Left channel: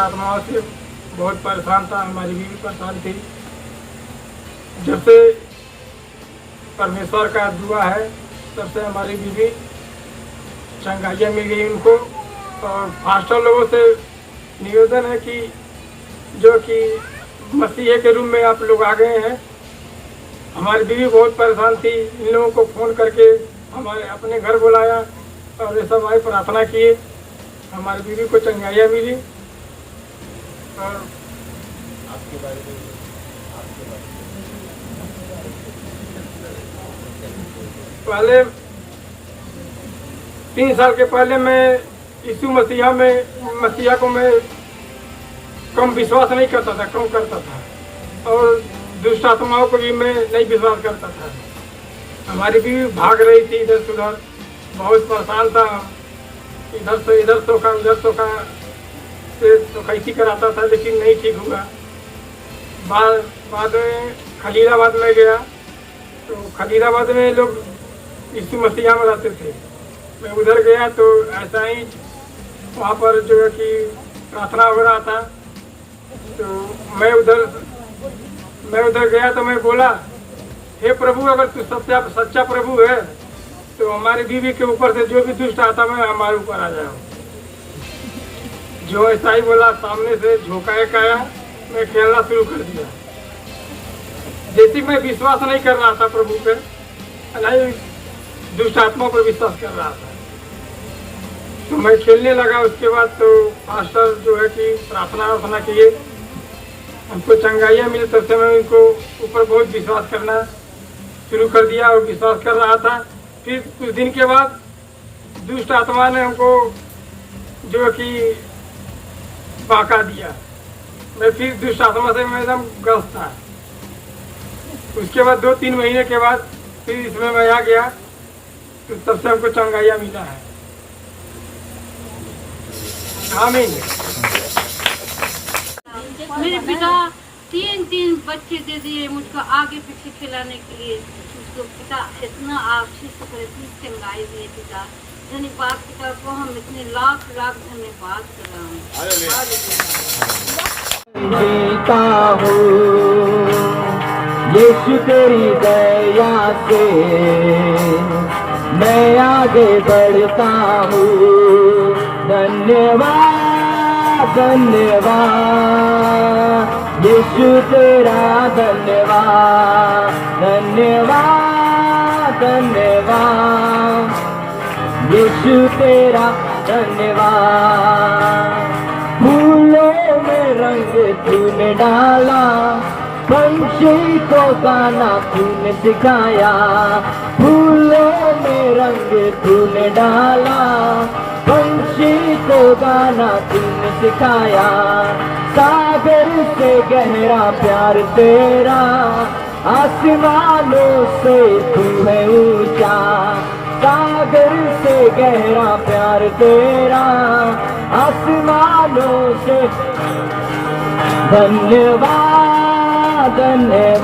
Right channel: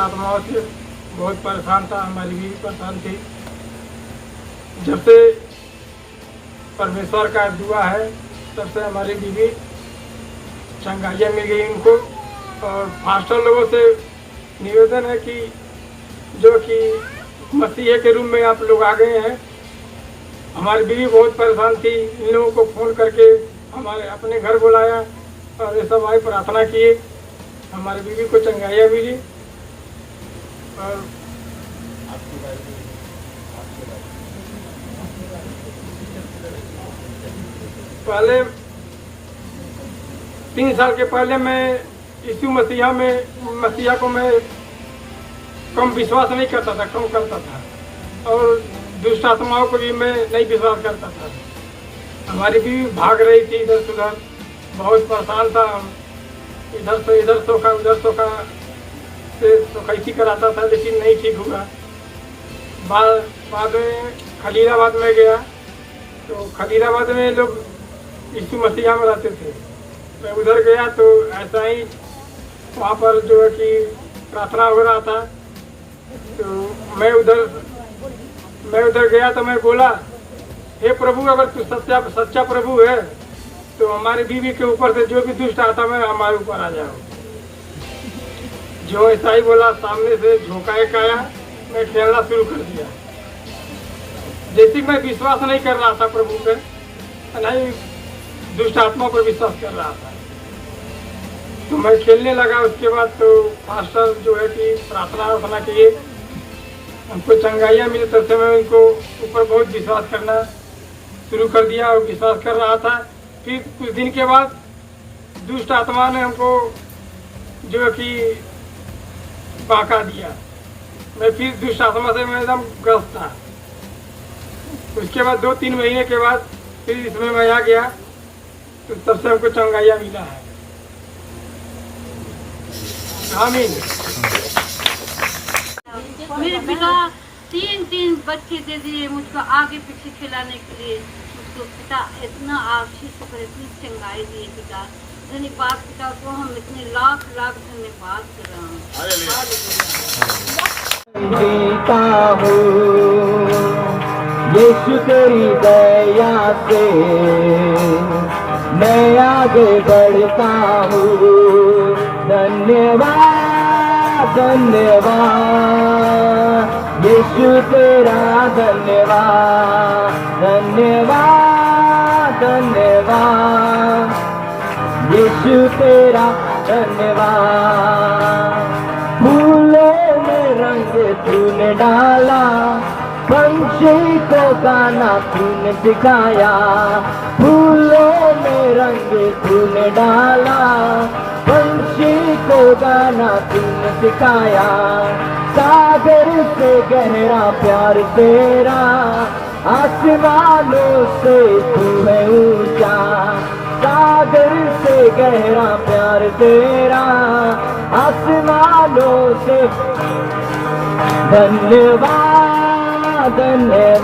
आत्माओं से बहुत परेशान था, हमारी बीवी परेशान थी। जब से परमेश्वर का दुआ है तब से हमारी बीवी चंगाइयाँ मिल गई उनको। और फास्टर लोगों से निवेदन है कि जो कि मसीह के रूप में आप लोग आ गए हैं। हमारी बीवी बहुत परेशान थी, इन लोगों को फ़ोन करके हमारे अपने घर बुलाया और ये सब आई प्रार्थना किए, हमारी बीवी को चंगाइयाँ मिली। और आपके बारे में पहले 3 साल के पहले मैं यीशु मसीहा को मैं कम विश्वास नहीं करता था, कम करता था। और दुष्ट आत्माओं को भी मैं नहीं विश्वास करता था। हमारी बीवी भाग रही थी इधर से उधर, बहुत परेशान था। इधर से इधर सोखा, उधर सोखा से सोखैती कराता था, लेकिन नहीं ठीक हुआ। बाद में खलीलाबाद में गया, तो खलीलाबाद में लोग यीशु मसीहा में रहते थे। मैं उधर गया तो ऐसा ही वहाँ पर जो है कि प्रार्थना हो रहा था। तो मैं उधर गया तो मैं बोला, हे प्रभु, अगर तू सच्चा प्रभु है तो हमारी बीवी के ऊपर से जो भी दुष्ट आता है हमारे ऊपर आ जाओ। जो ऐसा ही बोला, सामने से झोंका एक आया, मैं खेलना शुरू कर दिया। जैसे मैं विश्वास नहीं कर रहा था प्रभु पे, नहीं दुष्ट आत्मा पर विश्वास कर रहा था, तो मैं खेलने लगा। उसके बाद तो पास्टर जो है कि प्रार्थना किए, हमको चंगाइयाँ मिली। तब से मैं उनको ऊपर बहुत विश्वास करना शुरू कर दिया और विश्वास कर रहा था। फिर कुछ दिन के बाद दुष्ट आत्मा ने हमको जो है कि बहका दिया। मैं फिर दुष्ट आत्मा से मैं एकदम ग्रस्त था। उसके बाद 2-3 महीने के बाद फिर इसमें मैं आ गया, तो तब से हमको चंगाइयाँ मिला है। आमीन। मेरे पिता 3 बच्चे दे दिए मुझको आगे पीछे खिलाने के लिए। मुझको पिता इतना आशीष करे, इतनी चंगाई दिए पिता। धन्यवाद पिता को, हम इतने लाख धन्यवाद कर रहा हूँ। यीशु तेरी दया से मैं आगे बढ़ता हूँ। धन्यवाद धन्यवाद यीशु तेरा, धन्यवाद धन्यवाद धन्यवाद यीशु तेरा, धन्यवाद। फूलों में रंग तूने डाला, पंछी को गाना तूने सिखाया। फूलों में रंग तूने डाला, पंछी को गाना तूने सिखाया। सागर से गहरा प्यार तेरा, आसमानों से तू है ऊंचा। सागर से गहरा प्यार तेरा, आसमानों से। धन्यवाद धन्यवाद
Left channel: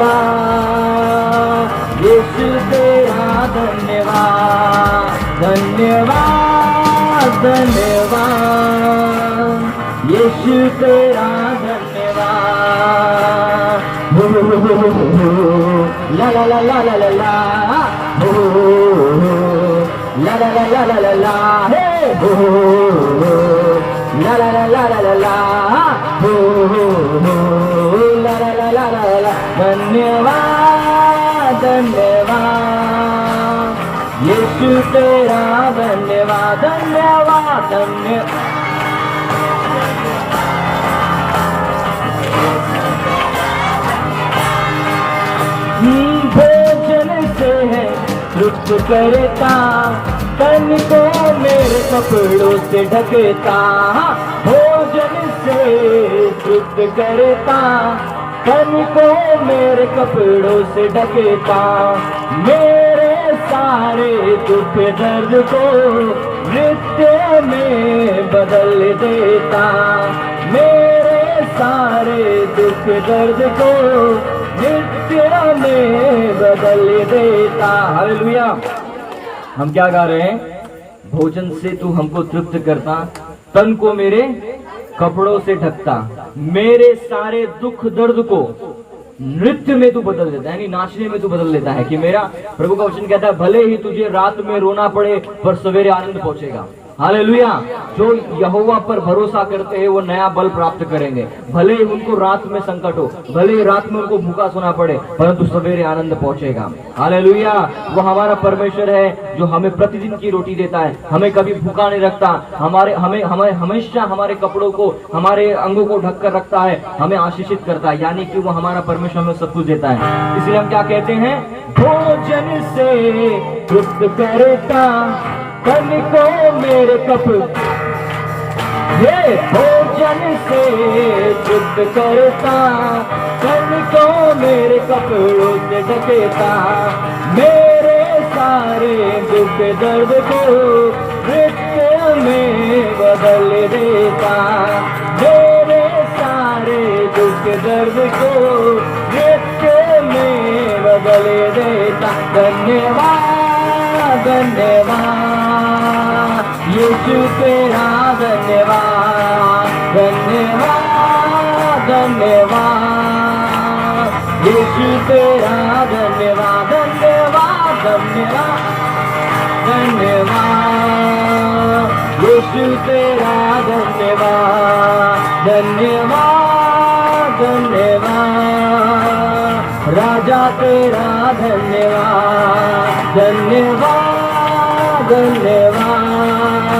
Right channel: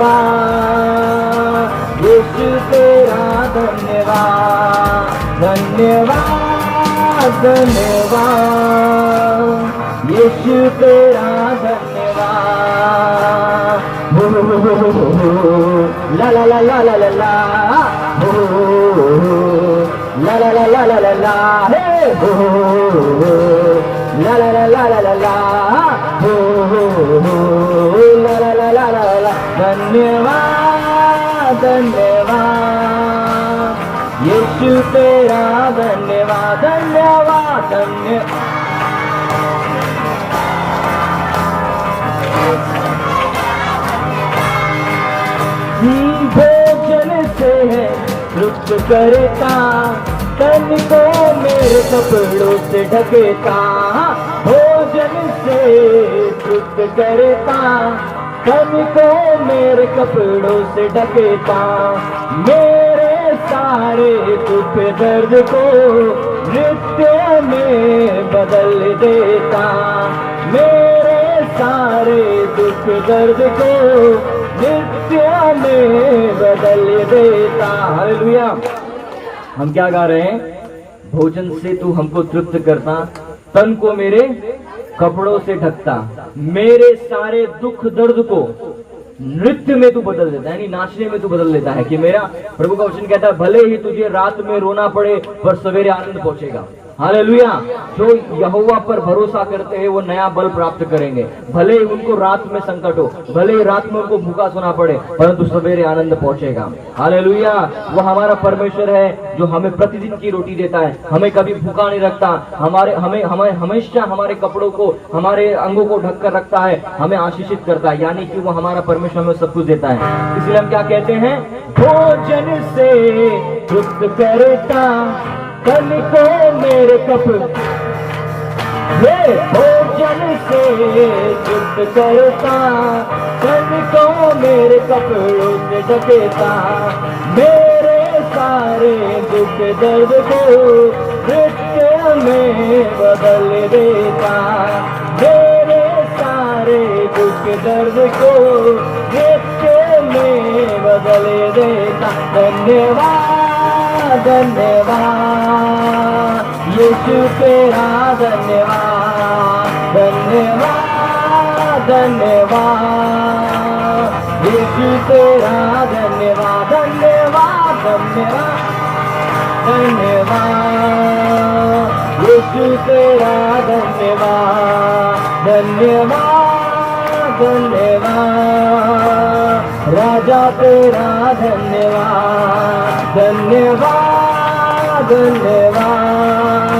यीशु तेरा, धन्यवाद धन्यवाद धन्यवाद यीशु तेरा, धन्यवाद। ला ला ला ला ला ला ला, ला ला ला ला ला ला ला, ला ला ला ला ला ला ला, ला ला ला ला ला ला। धन्यवाद धन्यवाद यीशु तेरा, धन्यवाद धन्यवाद धन्यवाद। भोजन से है तृप्त करता, तन को मेरे कपड़ों से ढकता। भोजन से तृप्त करता, तन को मेरे कपड़ों से ढकता। मेरे सारे दुख दर्द को नृत्य में बदल देता। मेरे सारे दुख दर्द को नृत्य में बदल देता। हालेलुया। हम क्या गा रहे हैं? भोजन से तू हमको तृप्त करता, तन को मेरे कपड़ों से ढकता, मेरे सारे दुख दर्द को नृत्य में तू बदल देता है, यानी नाचने में तू बदल देता है। कि मेरा प्रभु का वचन कहता है भले ही तुझे रात में रोना पड़े पर सवेरे आनंद पहुंचेगा। हालेलुया। जो यहोवा पर भरोसा करते हैं वो नया बल प्राप्त करेंगे। भले ही उनको रात में संकट हो, भले ही रात में उनको भूखा सोना पड़े, परंतु सवेरे आनंद पहुंचेगा। हालेलुया। वो हमारा परमेश्वर है जो हमें प्रतिदिन की रोटी देता है, हमें कभी भूखा नहीं रखता, हमें हमेशा हमारे कपड़ों को, हमारे अंगों को ढक कर रखता है, हमें आशीषित करता है, यानी कि वो हमारा परमेश्वर हमें सब कुछ देता है। इसलिए हम क्या कहते हैं, भोजन से तृप्त करता तन को मेरे कपड़े, हे भोजन से तृप्त करता तन को मेरे कपड़ों से ढकेता, मेरे सारे दुख दर्द को नृत्य में बदल देता, मेरे सारे दुख दर्द को नृत्य में बदल देता। धन्यवाद धन्यवाद यीशु तेरा, धन्यवाद धन्यवाद धन्यवाद यीशु तेरा, धन्यवाद धन्यवाद धन्यवाद धन्यवाद यीशु तेरा, धन्यवाद धन्यवाद धन्यवाद राजा तेरा, धन्यवाद धन्यवाद धन्यवाद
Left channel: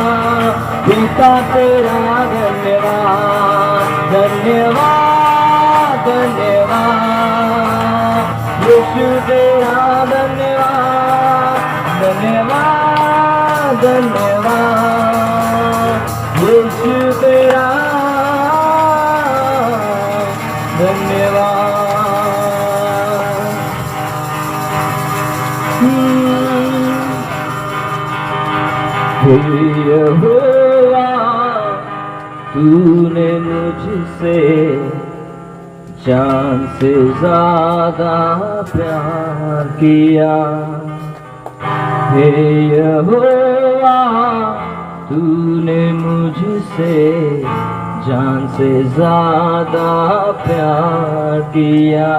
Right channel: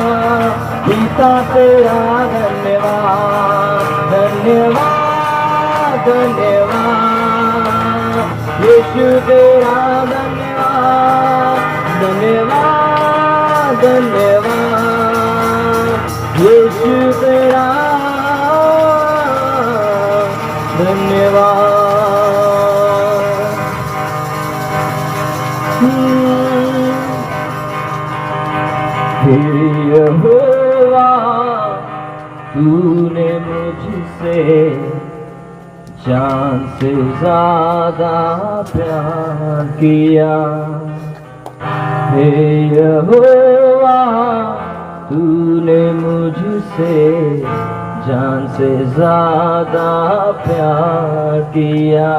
पिता तेरा, धन्यवाद धन्यवाद धन्यवाद यीशु तेरा, धन्यवाद धन्यवाद धन्यवाद यीशु तेरा, धन्यवाद। यहोवा तूने मुझसे जान से ज्यादा प्यार किया, हे यहोवा तूने मुझसे जान से ज्यादा प्यार किया,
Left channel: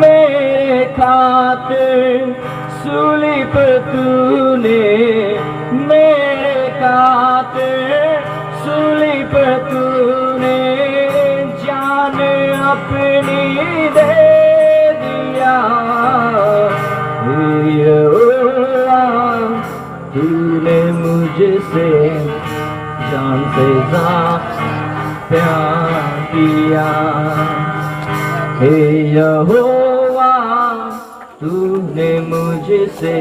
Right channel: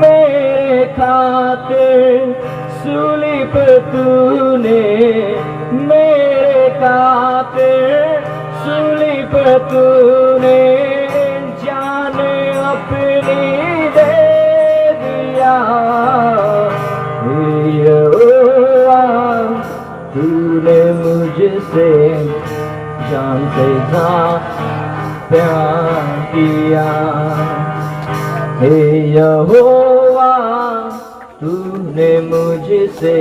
मेरे खातिर सूली पे तूने, मेरे खातिर सूली पे तूने जान अपनी दे दिया, यहोवा तूने मुझसे जान से ज्यादा प्यार किया, हे यहोवा तूने मुझसे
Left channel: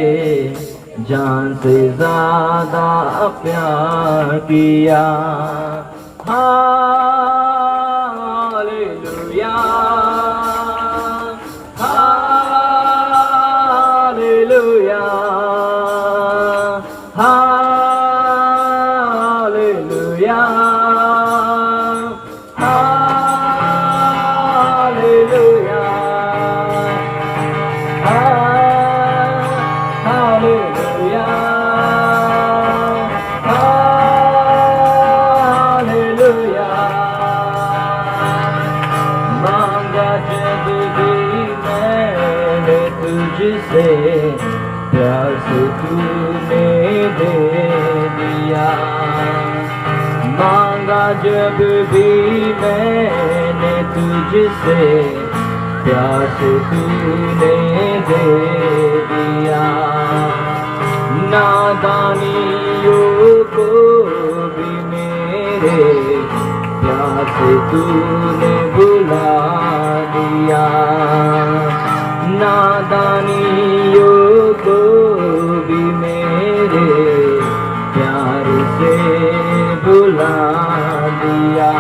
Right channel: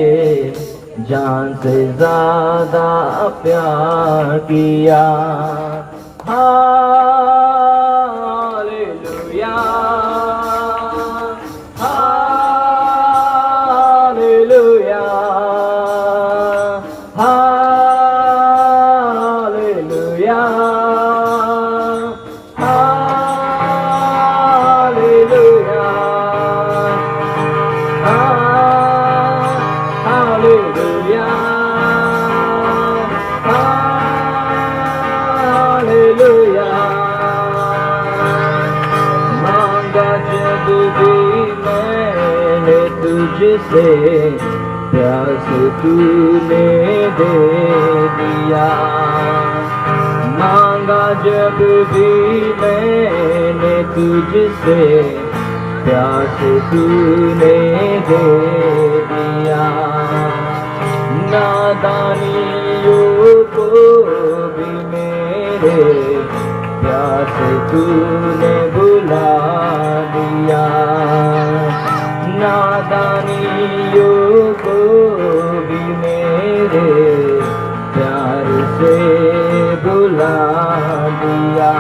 जान से ज्यादा प्यार किया। Hallelujah hallelujah hallelujah hallelujah hallelujah hallelujah. मांगा जब भी मैंने तुझसे प्यास तूने दे दिया, मांगा जब भी मैंने तुझसे प्यास तूने दे दिया, नादानियों को भी मेरे प्यास तूने बुला दिया, नादानियों को भी मेरे प्यार से बुला दिया,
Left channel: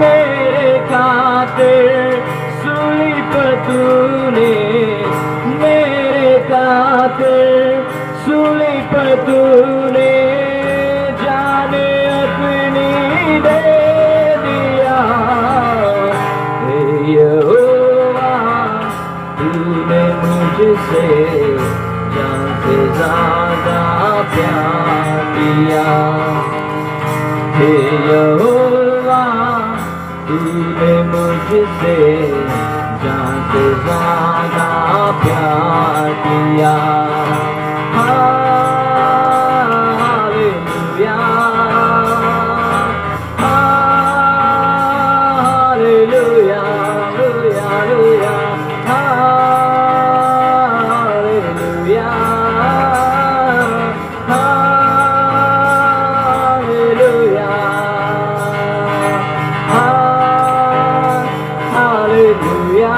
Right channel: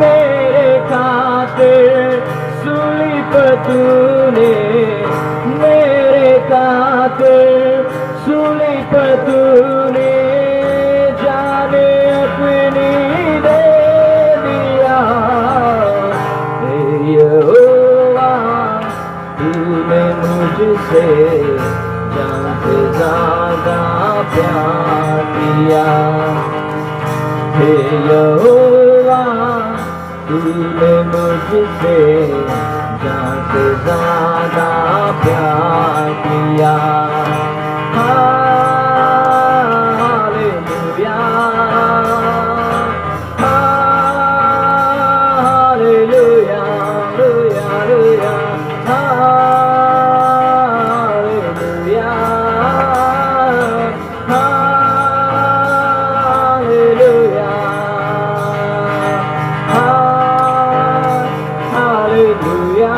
मेरे खातिर सूली पे तूने, मेरे खातिर सूली पे तूने जान अपनी दे दिया, हे यहोवा तूने मुझसे जान से ज्यादा प्यार किया, यहोवा तूने मुझसे जान से ज्यादा प्यार किया। Hallelujah hallelujah hallelujah hallelujah hallelujah hallelujah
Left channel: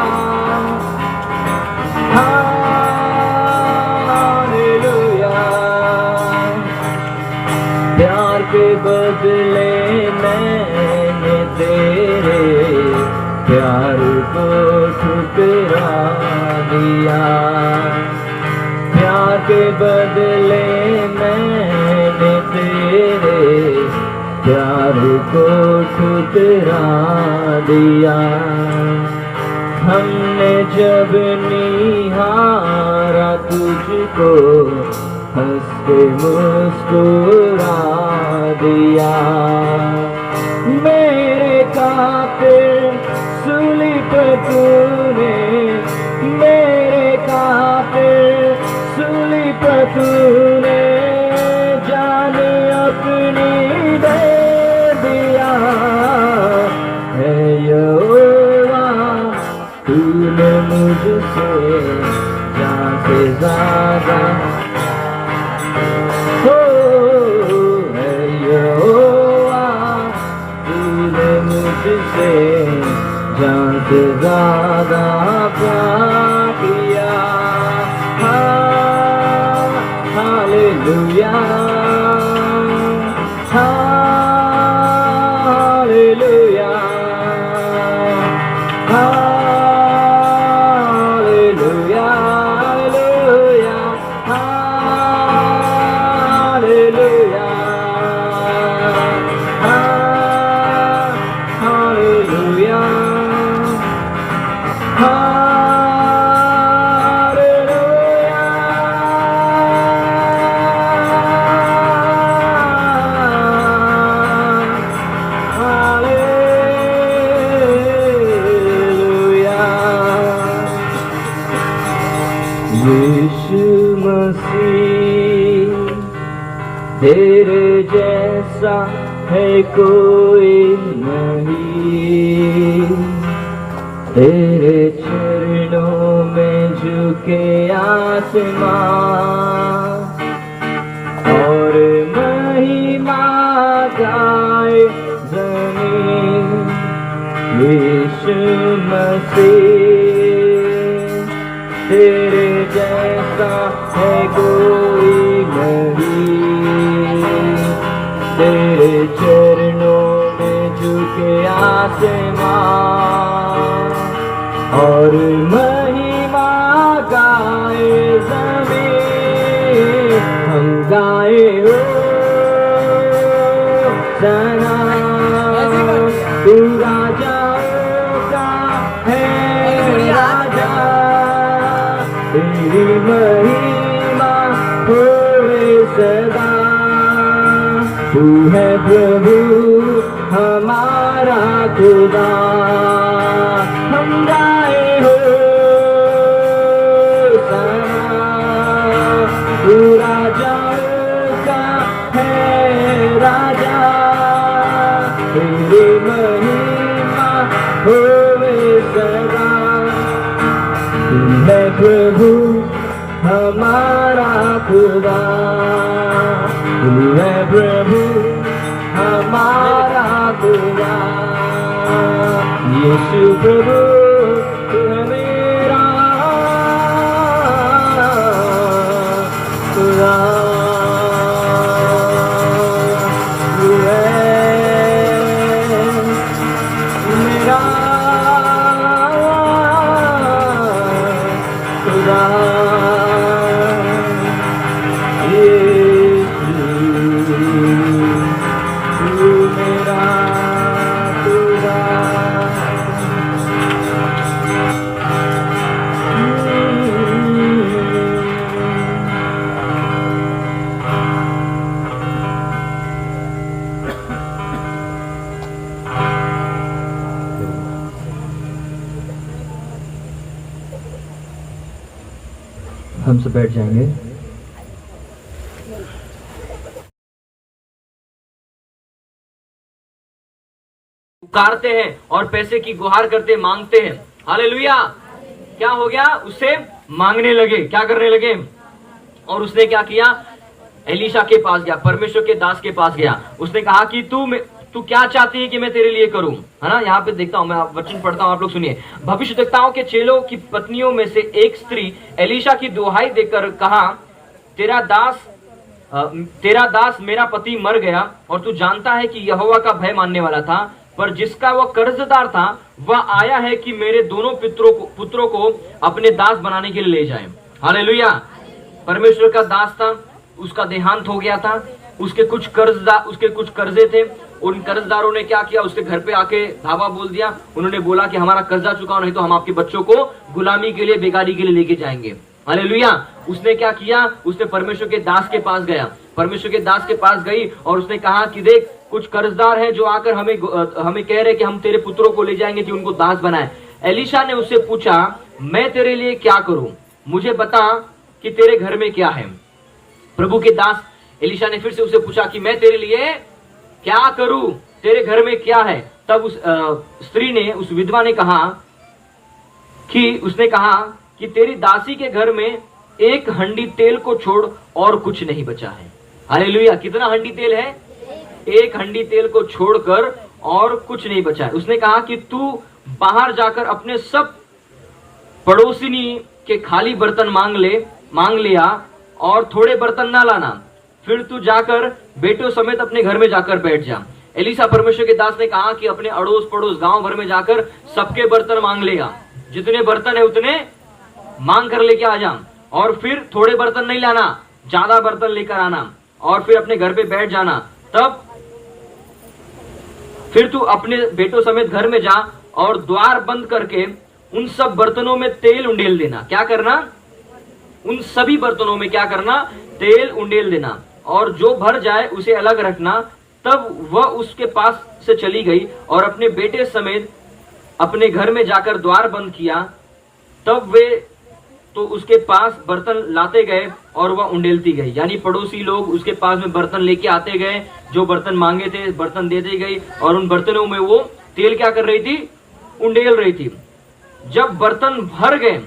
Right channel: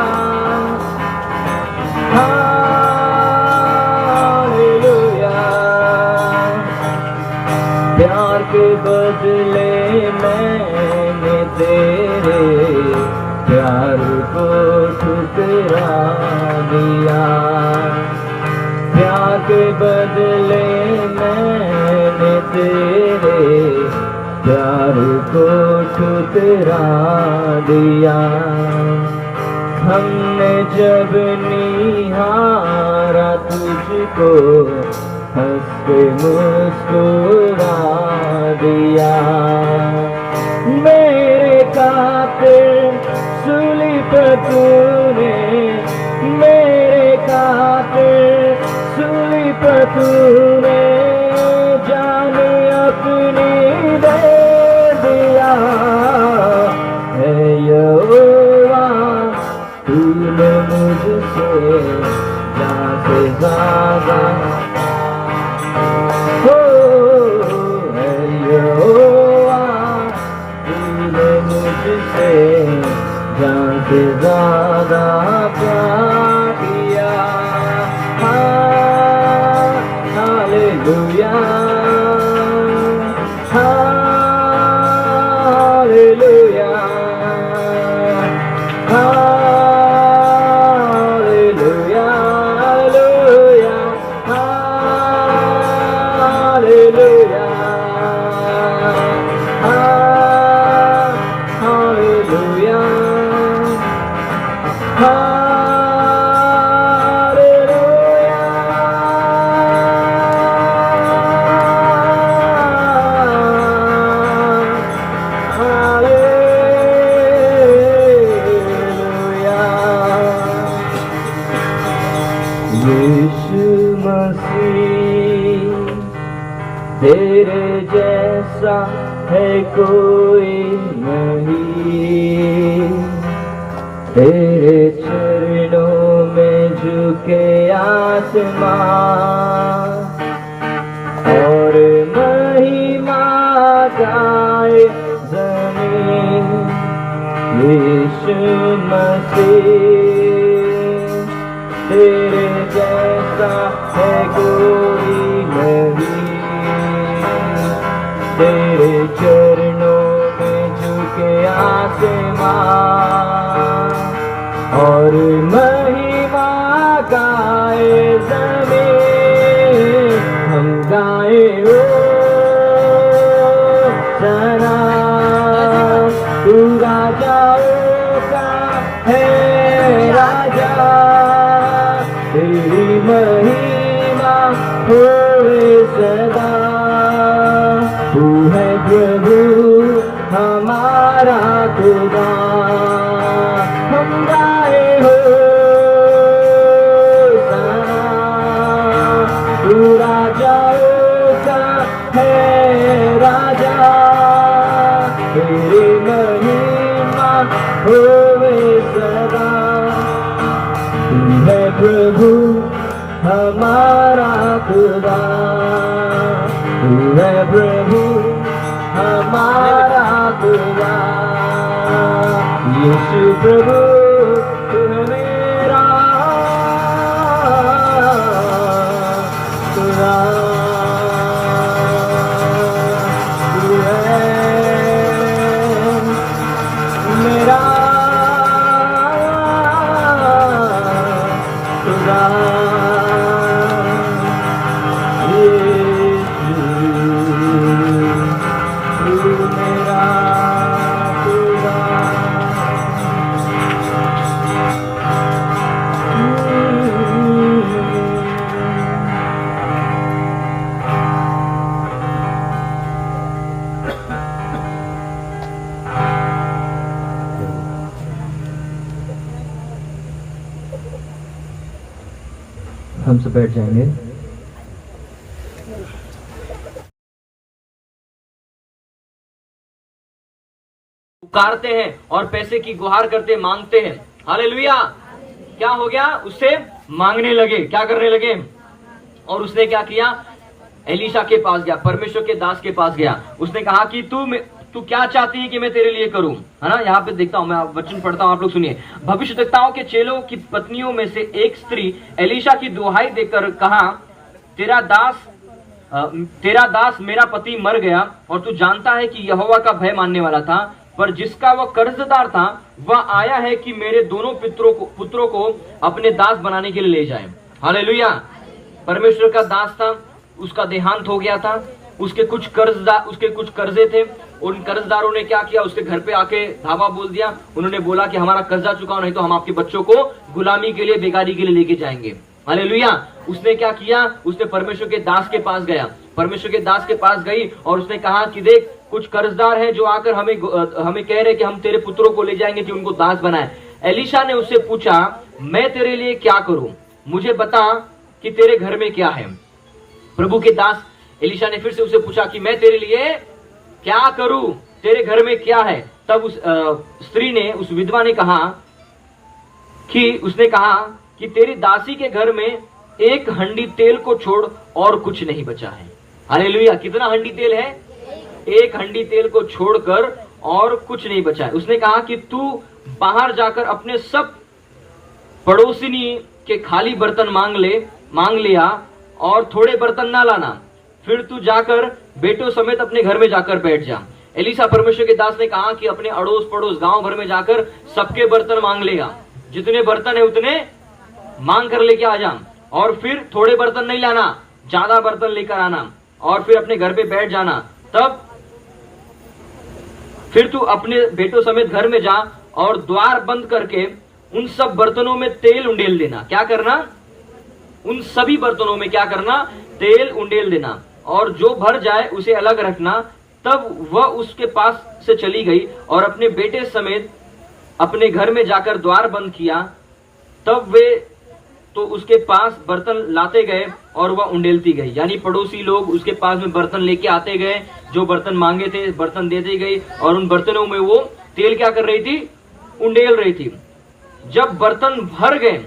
hallelujah. प्यार के बदले मैंने तेरे प्यार को ठुकरा दिया। प्यार के बदले मैंने तेरे प्यार को ठुकरा दिया। हमने जब निहारा तुझको हंस के मुस्कुरा दिया। मेरे कातिल सूली पर तूने, मेरे कातिल सूली पर तूने जाने अपनी दे दिया। है यहोवा तूने मुझसे जान से ज्यादा हो। है यहोवा तूने मुझसे जान से ज्यादा प्यार किया। Hallelujah hallelujah hallelujah hallelujah hallelujah Yeshu Masih तेरे जैसा है कोई नहीं। तेरे चरणों में झुके आसमान और महिमा गाए जमीन। यीशु मसीह तेरे जैसा है कोई नहीं। तेरे चरणों में झुके आसमान और महिमा गाए जमीन। हम गाए हो सना तू राजाओं का है राजा। तेरी महिमा होए सदा। तू है प्रभु हमारा खुदा। हम गाए हो सना तू राजाओं का है राजा। तेरी महिमा होए सदा। तू है प्रभु हमारा खुदा। तू है प्रभु हमारा खुदा। यीशु प्रभु तू मेरा खुदा। तू है मेरा खुदा। यीशु तू मेरा खुदा। से बैठ जाएंगे। पुकारते हैं और पैसे की गुहार करते मांगते हैं। हालेलुया। क्या हो गया? उससे मांगने लगे, क्या करने लगे? और उसने क्या किया? एलीशा के पास गया, परमेश्वर के दास के पास गया। उसने कहा कि तू क्या चाहती है कि मैं तेरे लिए करूं? है ना, यहाँ पे देखता हूं, मैं वचन पढ़ता हूं, आप लोग सुनिए। भविष्यद्वक्ताओं के चेलों की पत्नियों में से एक स्त्री एलीशा की दुहाई देकर कहा, तेरा दास मेरा पति मर गया और तू जानता है कि यहोवा का भय मानने वाला था, पर जिसका वह कर्जदार था वह आया है कि मेरे दोनों पुत्रों को अपने दास बनाने के लिए ले जाए। हालेलुया। परमेश्वर का दास था, उसका देहांत हो गया था, उसके कुछ कर्जे थे। उन कर्जदारों ने क्या किया? उसके घर पे आके धावा बोल दिया। उन्होंने बोला कि हमारा कर्जा चुकाओ, नहीं तो हम आपके बच्चों को गुलामी के लिए, बेगारी के लिए लेके जाएंगे। हालेलुया। उसने क्या किया? उसने परमेश्वर के दास के पास गया, परमेश्वर के दास के पास गई और उसने कहा कि देख, कुछ कर्जदार हैं जो आकर हमें कह रहे कि हम तेरे पुत्रों को ले जाएंगे कि उनको दास बनाए। एलीशा ने उससे पूछा, मैं तेरे लिए क्या करूं? मुझे बता कि तेरे घर में क्या है। प्रभु के दास एलीशा ने फिर से उसे पूछा कि मैं तेरे लिए क्या करूं, तेरे घर में क्या है? तब उस स्त्री ने, उस विधवा ने कहा कि तेरी दासी के घर में एक हंडी तेल को छोड़ और कुछ नहीं बचा है। हालेलुया। कितना हंडी तेल है? एक हंडी तेल को छोड़कर और कुछ नहीं बचा है। उसने कहा कि तू बाहर जाकर अपने सब पड़ोसिनी के खाली बर्तन मांग लिया और थोड़े बर्तन ना लाना, फिर तू जाकर बेटों समेत अपने घर में जाकर बैठ जा। एलीशा परमेश्वर के दास ने कहा कि अपने अड़ोस पड़ोस गांव भर में जाकर सबके बर्तन मांग लेगा, जितने बर्तन है उतने मांग कर लेके आ जा, और फिर थोड़े बर्तन नहीं लाना, ज्यादा बर्तन लेकर आना, और फिर अपने घर पे बैठ जाना। तब फिर तू अपने बेटों समेत घर में जा और द्वार बंद करके उन सब बर्तनों में तेल उंडेल देना। क्या करना? उन सभी बर्तनों में क्या करना? तेल उंडेल देना, और जो भर जाए उसे अलग रखना। तब वह उसके पास से चली गई और अपने बेटे समेत अपने घर में जाकर द्वार बंद किया। तब वे तो उसके पास बर्तन लाते गए और वह उंडेलती गई। यानी पड़ोसी लोग उसके पास में बर्तन लेके आते गए, जो बर्तन मांगे थे बर्तन देते गई, और उन बर्तनों में वो तेल क्या कर रही थी? उंडेल रही थी। जब बर्तन भर गए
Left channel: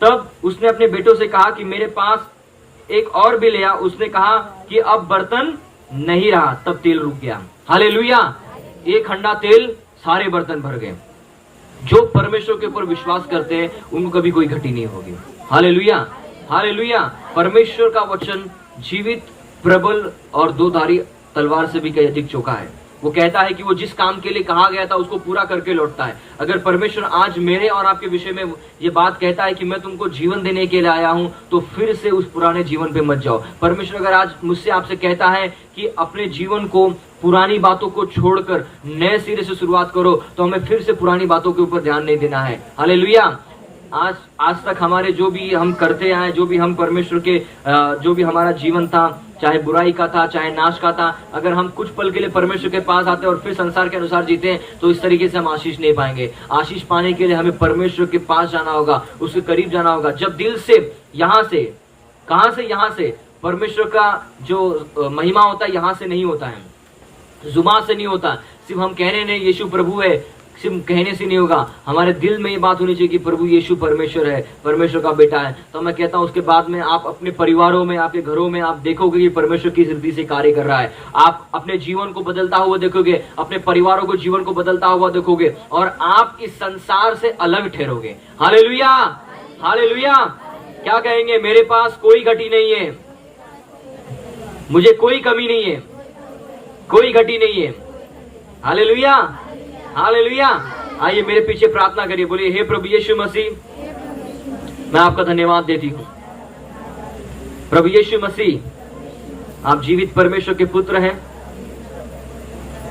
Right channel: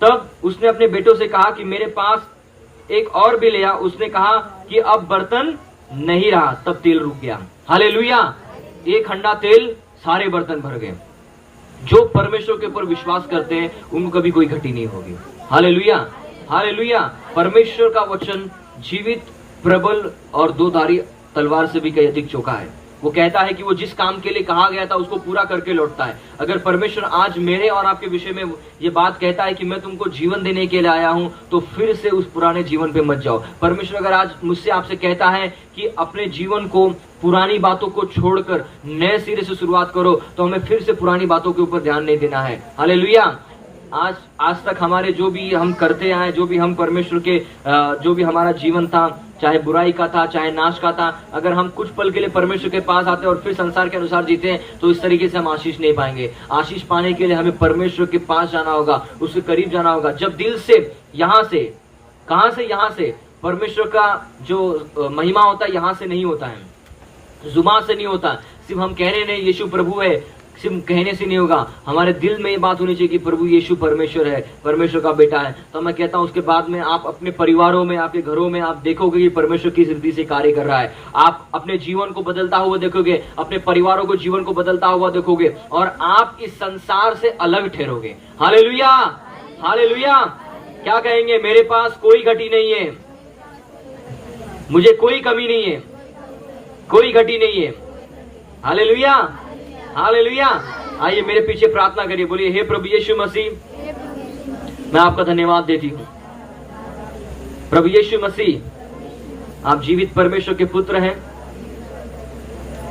तब उसने अपने बेटों से कहा कि मेरे पास एक और भी ले आ। उसने कहा कि अब बर्तन नहीं रहा। तब तेल रुक गया। हालेलुया। एक हंडा तेल, सारे बर्तन भर गए। जो परमेश्वर के ऊपर विश्वास करते हैं उनको कभी कोई घटी नहीं होगी। हालेलुया। हालेलुया। परमेश्वर का वचन जीवित, प्रबल और दो धारी तलवार से भी कहीं अधिक चौका है। वो कहता है कि वो जिस काम के लिए कहा गया था उसको पूरा करके लौटता है। अगर परमेश्वर आज मेरे और आपके विषय में ये बात कहता है कि मैं तुमको जीवन देने के लिए आया हूं, तो फिर से उस पुराने जीवन पे मत जाओ। परमेश्वर अगर आज मुझसे आपसे कहता है कि अपने जीवन को, पुरानी बातों को छोड़कर नए सिरे से शुरुआत करो, तो हमें फिर से पुरानी बातों के ऊपर ध्यान नहीं देना है। हालेलुया। आज तक हमारे जो भी हम करते आए, जो भी हम परमेश्वर के जो भी हमारा जीवन था, चाहे बुराई का था चाहे नाश का था, अगर हम कुछ पल के लिए परमेश्वर के पास आते हैं और फिर संसार के अनुसार जीते हैं, तो इस तरीके से हम आशीष नहीं पाएंगे। आशीष पाने के लिए हमें परमेश्वर के पास जाना होगा, उसके करीब जाना होगा। जब दिल से, यहाँ से, कहां से? यहाँ से। परमेश्वर का जो महिमा होता है यहाँ से नहीं होता है, जुबान से नहीं होता। सिर्फ हम कहने नहीं यीशु प्रभु है, सिर्फ कहने से नहीं होगा। हमारे दिल में ये बात होनी चाहिए कि प्रभु यीशु परमेश्वर है, परमेश्वर का बेटा है। तो मैं कहता हूं उसके बाद में आप अपने परिवारों में, आपके घरों में आप देखोगे कि परमेश्वर किस रीति से कार्य कर रहा है। आप अपने जीवन को बदलता हुआ देखोगे, अपने परिवारों को जीवन को बदलता हुआ देखोगे, और आप इस संसार से अलग ठहरोगे। हालेलुया। हालेलुया। क्या कहेंगे? मेरे पास कोई घटी नहीं है, मुझे कोई कमी नहीं है, कोई घटी नहीं है। हालेलुया। हालेलुया। आइए मेरे पीछे प्रार्थना करिए, बोलिए, हे प्रभु यीशु मसीह, मैं आपका धन्यवाद देती हूँ। प्रभु यीशु मसीह, आप जीवित परमेश्वर के पुत्र हैं,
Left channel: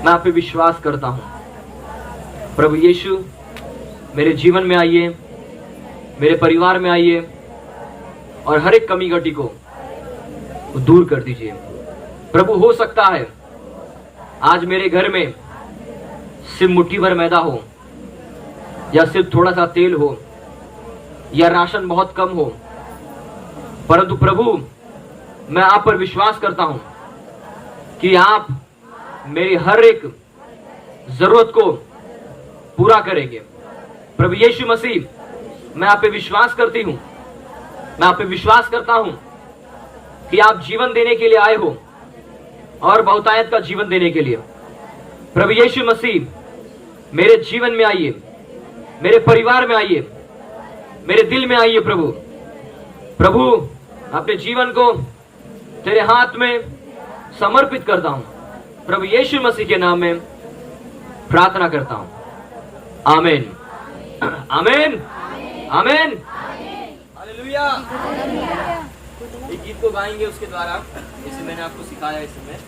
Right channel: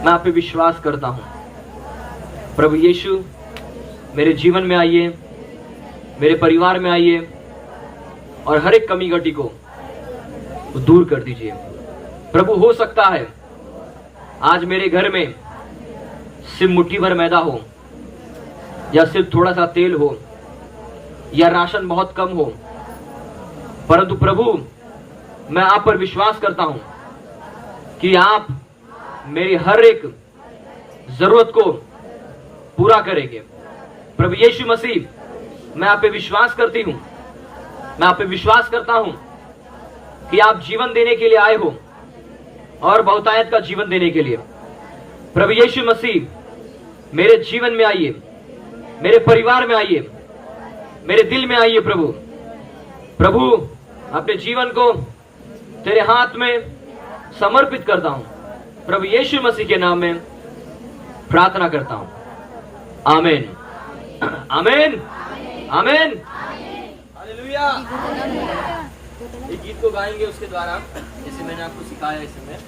मैं आप पे विश्वास करता हूँ। प्रभु यीशु, मेरे जीवन में आइए, मेरे परिवार में आइए, और हर एक कमी घटी को दूर कर दीजिए। प्रभु, हो सकता है आज मेरे घर में सिर्फ मुट्ठी भर मैदा हो, या सिर्फ थोड़ा सा तेल हो, या राशन बहुत कम हो, परंतु प्रभु मैं आप पर विश्वास करता हूं कि आप मेरी हर एक जरूरत को पूरा करेंगे। प्रभु यीशु मसीह मैं आप पे विश्वास करती हूं, मैं आप पे विश्वास करता हूं कि आप जीवन देने के लिए आए हो और बहुतायत का जीवन देने के लिए। प्रभु यीशु मसीह मेरे जीवन में आइए, मेरे परिवार में आइए, मेरे दिल में आइए। प्रभु प्रभु अपने जीवन को तेरे हाथ में समर्पित करता हूं। प्रभु यीशु मसीह के नाम में प्रार्थना करता हूं। आमीन, आमीन, आमीन, हालेलुया। एक गीत को गाएंगे उसके द्वारा, इसे मैंने आपको सिखाया इस समय।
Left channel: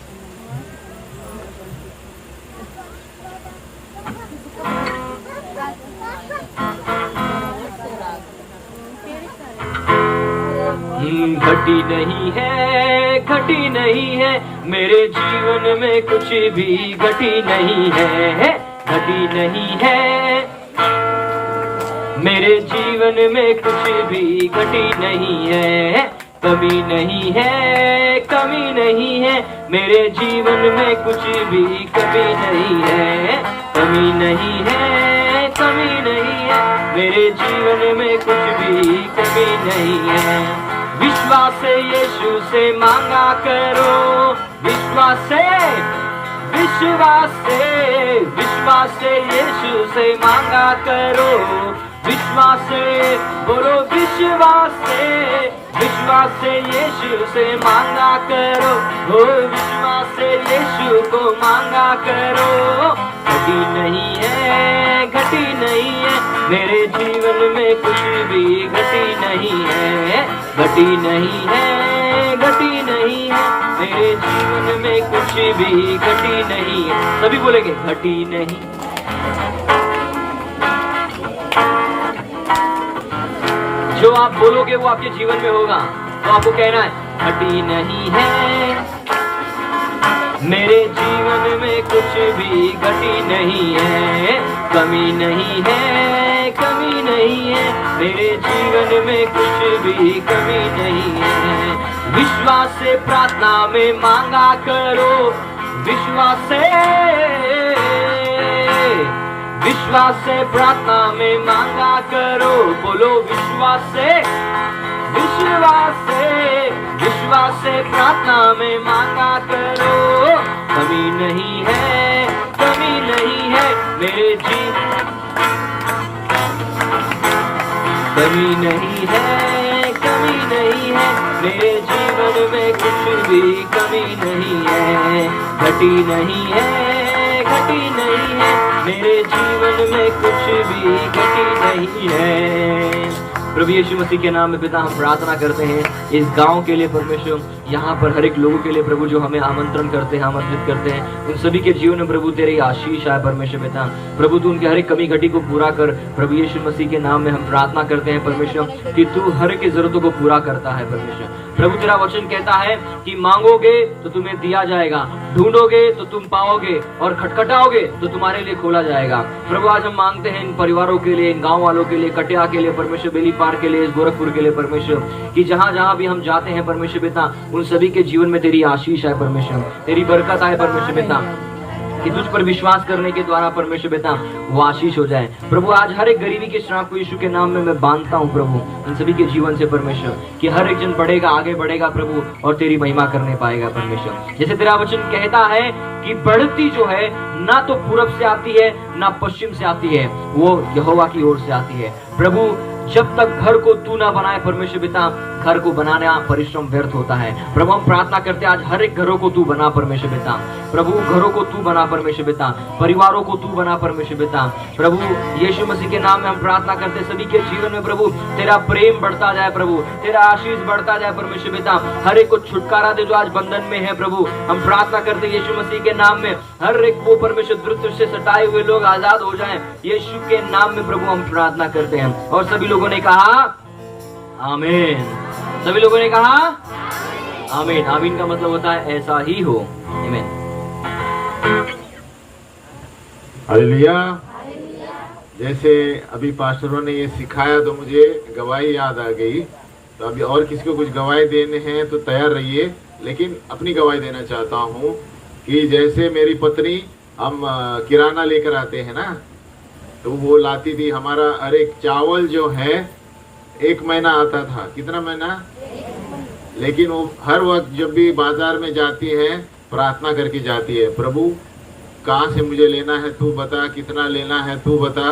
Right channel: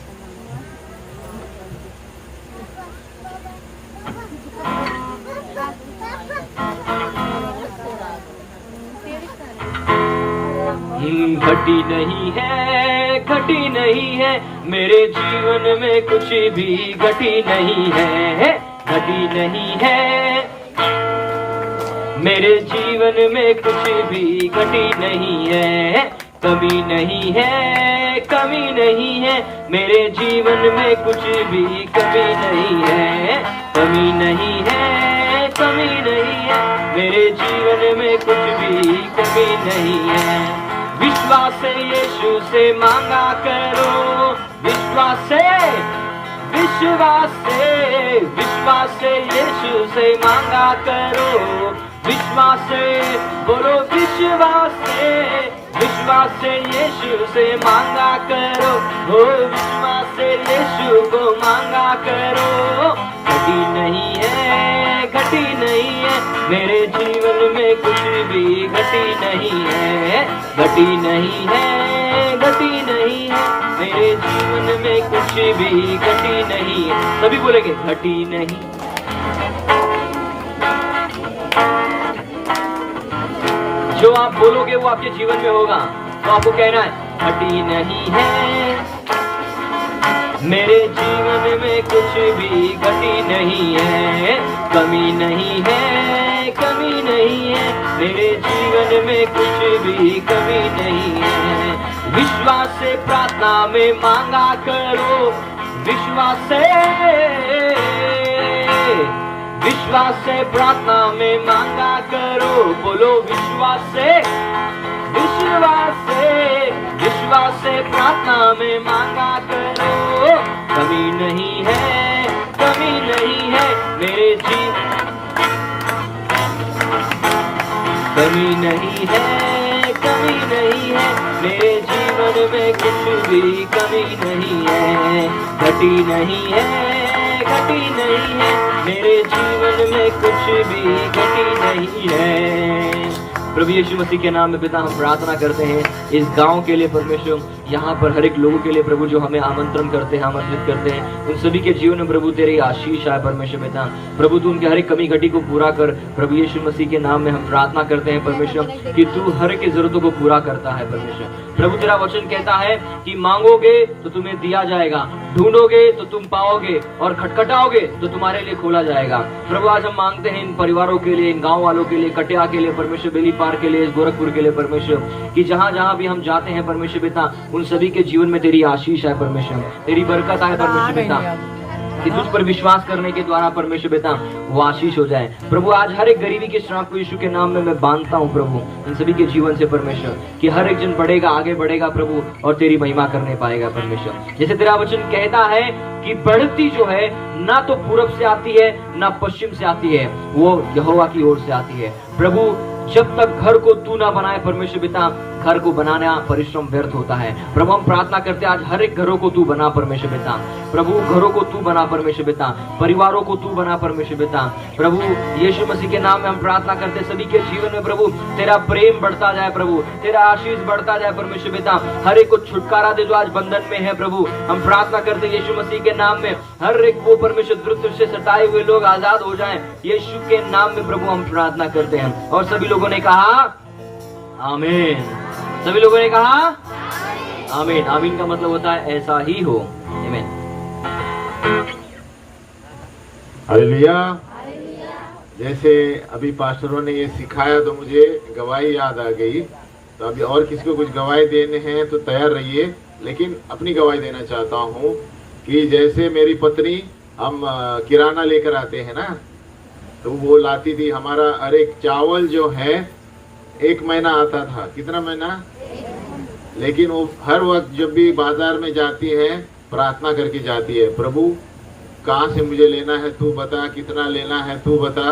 घटी नहीं है, घटी नहीं है, मेरे जीवन में कुछ भी घटी नहीं है, घटी नहीं है, मेरे जीवन में कुछ भी घटी नहीं है, कमी नहीं है, कमी नहीं है, मेरे जीवन में कुछ भी कमी नहीं है, कमी नहीं है, कमी नहीं है, मेरे जीवन में कुछ भी कमी नहीं है। विश्वास से यीशु से मांगा करो, विश्वास से, विश्वास से, विश्वास से यीशु से मांगा करो, विश्वास से बोलो, विश्वास से, विश्वास से यीशु से मांगा करो, ओ विश्वास से यीशु को मांगा करो। घटी नहीं है, घटी नहीं है, मेरे जीवन में कुछ भी घटी नहीं है, घटी नहीं है, घटी नहीं है, मेरे जीवन में कुछ भी घटी नहीं है। सभी बोलेंगे घटी नहीं। जो आप बोलोगे वो आपके जीवन में होगा। तो आपको कहना है घटी नहीं है, मेरे जीवन में कुछ भी घटी नहीं है, कमी नहीं है, कमी नहीं है, मेरे जीवन में कुछ भी कमी नहीं है। विश्वास से प्रार्थना में मांगा करो, विश्वास से, विश्वास से प्रार्थना में मांगा करो, बोलो विश्वास से, विश्वास से, विश्वास से प्रार्थना में मांगा करो। कमी नहीं है, कमी नहीं है, मेरे जीवन, कमी नहीं है, कमी नहीं है, मेरे जीवन में कुछ भी कमी नहीं है, घटी नहीं है, घटी नहीं है, मेरे जीवन में कुछ भी घटी नहीं है। प्रभु यीशु मसीह के नाम में पिता हम प्रार्थना करते हैं इस गांव के लिए परमेश्वर, यहाँ पर हर एक लोगों के लिए प्रभु जो हमें आमंत्रण करते हैं, आमंत्रित करते हैं, उन सभी के जीवन में प्रभु तेरी आशीष आए परमेश्वर पिता। प्रभु तू उनके हर एक कमी घटी को पूरा कर। प्रभु यीशु मसीह के नाम में हम प्रार्थना करते हैं परमेश्वर कि तू हर एक की जरूरतों को पूरा करता है परमेश्वर। प्रभु तेरा वचन कहता है कि मांगोगे तो तुम्हें दिया जाएगा, ढूंढोगे तो तुम पाओगे, और खटखटाओगे तो तुम्हारे लिए खोला जाएगा। प्रभु आज हम मांगते हैं इन परिवारों के लिए, इन गाँव वालों के लिए, कटिया के लिए परमेश्वर, बेलीपार के लिए, गोरखपुर के लिए परमेश्वर, कि जहाँ जहाँ भी हम जाते हैं परमेश्वर पिता, उन सभी के जीवन में तेरी आशीष है परमेश्वर, तेरी बरकत आए परमेश्वर पिता, कि तुझ पर विश्वास करने के द्वारा परमेश्वर पिता वो आशीष हो जाए। प्रभु आज हर एक गरीबी के श्राप को यीशु के नाम में मैं बांधता हूँ प्रभु इन सभी के जीवन से परमेश्वर, कि हर एक जन बढ़ेगा, आगे बढ़ेगा प्रभु, और तेरी महिमा करने पाएगा परमेश्वर। जैसे तेरा वचन कहता है कि बढ़ती जो है ना तो पूरब से आती है ना पश्चिम से आती है, वो यहोवा की ओर से आती है। प्रभु जब तक घर को तू ना बनाए परमेश्वर पिता, घर को बनाना परिश्रम व्यर्थ होता है। प्रभु हम प्रार्थना करते हैं आज हर एक घरों को तू बना परमेश्वर पिता, प्रभु घरों को तू बना परमेश्वर पिता, परिवारों को तू बना परमेश्वर पिता। प्रभु यीशु मसीह के नाम में हम प्रार्थना करते हैं सभी के जीवन में प्रभु तेरा प्रेम बढ़ता जाए, प्रभु तेरा आशीष बढ़ता जाए परमेश्वर पिता। हर एक को छुटकारा दे जो आज बंधन में है प्रभु, हम प्रार्थना करते हैं यीशु मसीह के नाम में हर एक वो परमेश्वर द्रुत से सताए हुए लोग आजाद हो जाएं, यीशु के नाम में प्रभु हम प्रार्थना करते हैं। और सभी लोगों ने कहा आमीन, सभी लोगों ने कहा आमीन। आमीन का मतलब होता है ऐसा ही हो। आमीन। हालेलुया। जैसे अभी पास्टरों ने ये सिखाया तो मुझे गवाही याद आ गई तो अभी और किसी को कुछ गवाही देने हैं तो तैयार रहिए, लेकिन अपनी गवाही देना चाहता हूँ कि जैसे मेरी पत्नी, हम किराना लेकर आते हैं ना, तो वो लाती थी हमारा हर एक चावल जो है 1 महीना आता था। कितना महीना? लेकिन वो हर वक्त जब भी बाजार में जाती है प्रार्थना करके जाती है, प्रभु कहाँ से मुझे लेना है तू बता, कितना लेना है तू बता।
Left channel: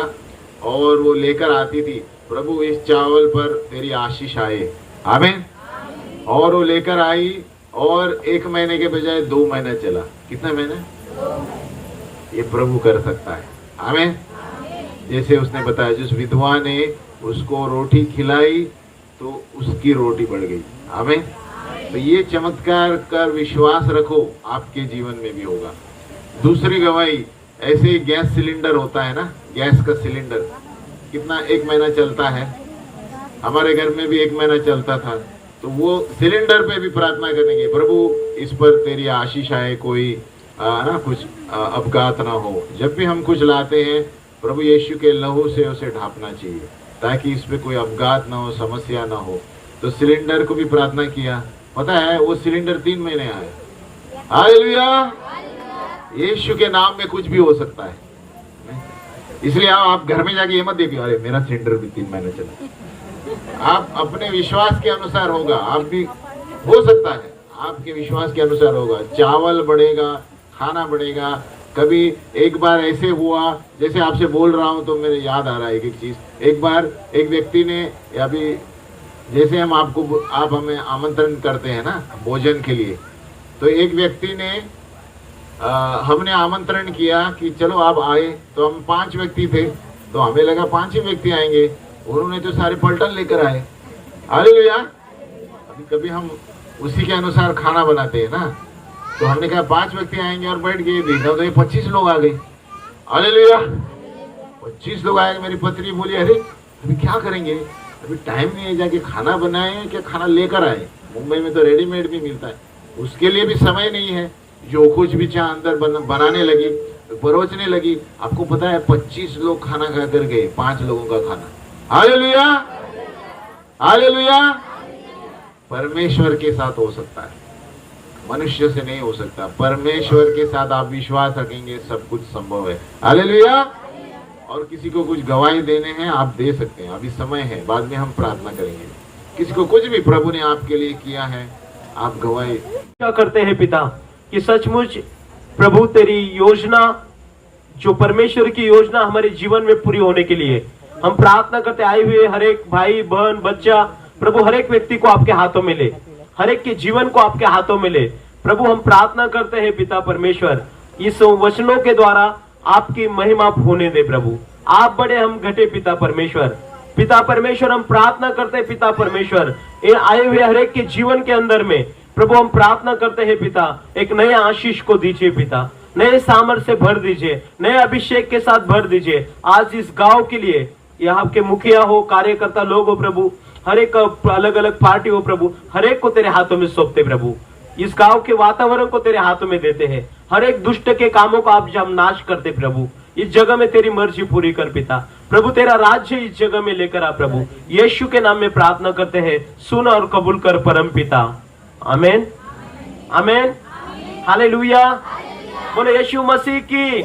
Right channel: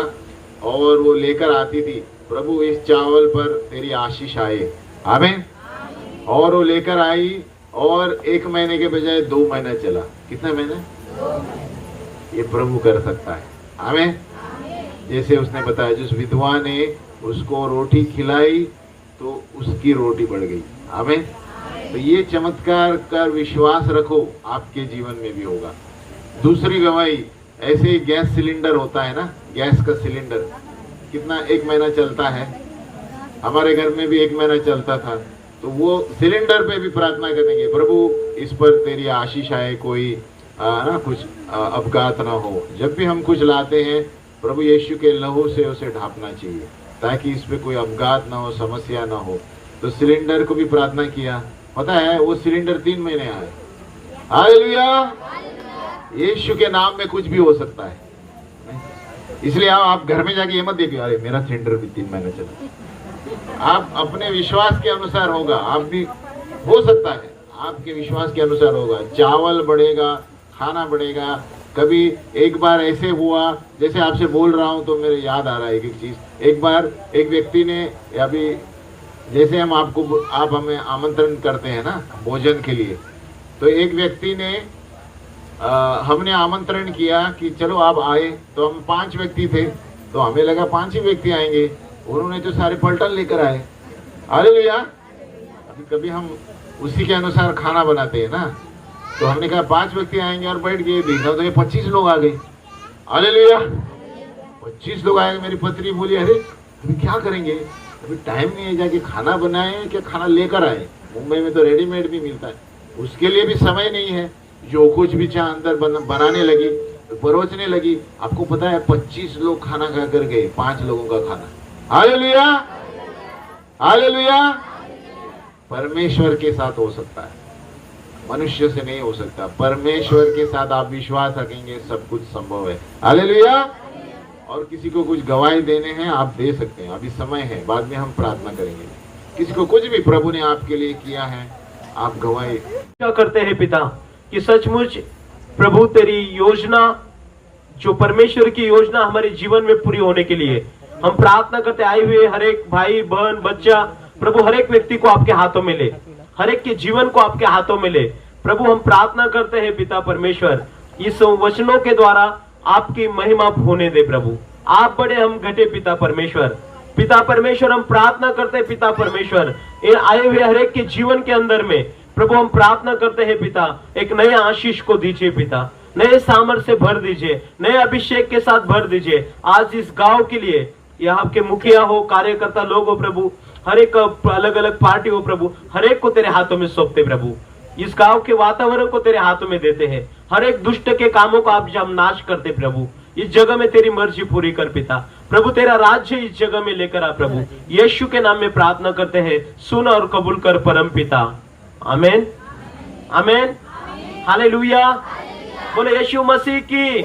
और वो लेकर आती थी, प्रभु इस चावल पर तेरी आशीष आए, आमीन। और वो लेकर आई और 1 महीने के बजाय 2 महीना चला। कितना महीना? ये प्रभु कर सकता है, आमीन। जैसे उसने बताया, जिस विधवा ने उसको रोटी खिलाई तो उसकी रोटी बढ़ गई, आमीन। तो ये चमत्कार कर विश्वास रखो, आपके जीवन में भी होगा। दूसरी गवाही, ऐसे ही गैस सिलेंडर होता है ना, गैस का सिलेंडर कितना 1 महीना चलता है, हमारे घर में भी 1 महीना चलता था। तो वो सिलेंडर पे भी प्रार्थना करेंगे, प्रभु इस पर तेरी आशीष आए, कोई ना कुछ अपघात ना हो। जब भी हम कुछ लाते हैं, प्रभु यीशु के लहू से उसे ढांपना चाहिए ताकि इस पे कोई अपघात ना हो, समस्या ना हो। तो सिलेंडर को भी प्रार्थना किया, पता है वो सिलेंडर 3 महीने आए। हालेलुया। यीशु के नाम में कुछ भी हो सकता है, इसलिए आप घर में जाके ये मत देखिए, अरे मेरा सिलेंडर भी 3 महीने चला। आप अपने विश्वास के अनुसार होगा, आप भी हो सकता है आपके विश्वास के अनुसार होगा। चावल बढ़ेगा, खाना बढ़ेगा। कभी एक बार ऐसे हुआ, जैसे आपसे बोल रहा हूं तो मेरे याद आ रहा है एक चीज। एक बार एक व्यक्ति ने, अभी जैसे आप हमें आमंत्रण करते हैं ना भोजन के लिए, तो एक व्यक्ति ने हमने आमंत्रण किया कि चलो आप आए। तो हम 5 व्यक्ति थे, तो हमें लगा 5 ही व्यक्ति आएंगे, उन्होंने तो सारे पलटन लेकर आए। हालेलुया। अभी कभी हम उसी के अनुसार खाना बनाते हैं ना, तो हमने कहा 5 व्यक्ति आएंगे और बैठ गए, देखा तो ये 25 लोग आ गए। हालेलुया। 25 लोग आए। मेरी पत्नी बोली, अरे अभी क्या करेंगे, अभी टाइम नहीं है, जाके खाना बनाए क्या खाना लेकर आए। मुंबई में तो रेडीमेड भी मिलता है, उसके लिए भी समय नहीं है। जो कुछ भी चाह अंदर बनाने लगी, परोसने लगी। आपको पता है 25 लोग खाना खा कर गए, 5 लोगों का खाना। हालेलुया। हालेलुया। परमेश्वर के साथ हो सकता है, मनुष्य से नहीं हो सकता। परमेश्वर के साथ आप विश्वास रखेंगे, सब कुछ संभव है। हालेलुया। और किसी को कुछ गवाही देने हैं, आप दे सकते हैं, अभी समय है, बाद में हम प्रार्थना करेंगे। किसी को कुछ भी प्रभु ने आपके लिए किया है, आप गवाही क्या करते हैं पिता कि सचमुच प्रभु तेरी योजना, जो परमेश्वर की योजना हमारे जीवन में पूरी होने के लिए हम प्रार्थना करते आए हुए हर एक भाई बहन बच्चा, प्रभु हर एक व्यक्ति को आपके हाथों में ले, हर एक के जीवन को आपके हाथों में ले। प्रभु हम प्रार्थना करते हैं पिता परमेश्वर, इस वचनों के द्वारा आपकी महिमा होने दे। प्रभु आप बड़े, हम घटे पिता परमेश्वर। पिता परमेश्वर हम प्रार्थना करते हैं पिता परमेश्वर, इन आए हुए हर एक के जीवन के अंदर में प्रभु हम प्रार्थना करते हैं पिता, एक नए आशीष को दीजिए पिता, नए सामर्थ्य से भर दीजिए, नए अभिषेक के साथ भर दीजिए। आज इस गांव के लिए, यहाँ के मुखिया हो, कार्यकर्ता लोग हो प्रभु, हर एक अलग अलग पार्टी हो प्रभु, हर एक को तेरे हाथों में सौंपते प्रभु। इस गांव के वातावरण को तेरे हाथों में देते हैं, हर एक दुष्ट के कामों को आप हम नाश करते प्रभु। इस जगह में तेरी मर्जी पूरी कर पिता प्रभु, तेरा राज्य इस जगह में लेकर आ प्रभु। यीशु के नाम में प्रार्थना करते हैं, सुन और कबूल कर परम पिता। आमेन, आमेन, हालेलुया। बोले यीशु मसीह की।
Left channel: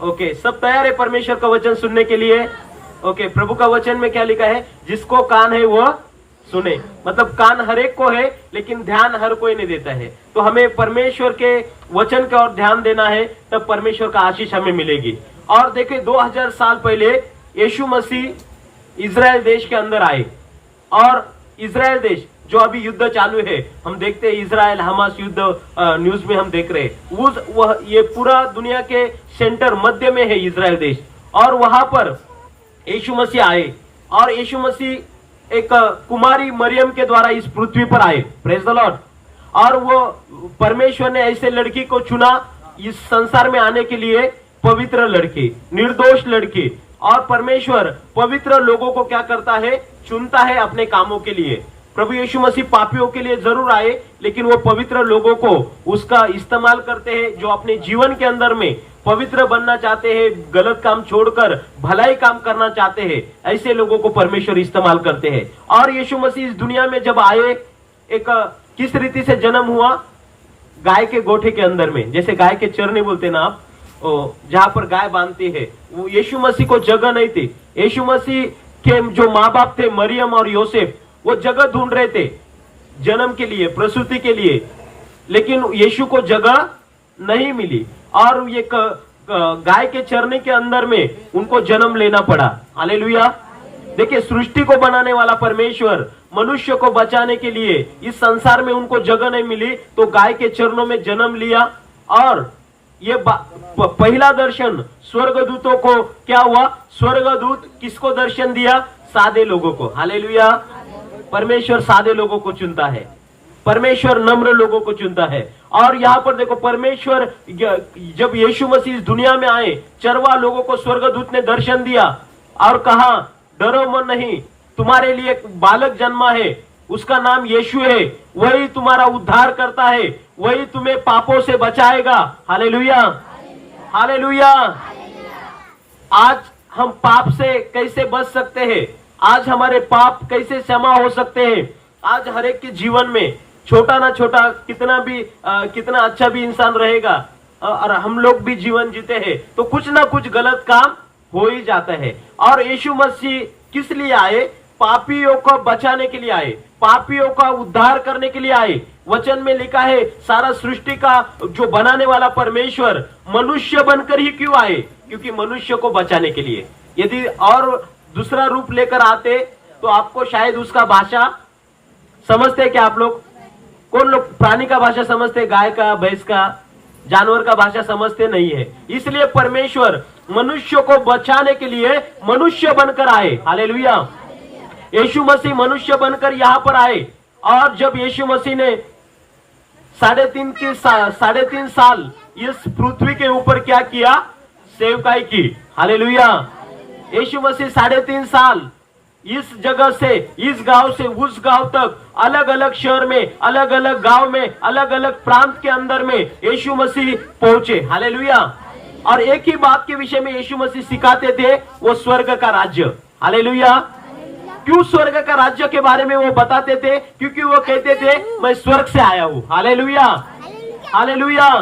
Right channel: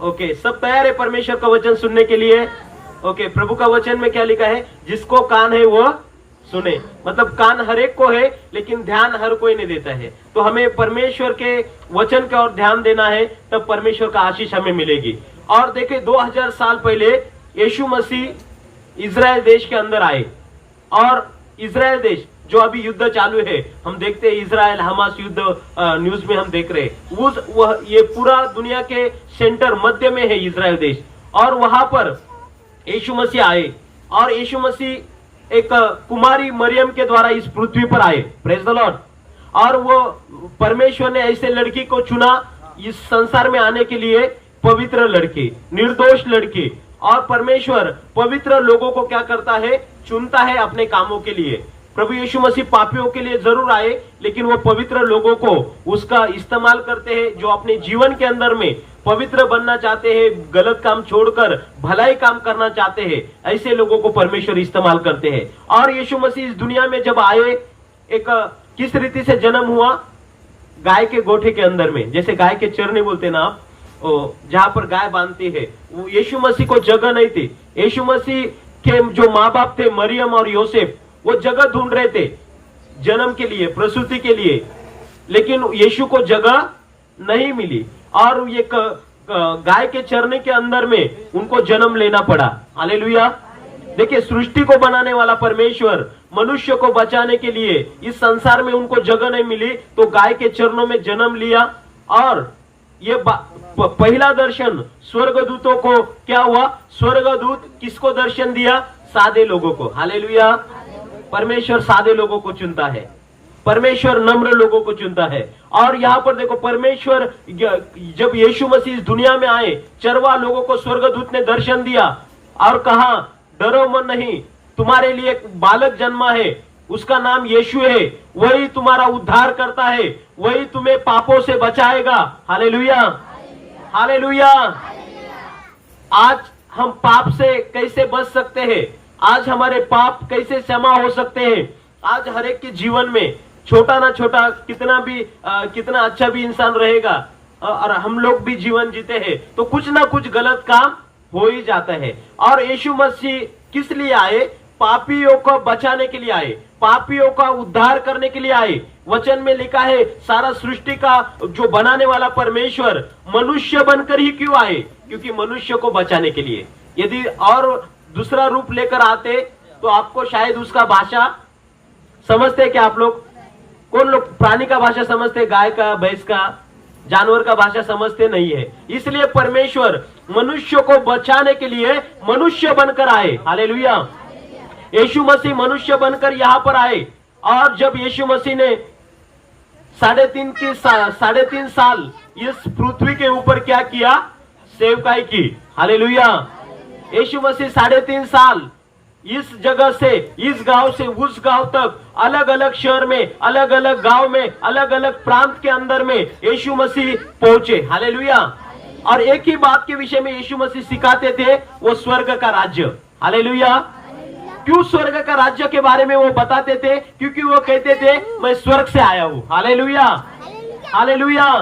ओके, सब तैयार है परमेश्वर का वचन सुनने के लिए? ओके, प्रभु का वचन में क्या लिखा है? जिसको कान है वो सुने। मतलब कान हर एक को है, लेकिन ध्यान हर कोई नहीं देता है। तो हमें परमेश्वर के वचन का और ध्यान देना है, तब परमेश्वर का आशीष हमें मिलेगी। और देखिए 2000 साल पहले यीशु मसीह इजराइल देश के अंदर आए, और इजराइल देश जो अभी युद्ध चालू है, हम देखते हैं इजराइल हमास युद्ध न्यूज में हम देख रहे हैं, ये पूरा दुनिया के सेंटर मध्य में है इजराइल देश। और वहां पर यीशु मसीह आए, और यीशु मसीह एक कुमारी मरियम के द्वारा इस पृथ्वी पर आए। Praise the Lord. और वो परमेश्वर ने ऐसे लड़की को चुना इस संसार में आने के लिए, पवित्र लड़की, निर्दोष लड़की। और परमेश्वर पवित्र लोगों को क्या करता है? चुनता है अपने कामों के लिए। प्रभु यीशु मसीह पापियों के लिए जरूर आए, लेकिन वो पवित्र लोगों को उसका इस्तेमाल करते हैं, जो अपने जीवन के अंदर में पवित्र बनना चाहते हैं, गलत काम छोड़कर भलाई काम करना चाहते हैं, ऐसे लोगों को परमेश्वर इस्तेमाल करते हैं। और यीशु मसीह इस दुनिया में जब आए, एक किस रीति से जन्म हुआ? गाय के गोठे के अंदर में, जैसे गाय के चरने बोलते हैं ना आप, जहां पर गाय बांधती है, वो यीशु मसीह को जगह नहीं थी। यीशु मसीह के जो माँ बाप थे, मरियम और योसेफ, वो जगह ढूंढ रहे थे जन्म के लिए, प्रसूति के लिए, लेकिन यीशु को जगह नहीं मिली और ये गाय के चरने के अंदर में उनको जन्म लेना पड़ा। हालेलुया। देखिए, सृष्टि को बनाने वाला परमेश्वर मनुष्य को बचाने के लिए इस संसार में उनको जगह नहीं मिली तो गाय के चरणों में जन्म लिया। और ये पहला दर्शन स्वर्गदूतों को क्या हुआ? स्वर्गदूत किसको दर्शन दिया? सादे लोगों को। हालेलुया। परमेश्वर सादे लोगों को चुनता है, परमेश्वर नम्र लोगों को चुनता है। और यहाँ पर देखो, परमेश्वर जब यीशु मसीह इस दुनिया में आए, चरवा लोगों को स्वर्गदूत ने दर्शन दिया और कहा, डरो मत नहीं, तुम्हारे लिए एक बालक जन्मा है, उसका नाम यीशु है, वही तुम्हारा उद्धार करता है, वही तुम्हें पापों से बचाएगा। Hallelujah, hallelujah. आज हम पाप से कैसे बच सकते हैं? आज हमारे पाप कैसे क्षमा हो सकते हैं? आज हर एक के जीवन में छोटा ना छोटा कितना अच्छा भी इंसान रहेगा और हम लोग भी जीवन जीते हैं तो कुछ ना कुछ गलत काम हो ही जाता है। और यीशु मसीह किस लिए आए? पापियों को बचाने के लिए आए, पापियों का उद्धार करने के लिए आए। वचन में लिखा है, सारा सृष्टि का जो बनाने वाला परमेश्वर मनुष्य बनकर ही क्यों आए? क्योंकि मनुष्य को बचाने के लिए। यदि और दूसरा रूप लेकर आते तो आपको शायद उसका भाषा समझते क्या आप लोग? कौन लोग प्राणी का भाषा समझते? गाय का, भैंस का, जानवर का भाषा समझते नहीं है। इसलिए परमेश्वर मनुष्य को बचाने के लिए मनुष्य बनकर आए। हालेलुया। यीशु मसीह मनुष्य बनकर यहाँ पर आए और जब यीशु मसीह ने 3.5 साल इस पृथ्वी के ऊपर क्या किया? सेवकाई की। हालेलुया। यीशु मसीह 3.5 साल इस जगह से, इस गांव से उस गांव तक, अलग अलग शहर में, अलग अलग गांव में, अलग अलग प्रांत के अंदर में यीशु मसीह पहुंचे। हालेलुया। और एक ही बात के विषय में यीशु मसीह सिखाते थे, वो स्वर्ग का राज्य। हालेलुया। क्यों स्वर्ग का राज्य के बारे में वो बताते थे? क्योंकि वो कहते थे, मैं स्वर्ग से आया हूं। Hallelujah, hallelujah.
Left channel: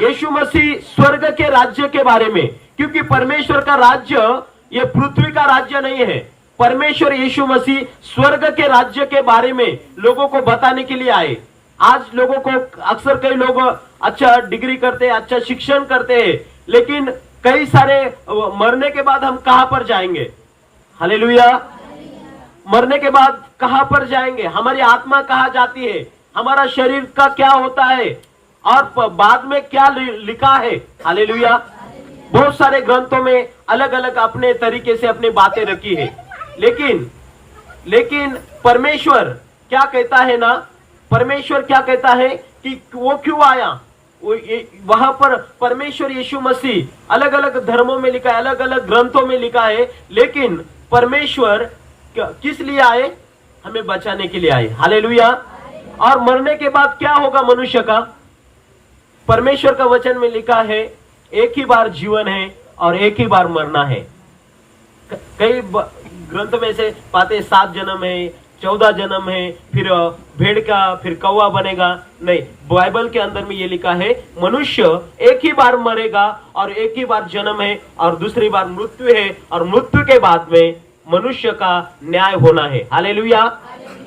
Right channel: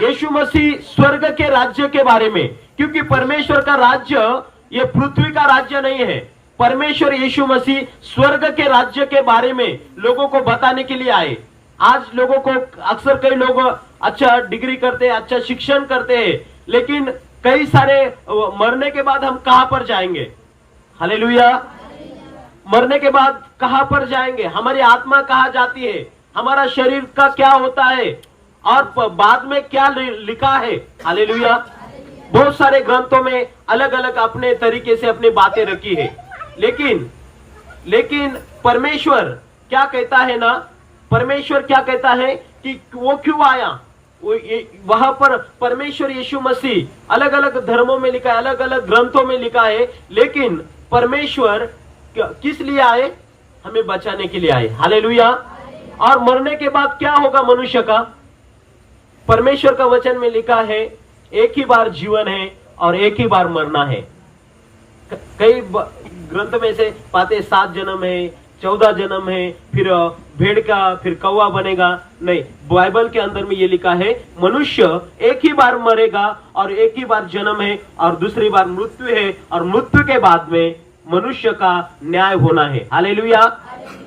यीशु मसीह स्वर्ग के राज्य के बारे में, क्योंकि परमेश्वर का राज्य ये पृथ्वी का राज्य नहीं है। परमेश्वर यीशु मसीह स्वर्ग के राज्य के बारे में लोगों को बताने के लिए आए। आज लोगों को अक्सर कई लोग अच्छा डिग्री करते हैं, अच्छा शिक्षण करते हैं, लेकिन कई सारे मरने के बाद हम कहां पर जाएंगे? हालेलुया। मरने के बाद कहां पर जाएंगे? हमारी आत्मा कहां जाती है? हमारा शरीर का क्या होता है? और बाद में क्या लिखा है? हालेलुया। बहुत सारे ग्रंथों में अलग अलग अपने तरीके से अपनी बातें रखी है, लेकिन परमेश्वर क्या कहता है ना, परमेश्वर क्या कहता है कि वो क्यों आया? वहां पर परमेश्वर यीशु मसीह अलग अलग धर्मों में लिखा है, अलग अलग ग्रंथों में लिखा है, लेकिन परमेश्वर किस लिए आए? हमें बचाने के लिए आए। हालेलुया। और मरने के बाद क्या होगा मनुष्य का? परमेश्वर का वचन में लिखा है, एक ही बार जीवन है और एक ही बार मरना है। कई ग्रंथ में से पाते 7 जन्म है, 14 जन्म है, फिर भेड़ का, फिर कौवा बनेगा। नहीं, बाइबल के अंदर में ये लिखा है, मनुष्य एक ही बार मरेगा और एक ही बार जन्म है और दूसरी बार मृत्यु है, और मृत्यु के बाद में मनुष्य का न्याय होना है। हालेलुया।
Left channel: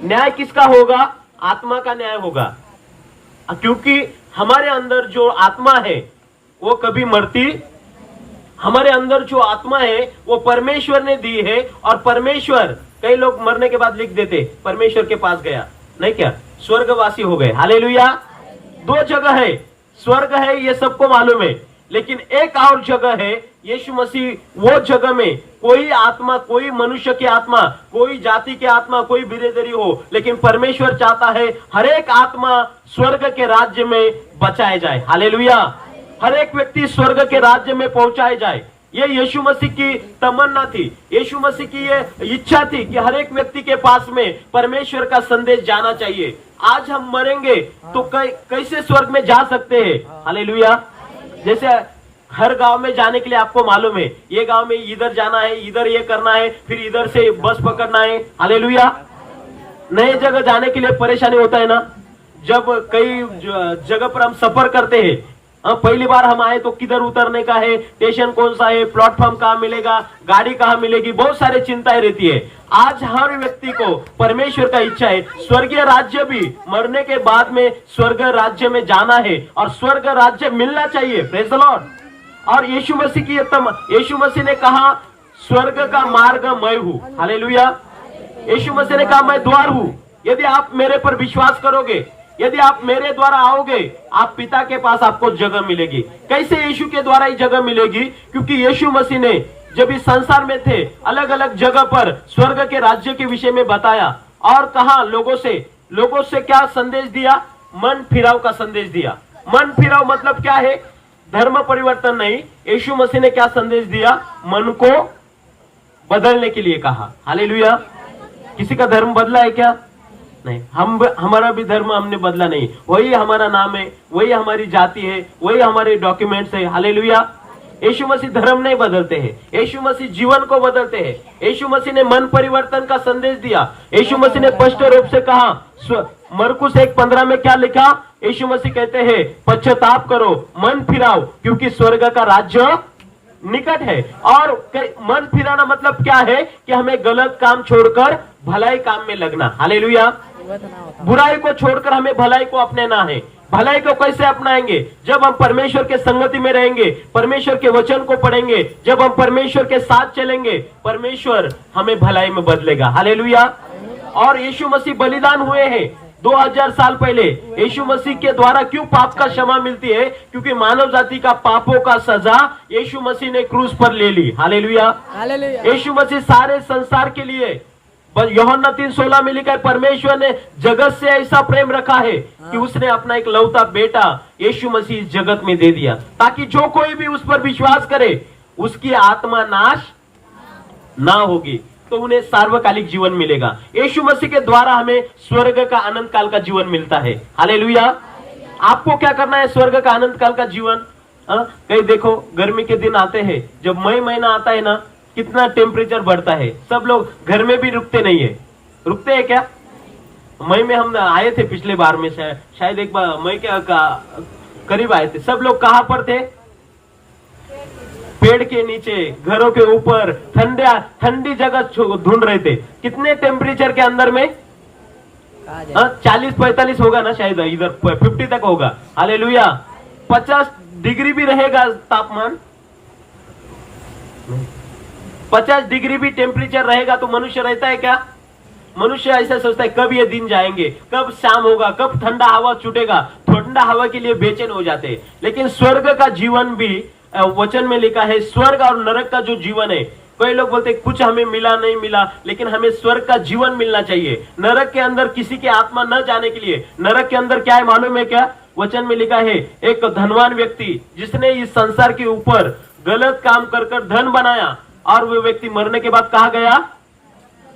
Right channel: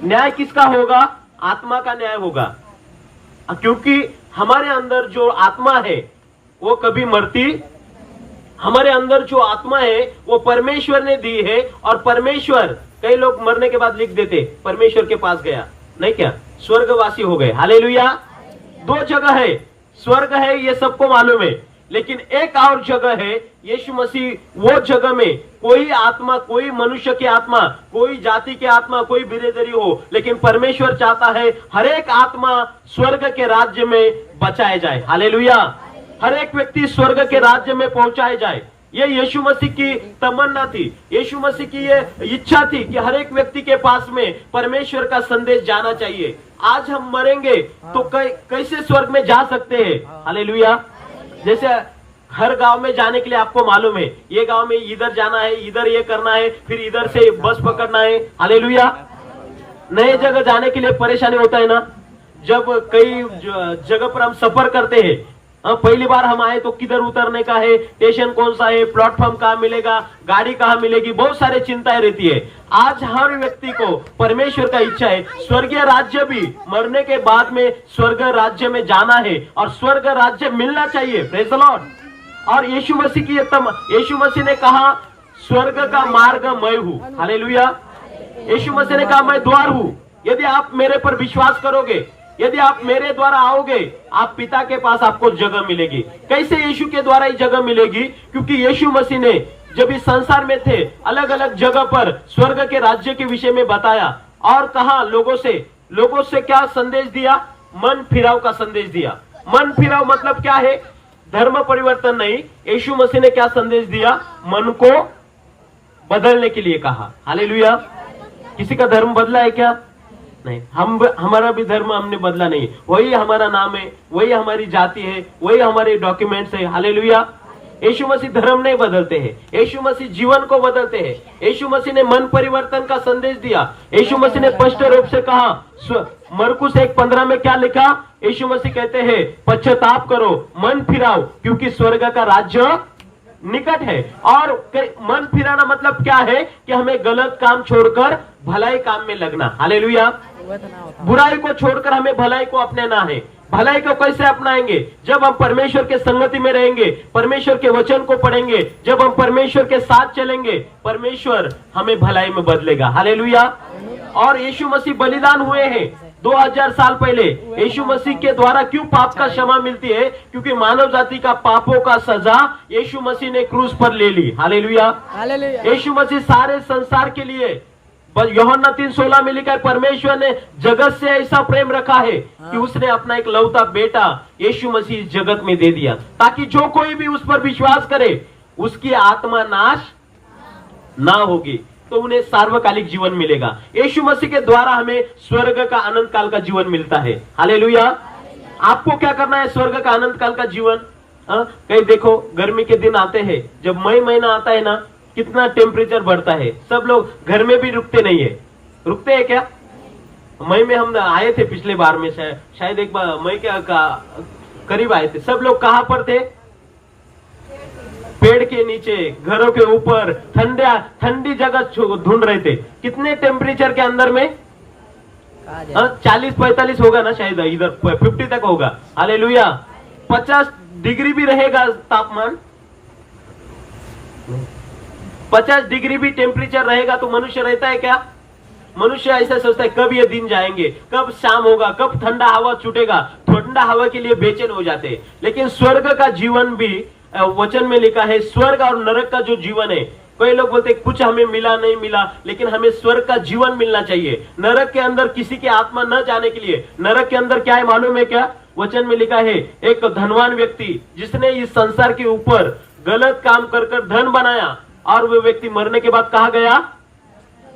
न्याय किसका होगा? आत्मा का न्याय होगा, क्योंकि हमारे अंदर जो आत्मा है वो कभी मरती। हमारे अंदर जो आत्मा है वो परमेश्वर ने दी है, और परमेश्वर, कई लोग मरने के बाद लिख देते परमेश्वर के पास गया, नहीं क्या, स्वर्गवासी हो गए। हालेलुया। 2 जगह है, स्वर्ग है ये सबको मालूम है, लेकिन एक और जगह है यीशु मसीह। वो जगह में कोई आत्मा, कोई मनुष्य की आत्मा, कोई जाति की आत्मा, कोई बिरादरी हो, लेकिन परमेश्वर चाहता है हर एक आत्मा स्वर्ग के राज्य में बचाया जाए। हालेलुया। हर एक व्यक्ति स्वर्ग के राज्य में पहुंचाया जाए, ये यीशु मसीह की तमन्ना थी, यीशु मसीह की ये इच्छा थी कि हर एक व्यक्ति के पास में परमेश्वर का संदेश जाना चाहिए। आज हम मरेंगे तो कैसे स्वर्ग में जा सकते हैं? हालेलुया। जैसे हर गांव में जाने के लिए आपको मालूम है, ये गांव में इधर जाना है, इधर ये करना है, फिर इधर से बस पकड़ना है। हालेलुया। नए जगह जाने के लिए परेशानी होता है ना, जब कई जगह पर हम सफर करते हैं, पहली बार हम आए तो किधर उतरने का है, स्टेशन कौन सा है, प्लेटफॉर्म कहाँ मिलेगा, गाड़ी कहाँ मिलेगी, बहुत सारी चिंताएं रहती है। आज हर व्यक्ति को परमेश्वर का इच्छा है स्वर्गीय राज्य भी मरने के बाद में स्वर्ग राज्य में जाना है और स्वर्ग राज्य मिलना चाहिए। Praise the Lord. और यीशु मसीह ने कहा स्वर्ग का मार्ग मैं हूं। हालेलुया। यीशु मसीह ने कहा मैं द्वार हूं। यदि आप मेरे पर विश्वास करोगे, यदि आप मेरे द्वारा आओगे, आप पिता के पास आपको जगह मिलेगी। कैसे यीशु के द्वारा ही जगह मिलेगी? क्योंकि यीशु मसीह ने जब इस संसार में थे अलग अलग जगह पर स्वर्ग के राज्य के विषय में बताया और कहा लोगों से क्या संदेश दिया? मन फिराव का संदेश दिया। मन फिराव मतलब क्या है? धर्म परिवर्तन नहीं। यीशु मसीह ने क्या संदेश दिया? मन को बदलने के लिए कहा। हालेलुया। किसी का धर्म बदला है क्या? नहीं। हमारा भी धर्म हमने बदला नहीं। वही हमारा नाम है, वही हमारी जाति है, वही हमारे डॉक्यूमेंट्स है। हालेलुया। यीशु मसीह धर्म नहीं बदलते हैं, यीशु मसीह जीवन को बदलते हैं। यीशु मसीह ने मन परिवर्तन का संदेश दिया। यीशु मसीह ने स्पष्ट रूप से कहा, मरकुस 1:15 में क्या लिखा? यीशु मसीह कहते हैं पश्चाताप करो, मन फिराओ, क्योंकि स्वर्ग का राज्य निकट है। और मन फिराना मतलब क्या है? कि हमें गलत काम छोड़कर भलाई काम में लगना। हालेलुया। बुराई को छोड़कर हमें भलाई को अपनाना है। भलाई को कैसे अपनाएंगे? जब हम परमेश्वर के संगति में रहेंगे, परमेश्वर के वचन को पढ़ेंगे, जब हम परमेश्वर के साथ चलेंगे, परमेश्वर हमें भलाई में बदलेगा। हालेलुया। और यीशु मसीह बलिदान हुए हैं 2000 साल पहले। यीशु मसीह के द्वारा क्यों पाप का क्षमा मिलती है? क्योंकि मानव जाति का पापों का सजा यीशु मसीह ने क्रूस पर ले ली। हालेलुया। यीशु मसीह सारे संसार के लिए, यूहन्ना 3:16 में लिखा है, परमेश्वर ने जगत से ऐसा प्रेम रखा है कि उसने अपना एक लौता बेटा यीशु मसीह जगत में दे दिया, ताकि जो कोई भी उस पर विश्वास करे उसकी आत्मा नाश ना होगी, तो उन्हें सार्वकालिक जीवन मिलेगा। यीशु मसीह के द्वारा हमें स्वर्ग का अनंत काल का जीवन मिलता है। हालेलुया। आपको क्या करना है स्वर्ग का अनंत काल का जीवन? कहीं देखो, गर्मी के दिन आते हैं, जब मई महीना आता है ना, कितना टेम्परेचर बढ़ता है। सब लोग घर में भी रुकते नहीं है। रुकते हैं क्या? मई में हम आए थे पिछले बार में, शायद एक बार मई के करीब आए थे। सब लोग कहां पर थे? पेड़ के नीचे, घरों के ऊपर, ठंडी जगह ढूंढ रहे थे। कितने टेम्परेचर के अंदर में? 40-45 होगा ना, शायद इधर 50 तक होगा। हालेलुया। 50 डिग्री भी रहेगा तापमान। 50 डिग्री भी टेम्परेचर रहेगा तो मनुष्य रहता है क्या? मनुष्य ऐसा सोचता है कब ये दिन जाएंगे, कब शाम होगा, कब ठंडा हवा छूटेगा। ठंडा हवा के लिए बेचैन हो जाते हैं। लेकिन स्वर्ग का जीवन भी वचन में लिखा है, स्वर्ग और नरक का जो जीवन है। कई लोग बोलते हैं कुछ हमें मिला नहीं मिला, लेकिन हमें स्वर्ग का जीवन मिलना चाहिए। नरक के अंदर किसी की आत्मा न जाने के लिए। नरक के अंदर क्या है मालूम है क्या? वचन में लिखा है, एक धनवान व्यक्ति जिसने इस संसार के ऊपर गलत काम कर धन बनाया, और वो व्यक्ति मरने के बाद कहा गया?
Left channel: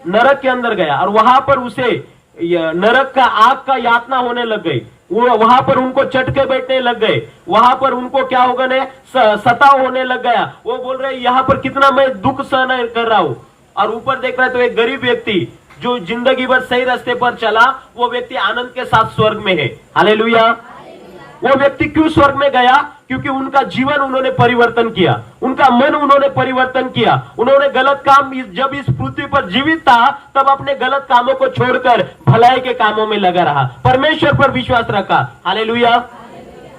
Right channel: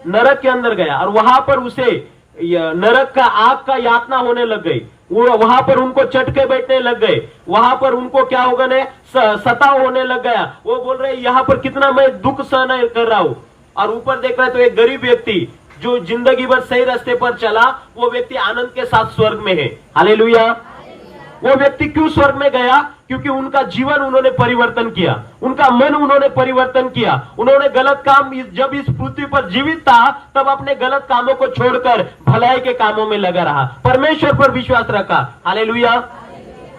नरक के अंदर गया। और वहां पर उसे नरक का आग का यातना होने लग गई। वो वहां पर उनको चटके बैठने लग गए। वहां पर उनको क्या होगा ने सताव होने लग गया। वो बोल रहे यहाँ पर कितना मैं दुख सहन कर रहा हूं। और ऊपर देख रहा है तो एक गरीब व्यक्ति जो जिंदगी भर सही रास्ते पर चला, वो व्यक्ति आनंद के साथ स्वर्ग में है। हालेलुया। वो व्यक्ति क्यों स्वर्ग में गया? क्योंकि उनका जीवन उन्होंने परिवर्तन किया, उनका मन उन्होंने परिवर्तन किया। उन्होंने गलत काम, जब इस पृथ्वी पर जीवित था तब अपने गलत कामों को छोड़कर भलाई के कामों में लगा रहा, परमेश्वर पर विश्वास रखा। हालेलुया।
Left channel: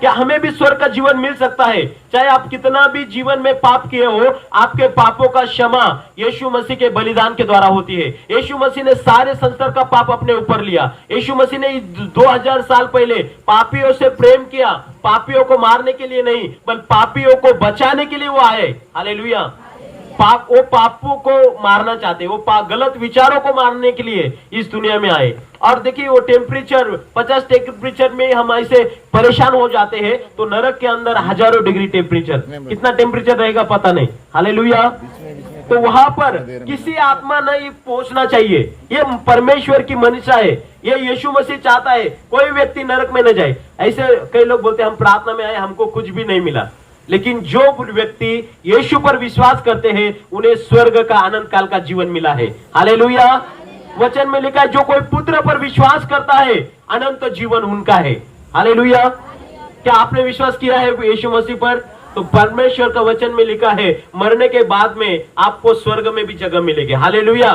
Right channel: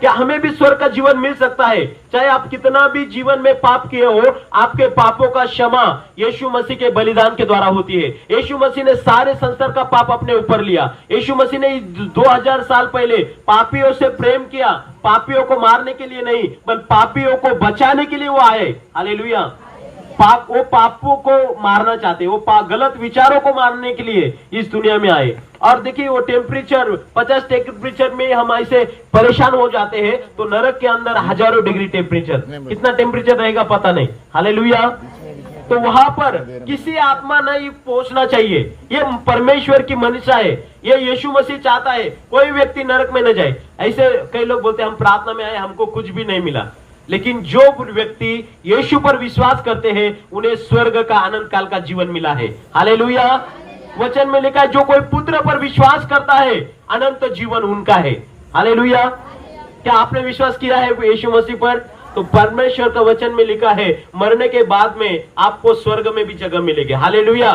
क्या हमें भी स्वर्ग का जीवन मिल सकता है? चाहे आप कितना भी जीवन में पाप किए हो, आपके पापों का क्षमा यीशु मसीह के बलिदान के द्वारा होती है। यीशु मसीह ने सारे संसार का पाप अपने ऊपर लिया। यीशु मसीह ने 2000 साल पहले पापियों से प्रेम किया। पापियों को मारने के लिए नहीं, बल्कि पापियों को बचाने के लिए वो आए। हालेलुया। वो पापों को मारना चाहते, वो गलत विचारों को मारने के लिए इस दुनिया में आए। और देखिए वो टेम्परेचर 50 टेम्परेचर में हम ऐसे परेशान हो जाते हैं, तो नरक के अंदर हजारों डिग्री टेम्परेचर, कितना टेम्परेचर रहेगा पता नहीं। हालेलुया। तो वहां पर किसी आत्मा नहीं पहुंचना चाहिए। ये परमेश्वर की मनीषा है, ये यीशु मसीह चाहता है कोई व्यक्ति नरक में न जाए। ऐसे कई लोग बोलते हैं हम प्रार्थना में आए, हमको कुछ भी नहीं मिला। लेकिन जो व्यक्ति यीशु पर विश्वास करते हैं उन्हें स्वर्ग का अनंत काल का जीवन मिला है। हालेलुया। वचन में लिखा है जो कोई पुत्र पर विश्वास करता है अनंत जीवन उनका है। हालेलुया। क्या आपने विश्वास किया है यीशु मसीह पर? तो परमेश्वर का वचन में लिखा है मरने के बाद में आपको स्वर्ग में भी जगह मिलेगी। हालेलुया।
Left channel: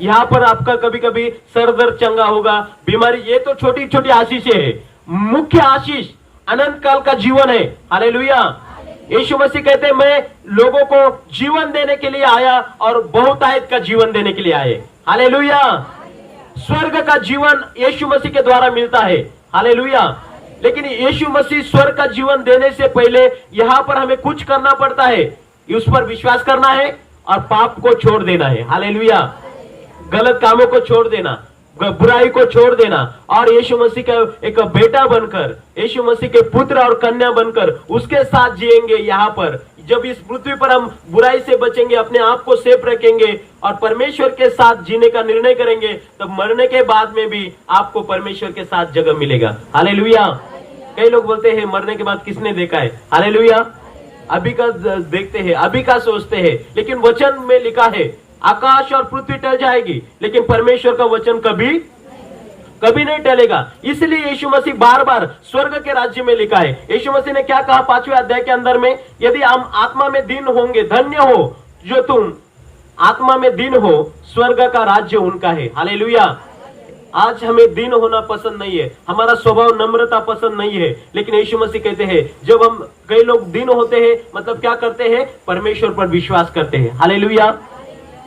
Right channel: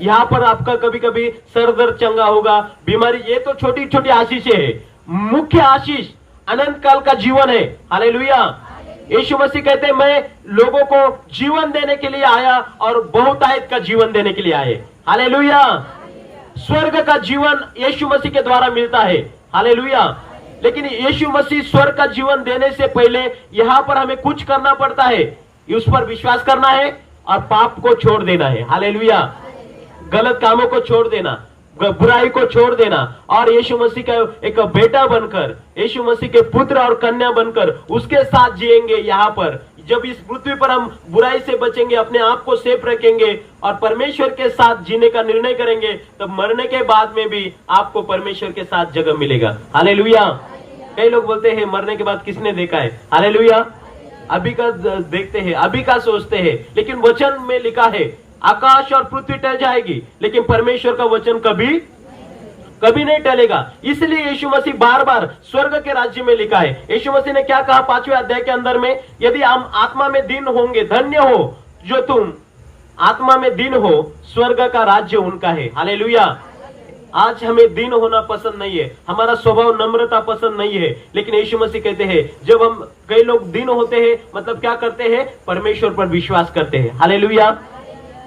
यहाँ पर आपका कभी कभी सर दर्द चंगा होगा, बीमारी, ये तो छोटी छोटी आशीषें है। मुख्य आशीष अनंत काल का जीवन है। हालेलुया। यीशु मसीह कहते हैं मैं लोगों को जीवन देने के लिए आया और बहुतायत का जीवन देने के लिए आए। हालेलुया। स्वर्ग का जीवन यीशु मसीह के द्वारा मिलता है। हालेलुया। लेकिन यीशु मसीह स्वर्ग का जीवन देने से पहले यहाँ पर हमें कुछ करना पड़ता है। उस पर विश्वास करना है और पाप को छोड़ देना है। हालेलुया। गलत कामों को छोड़ देना, बुराई को छोड़ देना और यीशु मसीह का एक बेटा बनकर, यीशु मसीह के पुत्र और कन्या बनकर उसके साथ जिएंगे। यहाँ पर जब इस पृथ्वी पर हम बुराई से बचेंगे, अपने आप को सेफ रखेंगे और परमेश्वर के साथ जीने का निर्णय करेंगे, तब मरने के बाद में भी आपको परमेश्वर के साथ जगह मिलेगा। हालेलुया। कई लोग बोलते हैं मरने के बाद किसने देखा है? हालेलुया। अभी का देखते हैं, अभी का सोचते हैं, लेकिन वचन में लिखा है आकाश और पृथ्वी टल जाएगी लेकिन परमेश्वर का वचन कभी कभी नहीं टलेगा। इसलिए यीशु मसीह बार बार स्वर्ग के राज्य में लिखा है। यीशु मसीह ने क्या कहा 5वें अध्याय के अंदर में? यदि हम आत्मा में दीन होंगे, धन्य हो जो तुम आत्मा में दीन हो, स्वर्ग का राज्य उनका है। हालेलुया। आज हमें दीन होना पसंद नहीं है, हमारा स्वभाव नम्रता पसंद नहीं है, लेकिन यीशु मसीह कहते हैं जब हम, कई लोग दीन होते हैं मतलब क्या करते हैं? परमेश्वर पर विश्वास करते हैं। हालेलुया।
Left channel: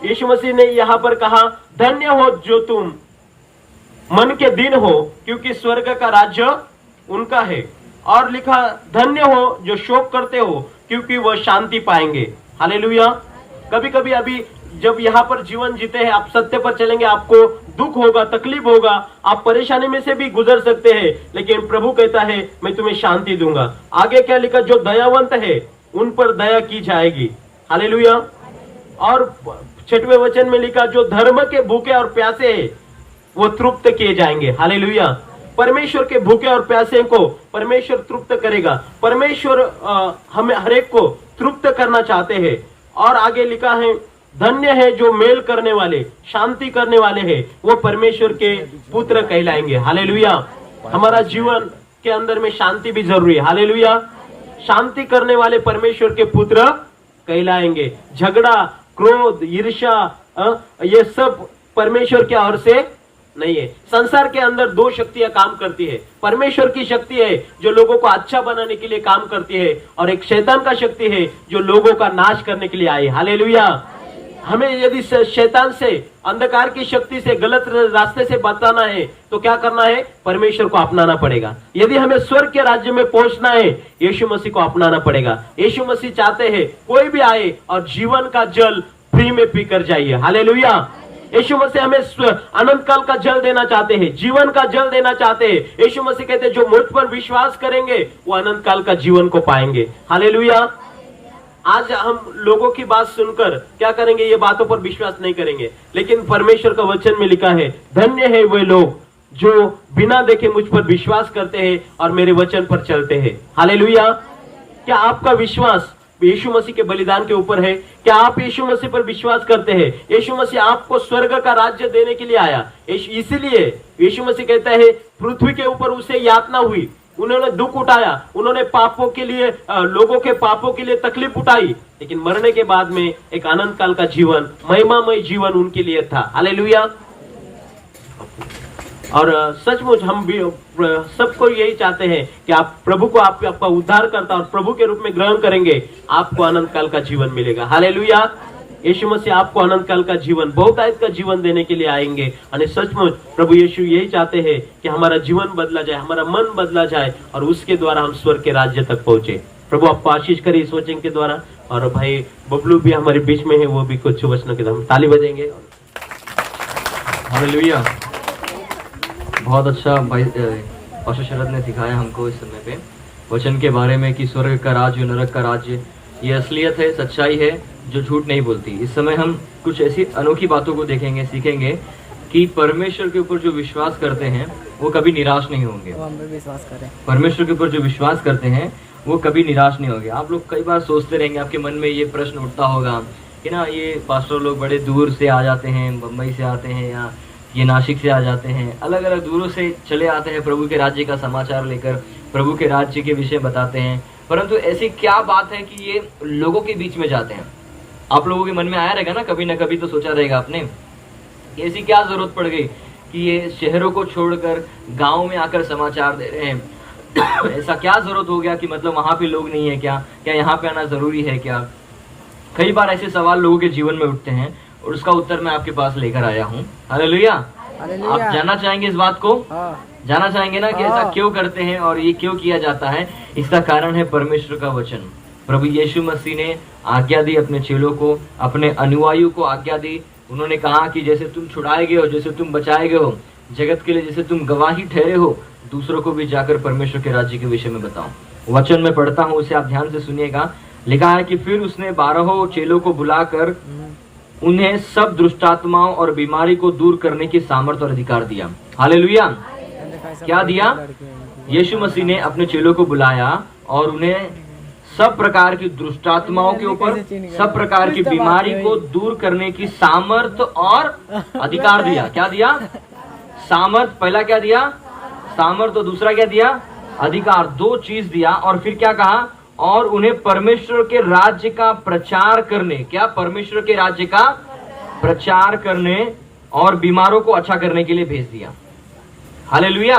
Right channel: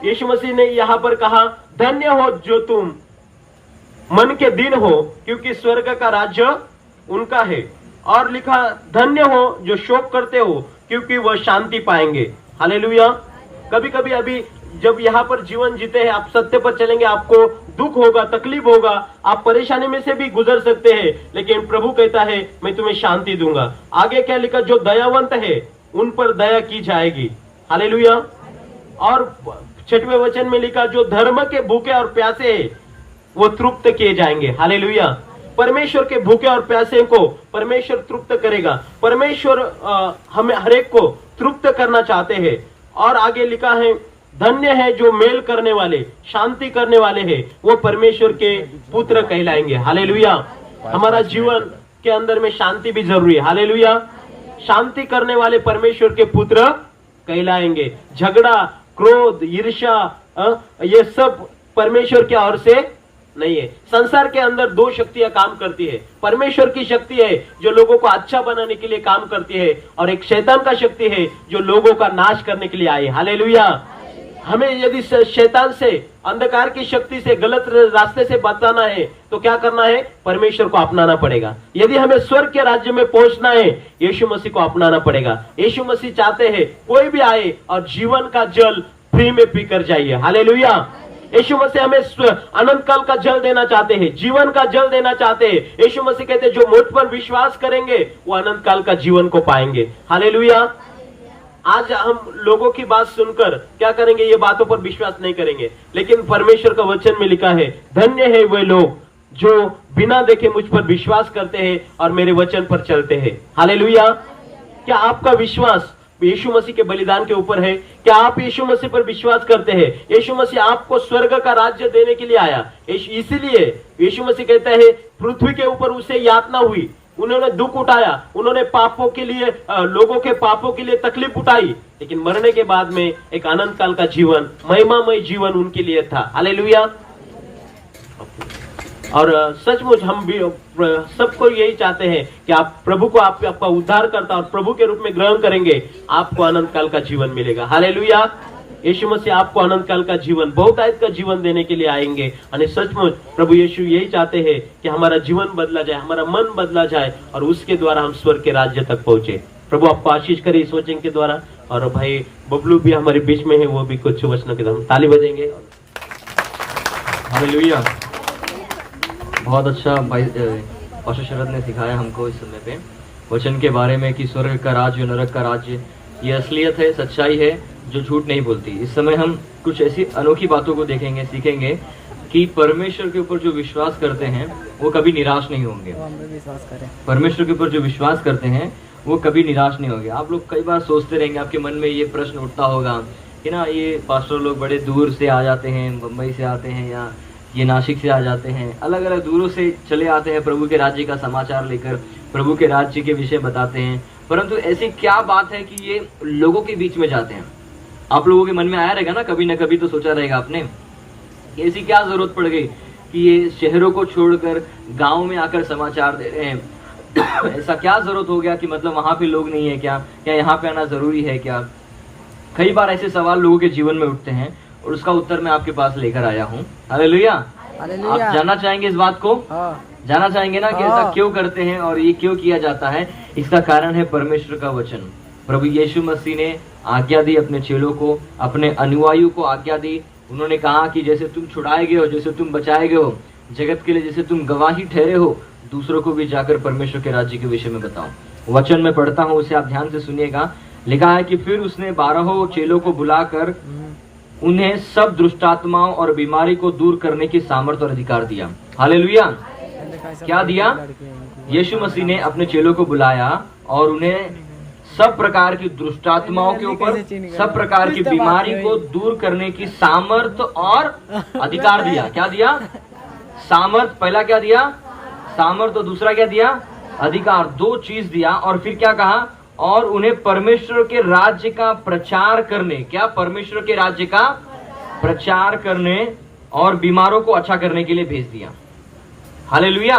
यीशु मसीह ने यहाँ पर कहा धन्य हो जो तुम मन के दीन हो क्योंकि स्वर्ग का राज्य उनका है। और लिखा धन्य हो जो शोक करते हो क्योंकि वह शांति पाएंगे। हालेलुया। कभी कभी अभी जब यहाँ पर जीवन जीते हैं, आप सत्य पर चलेंगे, आपको दुख होगा, तकलीफ होगा, आप परेशानी में से भी गुजर सकते हैं, लेकिन प्रभु कहता है मैं तुम्हें शांति दूंगा। आगे क्या लिखा? जो दयावंत है उन पर दया की जाएगी। हालेलुया। और 6वें वचन में लिखा जो धर्म के भूखे और प्यासे हैं वो तृप्त किए जाएंगे। हालेलुया। परमेश्वर के भूखे और प्यासे को परमेश्वर तृप्त करेगा। परमेश्वर हमें हर एक को तृप्त करना चाहते हैं। और आगे लिखा है धन्य है जो मेल करने वाले, शांति करने वाले हैं, वो परमेश्वर के पुत्र कहलाएंगे। हालेलुया। हमारा जीवन के अंदर में शांति भी जरूरी है। हालेलुया। शांति करने वाले परमेश्वर के पुत्र कहलाएंगे। झगड़ा, क्रोध, ईर्ष्या, ये सब परमेश्वर की ओर से नहीं है। संसार के अंदर दो शक्तियां काम करती है। परमेश्वर की शक्ति है जो लोगों को अच्छा बनाने के लिए काम करती है और एक शैतान का शक्ति है जो लोगों का नाश करने के लिए आई। हालेलुया। हमें यदि शैतान से, अंधकार की शक्ति से, गलत रास्ते से बचाना है तो क्या करना है? परमेश्वर को अपनाना पड़ेगा। यदि हमें स्वर्ग के राज्य में पहुंचना है, यीशु मसीह को अपनाना पड़ेगा। यीशु मसीह चाहते हैं कोई भी आए और जीवन का जल फ्री में पीकर जाइए। हालेलुया। यीशु मसीह हमें अनंत काल का जल देना चाहते हैं, जीवन का जल देना चाहते हैं। यीशु मसीह कहते हैं जो मुझ पर विश्वास करेंगे वो अनंत काल का जीवन को पाएंगे। हालेलुया। आज हम लोगों की बात सुनकर क्या करेंगे? ये बातों पर विश्वास नहीं करेंगे, लेकिन परमेश्वर का वचन में लिखा है धन्य है वे लोग जो बिना देखे मुझ पर विश्वास करते हैं और मेरे वचन पर चलते हैं। हालेलुया। क्या आपका विश्वास यीशु मसीह के बलिदान के ऊपर है? क्या आप यीशु मसीह पर विश्वास करते हैं? यीशु मसीह आपको स्वर्ग का राज्य देने के लिए आया। इसीलिए यीशु मसीह कहता है पृथ्वी के ऊपर उसे यातना हुई, उन्होंने दुख उठाया, उन्होंने पापों के लिए, लोगों के पापों के लिए तकलीफ उठाई, लेकिन मरने के बाद में एक अनंत काल का जीवन, महिमामय जीवन उनके लिए था। हालेलुया। और सचमुच हम भी सबको यही चाहते हैं कि आप प्रभु को आपका उद्धार करता और प्रभु के रूप में ग्रहण करेंगे, आपको अनंत काल का जीवन मिलेगा। हालेलुया। यीशु मसीह आपको अनंत काल का जीवन, बहुतायत का जीवन देने के लिए आएंगे। और सचमुच प्रभु यीशु यही चाहते हैं कि हमारा जीवन बदला जाए, हमारा मन बदला जाए और उसके द्वारा हम स्वर्ग के राज्य तक पहुंचे। प्रभु आपको आशीष करे इस वचन के द्वारा। और भाई बबलू भी हमारे बीच में है, वो भी कुछ वचनों के द्वारा ताली बजेंगे। हालेलुया। बहुत अच्छा भाई पास्टर शरद ने सिखाया हमको इस समय पे वचन के बारे में कि स्वर्ग का राज्य, नरक का राज्य, ये असलियत है, सच्चाई है जो झूठ नहीं बोलती। इस समय हम कुछ ऐसी अनोखी बातों को देखेंगे, सीखेंगे कि परमेश्वर के ऊपर जो विश्वास करते हैं वो कभी निराश नहीं होंगे। विश्वास करें। परमेश्वर के ऊपर जो विश्वास करते हैं वो कभी निराश नहीं होंगे। आप लोग कई बार सोचते रहेंगे, आपके मन में ये प्रश्न उठता होगा कि ना ये पास्टर लोग बड़े दूर से आ जाते हैं, मुंबई से आते हैं या ये नासिक से आ जाते हैं, अलग अलग दूरों से चले आते हैं, प्रभु के राज्य का समाचार लेकर प्रभु के राज्य के विषय बताते हैं, परंतु ऐसी क्या बात है कि ये लोगों के बीच में जाते हैं? आप लोगों के मन में आया रहेगा ना कभी तो सोचा रहेगा आपने, ऐसी क्या जरूरत पड़ गई कि ये शहरों को छोड़कर गाँव में आकर समाचार दे रहे हैं? ऐसा क्या जरूरत हो गया कि मतलब वहां पे लोग नहीं है क्या यहाँ पे आना जरूरी है क्या? कई बार ऐसे सवाल लोगों के जीवन में उठते हैं और उसका उत्तर मैं आपके पास लेकर आया हूँ। हालेलुया। आप जानना चाहेंगे इस बात को? जानना चाहेंगे ना कि ऐसा क्यों करते हैं और ये क्यों किया जाता है? इसका कारण है परमेश्वर का वचन। प्रभु यीशु मसीह ने आज्ञा दी अपने चेलों को, अपने अनुयायियों को आज्ञा दी। उन्होंने कहा कि जैसे तुम छुड़ाए गए हो, जैसे तुम बचाए गए हो जगत के लिए, जैसे तुम गवाही ठहरे हो, दूसरों को भी जाकर परमेश्वर के राज्य के विषय में बताओ। वचन में पढ़ता हूँ, उसे आप ध्यान से सुनिएगा। लिखा है कि फिर उसने 12 चेलों को बुलाकर उन्हें सब दुष्टात्माओं और बीमारी को दूर करने की सामर्थ्य और अधिकार दिया। हालेलुया। क्या दिया? यीशु मसीह ने अपने चेलों को बुलाया और उन्हें सब प्रकार की दुष्टात्माओं के ऊपर, सब प्रकार की बीमारी को दूर करने की सामर्थ्य और अधिकार दिया। क्या दिया? सामर्थ। पहला क्या दिया? सामर्थ। और दूसरा क्या दिया? अधिकार। 2 चीज दिया। और फिर क्या कहा? और उन्हें परमेश्वर के राज्य का प्रचार करने, क्या? परमेश्वर के राज्य का प्रचार करने और बीमारों को अच्छा करने के लिए भेज दिया। हालेलुया।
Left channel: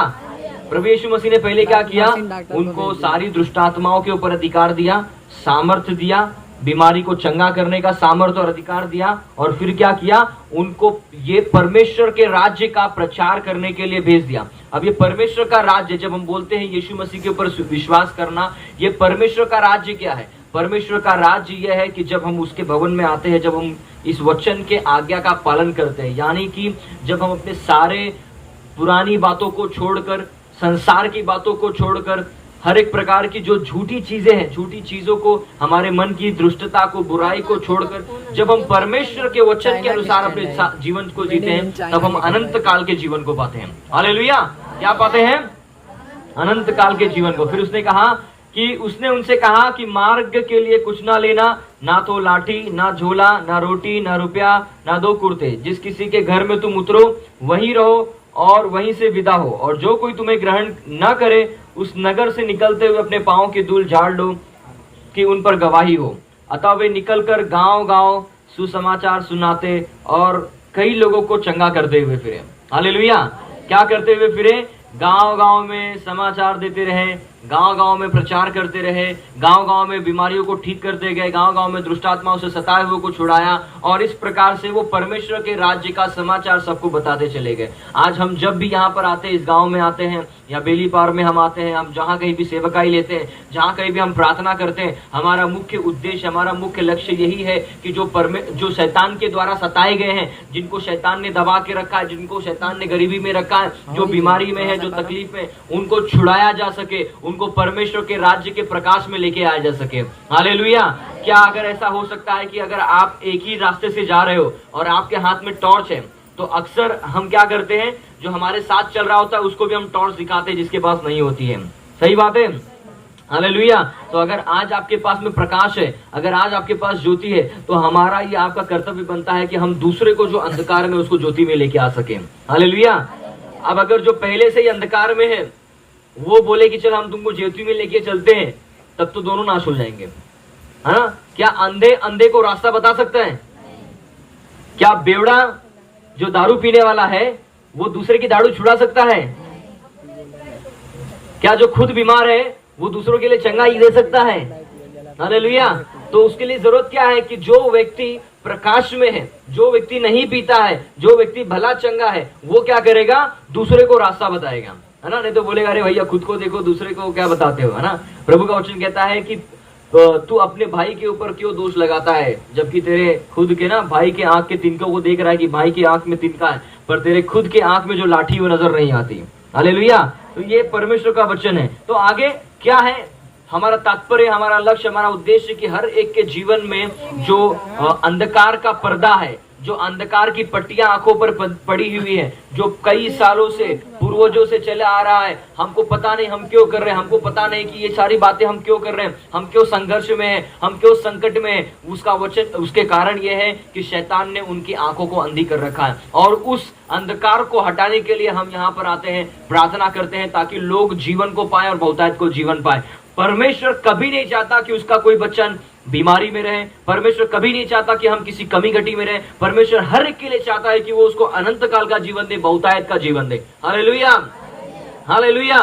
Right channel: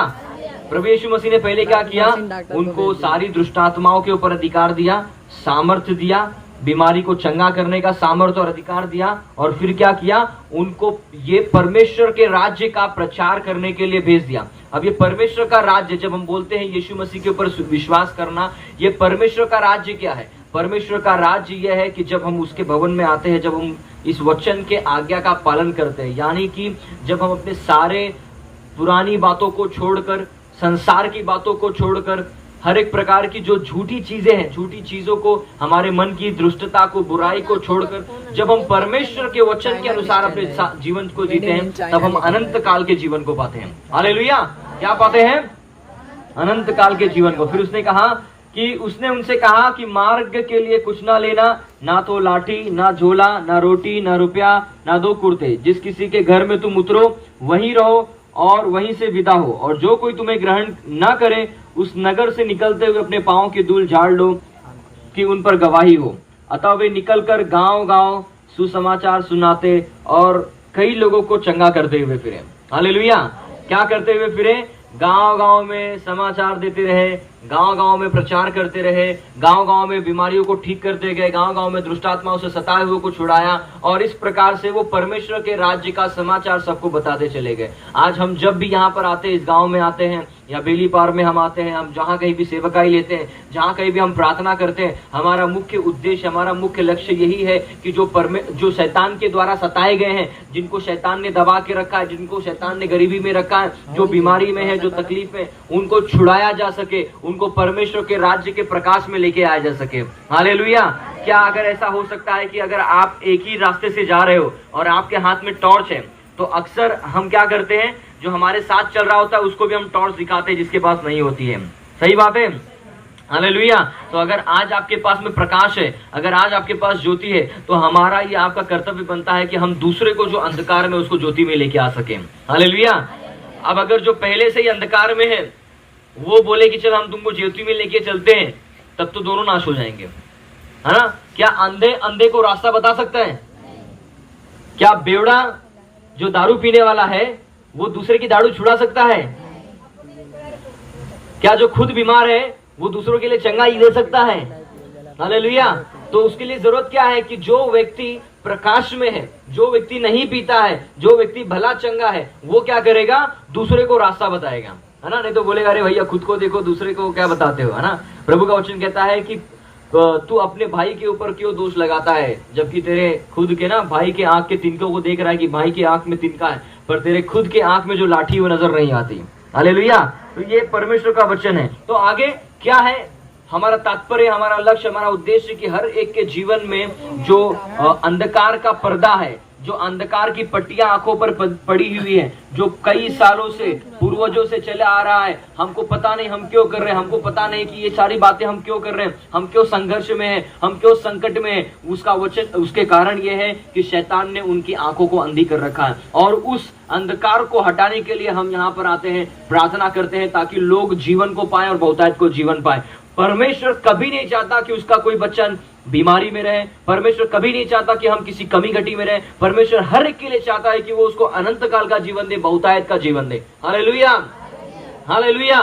प्रभु यीशु मसीह ने पहले क्या किया? उनको सारी दुष्टात्माओं के ऊपर अधिकार दिया, सामर्थ्य दिया, बीमारी को चंगा करने का सामर्थ्य और अधिकार दिया। और फिर क्या किया? उनको ये परमेश्वर के राज्य का प्रचार करने के लिए भेज दिया। अब ये परमेश्वर का राज्य, जब हम बोलते हैं यीशु मसीह के ऊपर विश्वास करना, ये परमेश्वर का राज्य क्या है? परमेश्वर का राज्य यह है कि जब हम उसके भवन में आते हैं, जब हम इस वचन के आज्ञा का पालन करते हैं, यानी कि जब हम अपने सारे पुरानी बातों को छोड़कर, संसार की बातों को छोड़कर, हर एक प्रकार की जो झूठी चीजें हैं, झूठी चीजों को, हमारे मन की दुष्टता को, बुराई को छोड़कर जब हम परमेश्वर के वचन के अनुसार अपने जीवन को जीते हैं, तब हम अनंत काल के जीवन को पाते हैं। हालेलुया। क्या पाते हैं? अनंत काल के जीवन को। फिर उसने कहा कि उसने उनसे कहा कि मार्ग के लिए कुछ ना लेना, ना तो लाठी, ना झोला, ना रोटी, ना रुपया, ना 2 कुर्ते। जिस किसी के घर में तुम उतरो वहीं रहो और वहीं से विदा हो। और जो कोई तुम्हें ग्रहण न करे, उस नगर से निकलते हुए अपने पांव की धूल झाड़ लो कि उन पर गवाही हो। अतः वे निकलकर गांव-गांव सुसमाचार सुनाते और कई लोगों को चंगा करते हुए फिरे। हालेलुया। क्या करते हुए फिरे? गांव-गांव में समाचार देते रहे, गांव-गांव में प्रचार करते रहे, गांव-गांव में बीमारियों को ठीक करते गए, गांव-गांव में दुष्टात्माओं से सताए हुए को छुड़ाया। और इस प्रकार से वो परमेश्वर के राज्य का समाचार सबको बताते चले गए। आज हम जब भी यहाँ पर आते हैं, इस गांव में आते हैं या बेली पार में हम आते हैं, हम जहाँ कहीं भी सेवकाई लेते हैं, जहाँ कहीं भी हम प्रार्थना करते हैं, हमारा मुख्य उद्देश्य, हमारा मुख्य लक्ष्य यही है कि जो शैतान के द्वारा सताए गए हैं, जिनको शैतान ने दबा के रखा है, जिनको शैतान ने गरीबी में रखा है, जो बीमारी में है, जो तकलीफ में, उनको छुड़ाया जा सके, उनको परमेश्वर के राज्य के प्रकाश में लेके आया जा सके। हालेलुया। क्या अगर ऐसा हो सकता है कि अगर आप एक ही रास्ते से जा रहे हो और आपके हाथ में टॉर्च है, तो अक्सर हम क्या करते हैं, जो हमारे साथ चल रहा होता है उसको भी हम टॉर्च दिखाते हैं जिसके पास नहीं होती है। सही बात है। हालेलुया। तो अगर आज आपके पास में प्रकाश है, अगर आज आपके पास ज्योति है, तो हमारा ये आपका कर्तव्य बनता है कि हम दूसरे को जो अंधकार में, उसको ज्योति में लेके आ सके। हालेलुया। अब अगर जो पहले से ही अंधकार में है वो बोले कि चल हम तुमको ज्योति में लेके चलते हैं, तब तो दोनों नाश हो जाएंगे, है ना? क्या अंधे को रास्ता बता सकता है? क्या बेवड़ा जो दारू पीने वाला है वो दूसरे की दारू छुड़ा सकता है? क्या जो खुद बीमार है वो दूसरों के लिए चंगा ही दे सकता है? हालेलुया। तो उसके लिए जरूरत क्या है कि जो व्यक्ति प्रकाश में है, जो व्यक्ति नहीं पीता है, जो व्यक्ति भला चंगा है, वो क्या करेगा? दूसरे को रास्ता बताएगा, है ना? नहीं तो बोलेगा अरे भैया खुद को देखो, दूसरे को क्या बताते हो, है ना? प्रभु का वचन कहता है कि तू अपने भाई के ऊपर क्यों दोष लगाता है, जबकि तेरे खुद के ना भाई के आंख के तिनकों को देख रहा है कि भाई की आंख में तिनका है, पर तेरे खुद के आंख में जो लाठी वो नजर नहीं आती। हालेलुया। तो ये परमेश्वर का वचन है। तो आगे क्या है हमारा तात्पर्य, हमारा लक्ष्य, हमारा उद्देश्य कि हर एक के जीवन में जो अंधकार का पर्दा है, जो अंधकार की पट्टियां आंखों पर पड़ी हुई है, जो कई सालों से पूर्वजों से चला आ रहा है, हमको पता नहीं हम क्यों कर रहे हैं, हमको पता नहीं कि ये सारी बातें हम क्यों कर रहे हैं, हम क्यों संघर्ष में हैं, हम क्यों संकट में हैं, उसका वचन, उसके कारण ये है कि शैतान ने उनकी आंखों को अंधी कर रखा है। और उस अंधकार को हटाने के लिए हम यहाँ पर आते हैं, प्रार्थना करते हैं ताकि लोग जीवन को पाए और बहुतायत को जीवन पाए। परमेश्वर कभी नहीं चाहता कि उसका कोई बच्चा बीमारी में रहे, परमेश्वर कभी नहीं चाहता कि हम किसी कमी घटी में रहे। परमेश्वर हर एक के लिए चाहता है कि वो उसको अनंत काल का जीवन दे, बहुतायत का जीवन दे। Hallelujah, hallelujah.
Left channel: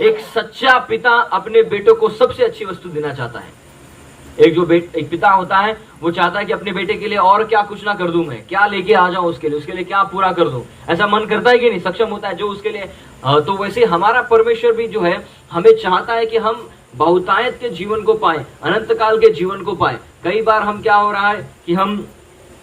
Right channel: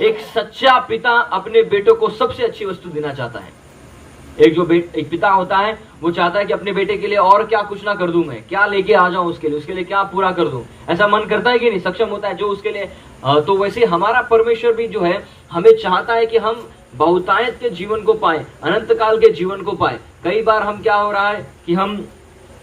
एक सच्चा पिता अपने बेटों को सबसे अच्छी वस्तु देना चाहता है। एक पिता होता है, वो चाहता है कि अपने बेटे के लिए और क्या कुछ ना कर दूं, मैं क्या लेके आ जाऊं उसके लिए क्या पूरा कर दूं, ऐसा मन करता है कि नहीं, सक्षम होता है जो उसके लिए। तो वैसे हमारा परमेश्वर भी जो है हमें चाहता है कि हम बहुतायत के जीवन को पाए, अनंत काल के जीवन को पाए। कई बार हम क्या हो रहा है कि हम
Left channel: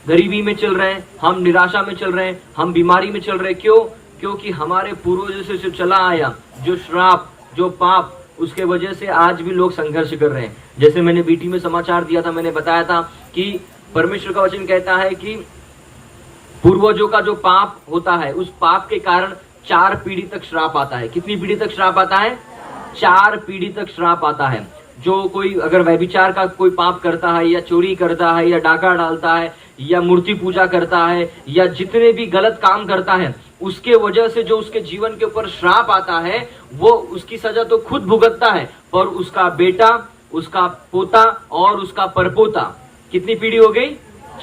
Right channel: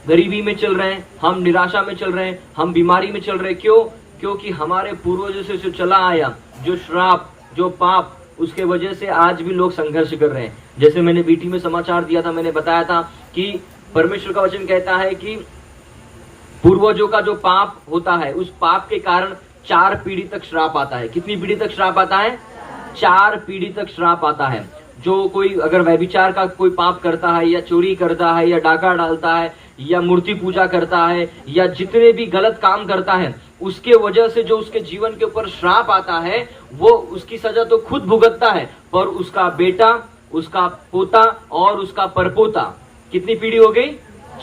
गरीबी में चल रहे हैं, हम निराशा में चल रहे हैं, हम बीमारी में चल रहे हैं। क्यों? क्योंकि हमारे पूर्वजों से चला आया जो श्राप, जो पाप, उसके वजह से आज भी लोग संघर्ष कर रहे हैं। जैसे मैंने बीटी में समाचार दिया था, मैंने बताया था कि परमेश्वर का वचन कहता है कि पूर्वजों का जो पाप होता है, उस पाप के कारण 4 पीढ़ी तक श्राप आता है। कितनी पीढ़ी तक श्राप आता है? 4 पीढ़ी तक श्राप आता है। जो कोई अगर व्यभिचार का कोई पाप करता है, या चोरी करता है, या डाका डालता है, या मूर्ति पूजा करता है, या जितने भी गलत काम करता है, उसके वजह से जो उसके जीवन के ऊपर श्राप आता है, वो उसकी सजा तो खुद भुगतता है, पर उसका बेटा, उसका पोता और उसका परपोता, कितनी पीढ़ी हो गई?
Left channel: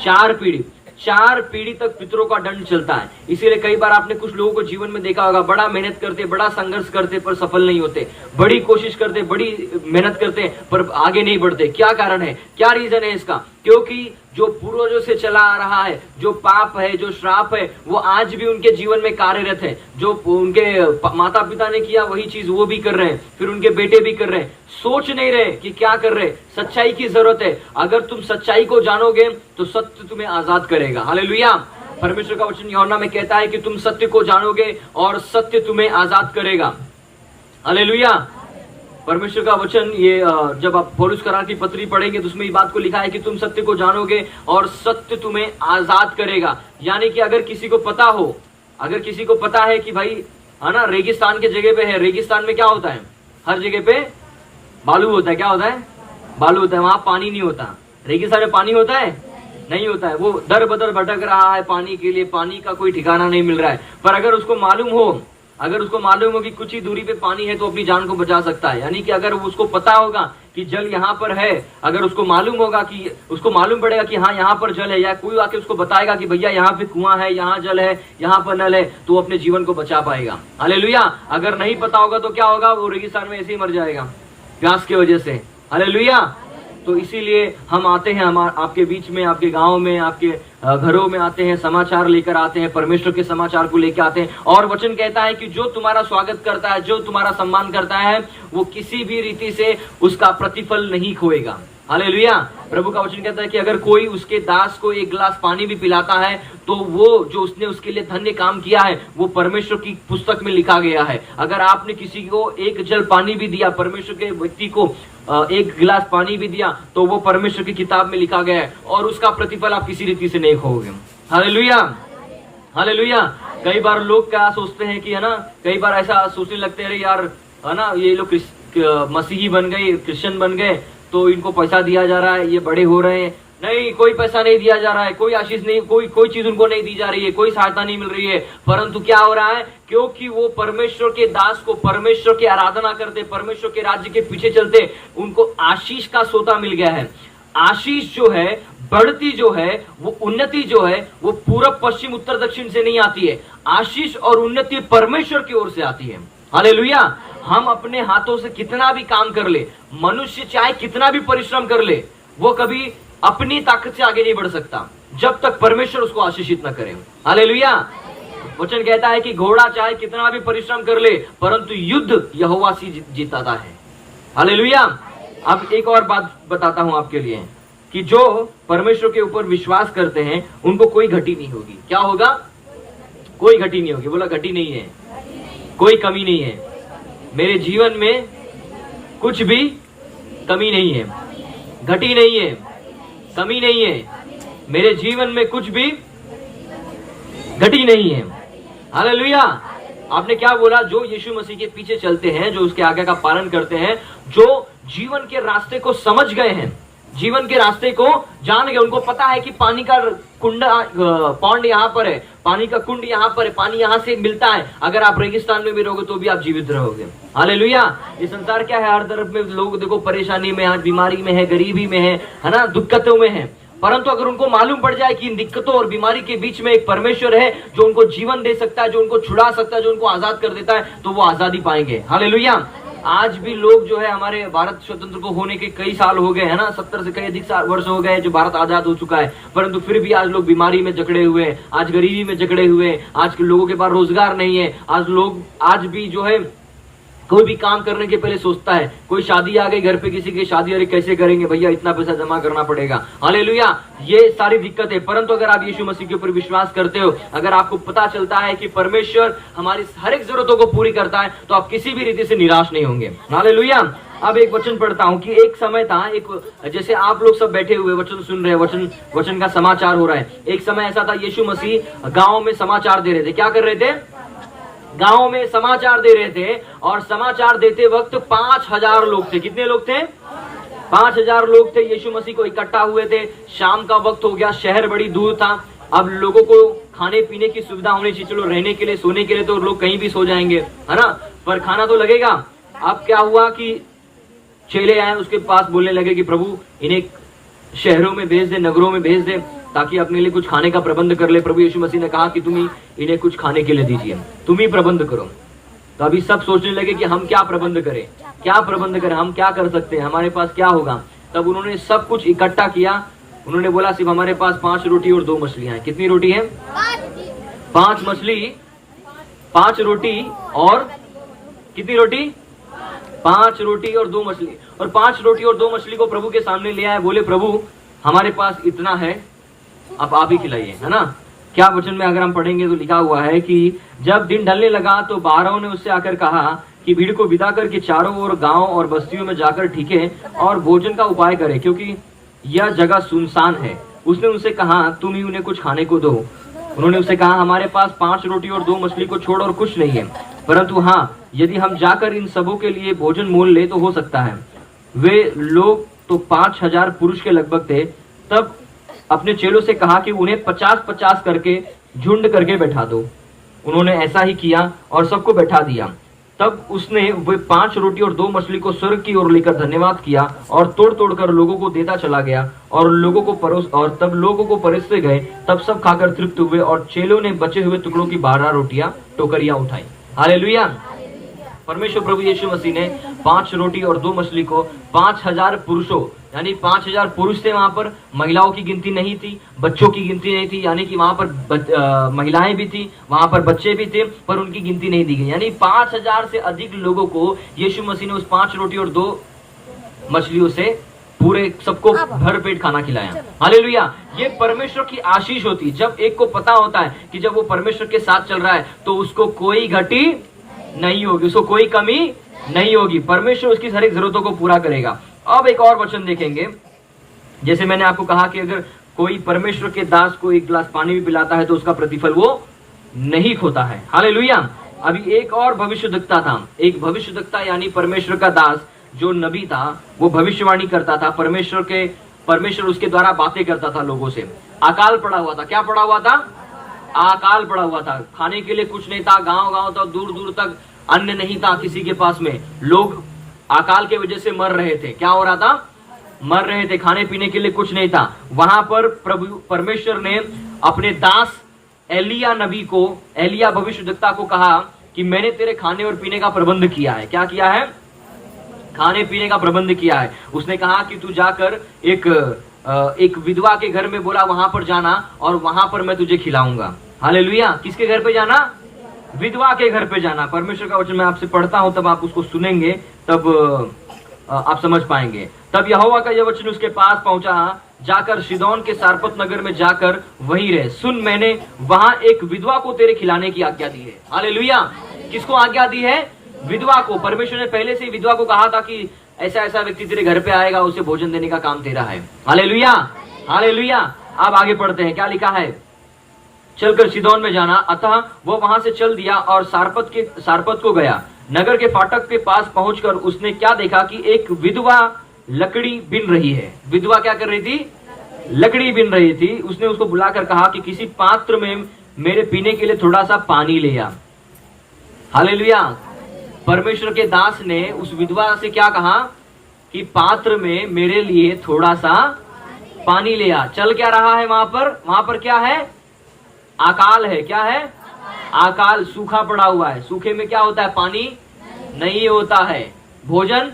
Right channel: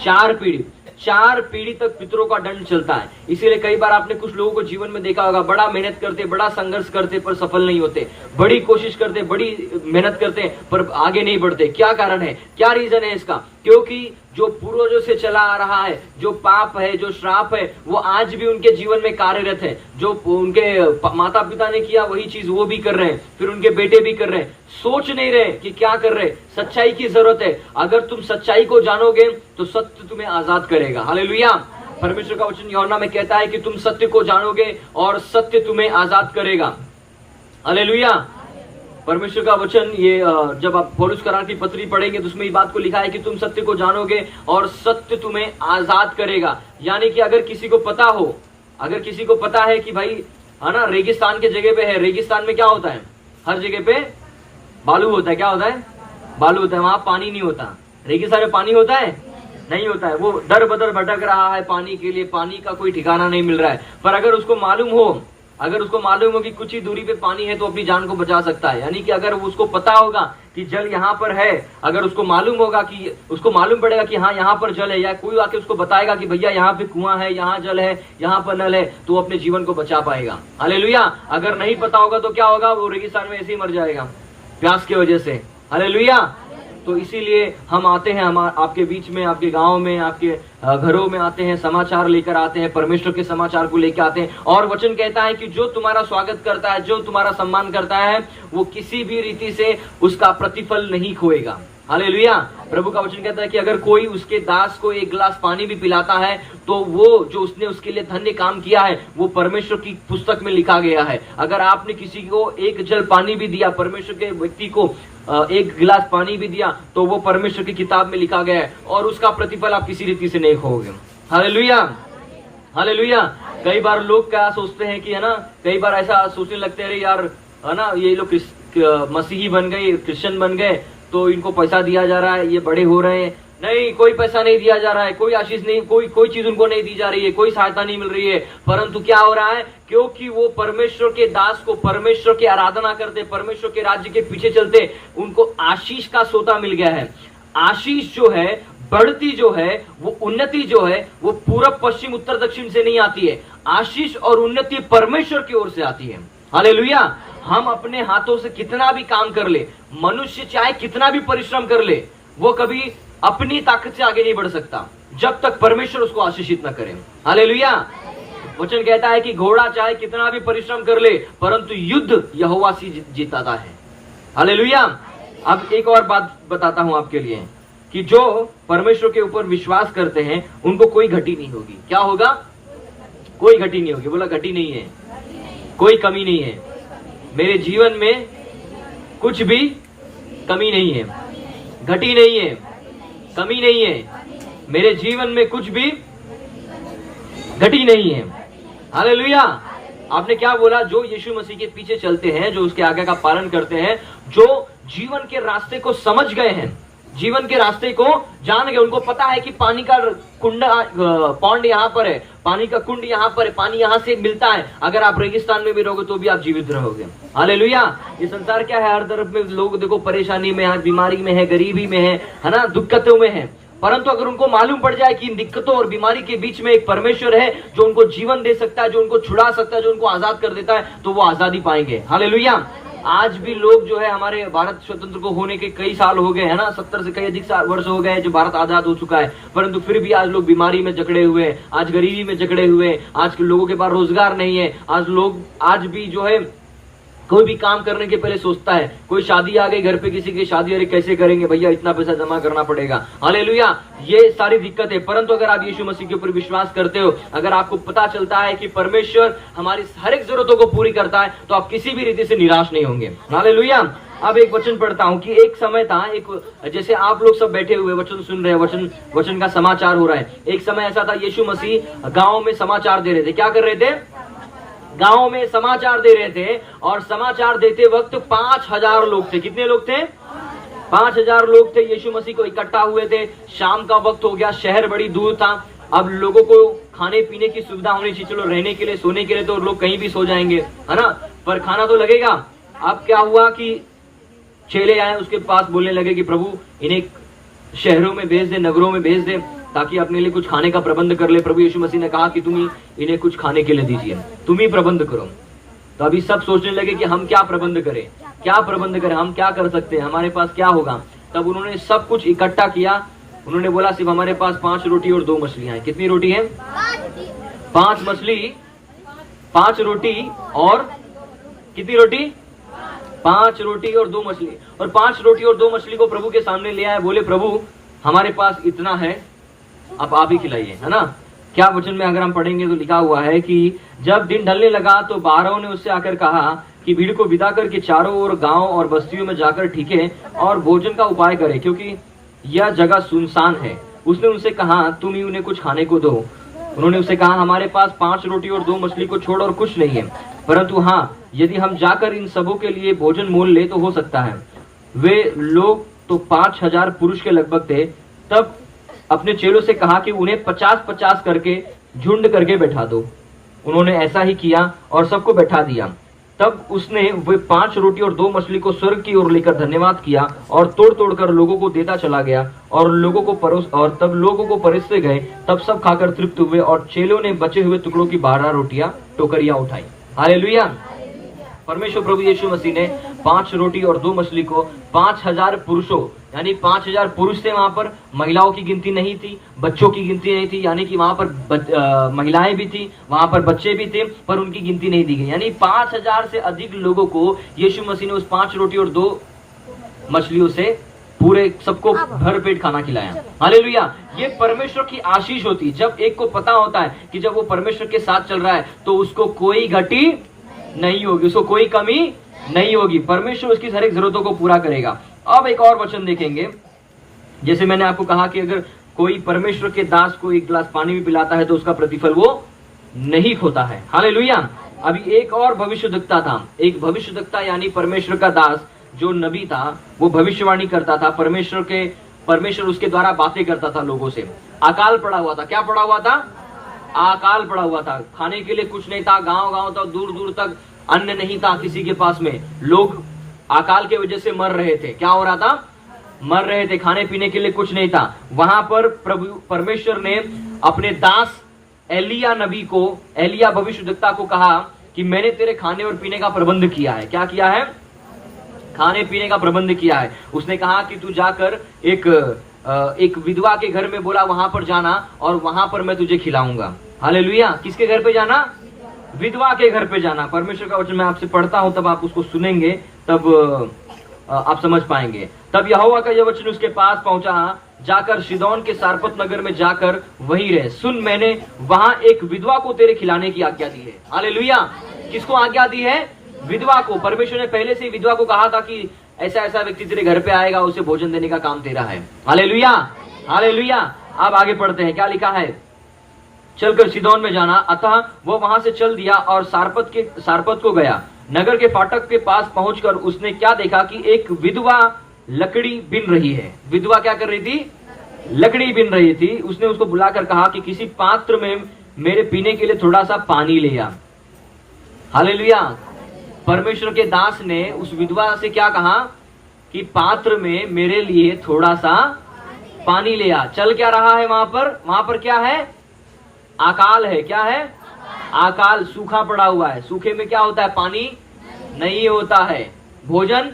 4 पीढ़ी। 4 पीढ़ी तक पितरों का दंड चलता है। इसीलिए कई बार आपने कुछ लोगों को जीवन में देखा होगा, बड़ा मेहनत करते, बड़ा संघर्ष करते, पर सफल नहीं होते, बड़ी कोशिश करते, बड़ी मेहनत करते, पर आगे नहीं बढ़ते। क्या कारण है? क्या रीजन है इसका? क्योंकि जो पूर्वजों से चला आ रहा है, जो पाप है, जो श्राप है, वो आज भी उनके जीवन में कार्यरत है। जो उनके माता पिता ने किया वही चीज वो भी कर रहे हैं, फिर उनके बेटे भी कर रहे हैं। सोच नहीं रहे कि क्या कर रहे। सच्चाई की जरूरत है। अगर तुम सच्चाई को जानोगे तो सत्य तुम्हें आजाद करेगा। हालेलुया। परमेश्वर का वचन यूहन्ना में कहता है कि तुम सत्य को जानोगे और सत्य तुम्हें आजाद करेगा। हालेलुया। परमेश्वर का वचन, ये जब आप पौलुस करार की पत्री पढ़ेंगे तो उसमें ये बात को लिखा है कि तुम सत्य को जानोगे और सत्य तुम्हें आजाद करेगा। यानी कि अगर किसी को पता हो, अगर किसी को पता है कि भाई है ना, रेगिस्तान के जगह पे है, रेगिस्तान में क्या होता है? हर जगह पे बालू होता है। क्या होता है? बालू होता है। वहां पानी नहीं होता। रेगिस्तान में पानी होता है? नहीं होता है। वो दर बदर भटक रहा है पानी के लिए, पानी का कोई ठिकाना नहीं मिल रहा है। पर अगर उसको मालूम हो कि कुछ ही दूरी पे पानी है तो अपनी जान को बचा सकता है। यानी कि अगर उसको पता होगा कि जल यहाँ पर है, अगर उसको मालूम होगा कि उसको मालूम पड़ेगा कि हाँ यहाँ पर जल है, या कोई आके उसको बताएगा कि भैया यहाँ पे कुआं है, यहाँ जल है, यहाँ पर नल है, तो अपने जीवन को बचा पाएगा। हालेलुया। अगर नहीं पता होगा तो क्या होगा? वो रेगिस्तान में ऐसे ही मर जाएगा प्यास की वजह से। हालेलुया। तो इसीलिए हम आते हैं, हम आपके बीच में, आपके गांव में, आपके घरों में आते हैं, समाचार लेकर आते हैं, परमेश्वर के समाचार को लेकर आते हैं। और वचन कहता है कि जो तुम्हारा स्वागत करता है, जो तुम्हारा सम्मान करता है, वो किसी भी रीति से उसका प्रतिफल नहीं खोएगा। हालेलुया। प्रभु का वचन कहता है कि अगर कोई उसके दास को 1 गिलास पानी भी पिलाता है तो वो जो उसने उसके लिए धन्य काम किया है वो परमेश्वर की पुस्तक में लिखा गया है। अगर आपने किसी को 1 जल पानी भी दिया, परमेश्वर के व्यक्ति को 1 गिलास पानी भी दिया, तो वो परमेश्वर की किताब में लिखा गया है और उसका प्रतिफल आप किसी रीति से नहीं खोओगे। Hallelujah, hallelujah. कई बार लोग क्या सोचते हैं कि है ना, कई बार ऐसा सोचने लगते हैं यार है ना, ये लोग मसीही बन गए, क्रिश्चियन बन गए तो इनको पैसा दिया जा रहा है, ये बड़े हो रहे हैं। नहीं, कोई पैसा नहीं दिया जा रहा है, कोई आशीष नहीं, कोई चीज उनको नहीं दी जा रही है, कोई सहायता नहीं मिल रही है। परंतु क्या हो रहा है? क्योंकि वो परमेश्वर के दास को, परमेश्वर की आराधना करते, परमेश्वर के राज्य के पीछे चलते, उनको आशीष का सोता मिल गया है। आशीष जो है, बढ़ती जो है, वो उन्नति जो है, वो पूरब पश्चिम उत्तर दक्षिण से नहीं आती है। आशीष और उन्नति परमेश्वर की ओर से आती है। हालेलुया। हम अपने हाथों से कितना भी काम कर ले, मनुष्य चाहे कितना भी परिश्रम कर ले, वो कभी अपनी ताकत से आगे नहीं बढ़ सकता जब तक परमेश्वर उसको आशीषित न करे। हालेलुया। वचन कहता है कि घोड़ा चाहे कितना भी परिश्रम कर ले, परंतु युद्ध यहोवा से जीताता है। हालेलुया। अब एक और बात बताता हूं आपके लिए कि जो परमेश्वर के ऊपर विश्वास करते हैं उनको कोई घटी नहीं होगी। क्या होगा? कोई घटी नहीं होगी। बोला घटी नहीं है, कोई कमी नहीं है। मेरे जीवन में कुछ भी कमी नहीं है, घटी नहीं है, कमी नहीं है। मेरे जीवन में कुछ भी घटी नहीं है। हालेलुया। आपने क्या बोला? जो यीशु मसीह के पीछे चलते हैं, जो उसके आज्ञा का पालन करते हैं, जो जीवन के रास्ते को समझ गए हैं, जीवन के रास्ते को जान गए, उनको पता है कि पानी का कुंड पौंड यहाँ पर है, पानी का कुंड यहाँ पर है, पानी यहाँ से मिलता है। अगर आप रेगिस्तान में भी रहोगे तो भी आप जीवित रहोगे। हालेलुया। ये संसार क्या है? हर तरफ में लोग देखो परेशानी में है, बीमारी में है, गरीबी में है ना, दिक्कतों में है। परंतु अगर उनको मालूम पड़ जाए कि इन दिक्कतों और बीमारी के बीच में एक परमेश्वर है जो उनको जीवन दे सकता है, जो उनको छुड़ा सकता है, जो उनको आजाद कर देता है, तो वो आजादी पाएंगे। हालेलुया। आज भी लोग जो है, हमारे भारत स्वतंत्र को होने के कई साल हो गए है ना, 70 से कई अधिक वर्ष हो गए जो भारत आजाद हो चुका है, परंतु फिर भी आज लोग बीमारी में जकड़े हुए हैं, आज गरीबी में जकड़े हुए हैं, आज के लोगों के पास रोजगार नहीं है। आज लोग आज भी जो है कोई भी काम करने के पहले सोचता है, कोई शादी आ गई घर पे, किसी की शादी, अरे कैसे करेंगे भैया, इतना पैसा जमा करना पड़ेगा। हालेलुया। ये सारी दिक्कत है। परंतु अगर आप यीशु मसीह के ऊपर विश्वास करते हो, अगर आपको पता चलता है कि परमेश्वर हमारी हर एक जरूरतों को पूरी करता है, तो आप किसी भी रीति से निराश नहीं होंगे। हालेलुया। अब एक वचन पढ़ता हूं कि एक समय था, एक जैसे आप लोग सब बैठे हुए वचन सुन रहे हैं, वचन का समाचार हो रहा है। एक समय ऐसा था, यीशु मसीह गांव में समाचार दे रहे थे। क्या कर रहे थे? गांव में समाचार दे रहे थे। और समाचार देते वक्त 5000 लोग थे। कितने लोग थे? 5000 लोग थे। यीशु मसीह को इकट्ठा हुए थे। शाम का वक्त हो गया, शहर बड़ी दूर था। अब लोगों को खाने पीने की सुविधा होनी चाहिए। चलो रहने के लिए, सोने के लिए तो लोग कहीं भी सो जाएंगे, है ना, पर खाना तो लगेगा। अब क्या हुआ कि चेले आए उसके पास, बोलने लगे कि प्रभु इन्हें शहरों में भेज दे, नगरों में भेज दे, ताकि अपने लिए कुछ खाने का प्रबंध कर ले। प्रभु यीशु मसीह ने कहा कि तुम ही इन्हें कुछ खाने के लिए दीजिए, तुम ही प्रबंध करो। तो अभी सब सोचने लगे कि हम क्या प्रबंध करें, क्या प्रबंध करें, हम क्या कर सकते हैं, हमारे पास क्या होगा। तब उन्होंने सब कुछ इकट्ठा किया। उन्होंने बोला सिर्फ हमारे पास 5 रोटी और 2 मछलियां हैं। कितनी रोटी है? 5 मछली, 5 रोटी और कितनी रोटी? 5 रोटी और 2 मछली। और 5 रोटी और 2 मछली को प्रभु के सामने ले आए। बोले प्रभु हमारे पास इतना है, अब आप ही खिलाइए, है ना। क्या वचन में अगर हम पढ़ेंगे तो लिखा हुआ है कि जब दिन ढलने लगा तो 12 ने उससे आकर कहा कि भीड़ को विदा करके चारों ओर गांव और बस्तियों में जाकर ठीके और भोजन का उपाय करे, क्योंकि यह जगह सुनसान है। उसने उनसे कहा तुम ही उन्हें कुछ खाने को दो। उन्होंने उससे कहा हमारे पास 5 रोटी और 2 मछली को छोड़ और कुछ नहीं है, परंतु हाँ यदि हम जाकर इन सबों के लिए भोजन मोल ले तो हो सकता है। वे लोग तो 5000 पुरुष के लगभग थे। तब अपने चेलों से कहा कि उन्हें 50-50 करके झुंड करके बैठा दो। उन्होंने ऐसा ही किया और सबको बैठा दिया। तब उसने वे 5 रोटी और 2 मछली को स्वर्ग की ओर लेकर धन्यवाद किया और तोड़ तोड़ कर लोगों को देता चला गया और लोगों को परोसते गए। तब सब खाकर तृप्त हुए और चेलों ने बचे हुए टुकड़ों की 12 रोटियां टोकरियां उठाई। हालेलुया। परमेश्वर प्रभु यीशु मसीह ने 5 रोटी और 2 मछली को 5000 पुरुषों, यानी 5000 पुरुष थे वहां पर, महिलाओं की गिनती नहीं थी, बच्चों की गिनती नहीं थी, यानी कि वहां पर महिलाएं भी थी, वहां पर बच्चे भी थे, पर उनकी गिनती नहीं दी गई। यानी 5000 से अधिक लोगों को यीशु मसीह ने उस 5 रोटी और 2 मछलियों से पूरे सबको भर पेट खाना खिलाया। हालेलुया। ये परमेश्वर की आशीष होती है। जब एक को पता होता है कि जब वो परमेश्वर के साथ चल रहा है तो उसको कोई घटी नहीं होगी, उसको कोई कमी नहीं होगी। परमेश्वर उसकी हर एक जरूरतों को पूरा करेगा। अब एक और वचन देखेंगे। जैसे मैंने आपको कहा कि अगर कोई परमेश्वर के दास को 1 गिलास पानी भी पिलाता है तो उसका प्रतिफल वो नहीं खोता है। हालेलुया। अभी एक और भविष्यद्वक्ता था। एक भविष्यद्वक्ता यानी परमेश्वर का दास जो नबी था, वो भविष्यवाणी करता था। परमेश्वर उसके द्वारा बातें करता था लोगों से। अकाल पड़ा हुआ था। क्या पड़ा हुआ था? अकाल पड़ा हुआ था। खाने के लिए कुछ नहीं था। गांव तक, दूर दूर तक अन्न नहीं था किसी के पास में। लोग अकाल के वजह से मर रहे थे। क्या हो रहा था? मर रहे थे। खाने पीने के लिए कुछ नहीं था। वहां पर परमेश्वर ने अपने दास एलिया नबी को, एलिया भविष्यद्वक्ता को कहा कि मैंने तेरे खाने और पीने का प्रबंध किया है। क्या किया है? खाने पीने का प्रबंध किया है। उसने कहा कि तू जाकर एक विधवा के घर में, बोला वहां पर जाना और वहां पर मैं तुझे खिलाऊंगा। हालेलुया। किसके घर पे जाना? विधवा के घर पे जाना। परमेश्वर का वचन मैं आपसे पढ़ता हूं, तब आप उसको सुनेंगे, तब आप समझ पाएंगे। तब यहोवा का यह वचन उसके पास पहुंचा, जाकर शिदोन के सारपत नगर में जाकर वहीं रहे। सुन, मैंने वहां एक विधवा को तेरे खिलाने की आज्ञा दी है। हालेलुया। किसको आज्ञा दी है? विधवा को। परमेश्वर ने पहले से विधवा को कहा था कि ऐसा व्यक्ति तेरे घर पे आएगा, उसे भोजन देने का काम तेरा है। हालेलुया। हालेलुया। अब आगे पढ़ते हैं, क्या लिखा है? चलकर सीदोन में जाना। अतः वह वहां से चल दिया और सारपत को गया। नगर के फाटक के पास पहुंचकर उसने क्या देखा कि एक विधवा लकड़ी बिन रही है। विधवा क्या कर रही थी? लकड़ी बिन रही थी। उसने उसको बुलाकर कहा कि किसी पात्र में मेरे पीने के लिए थोड़ा सा पानी ले आ। हालेलुया। परमेश्वर के दास ने उस विधवा से क्या कहा कि पात्र में मेरे लिए थोड़ा सा पानी ले आ। चल क्या रहा है वहां पर क्या है? अकाल है। क्या है? अकाल, सूखा पड़ा हुआ है। सूखे में क्या होता है? पानी नहीं होता है, भोजन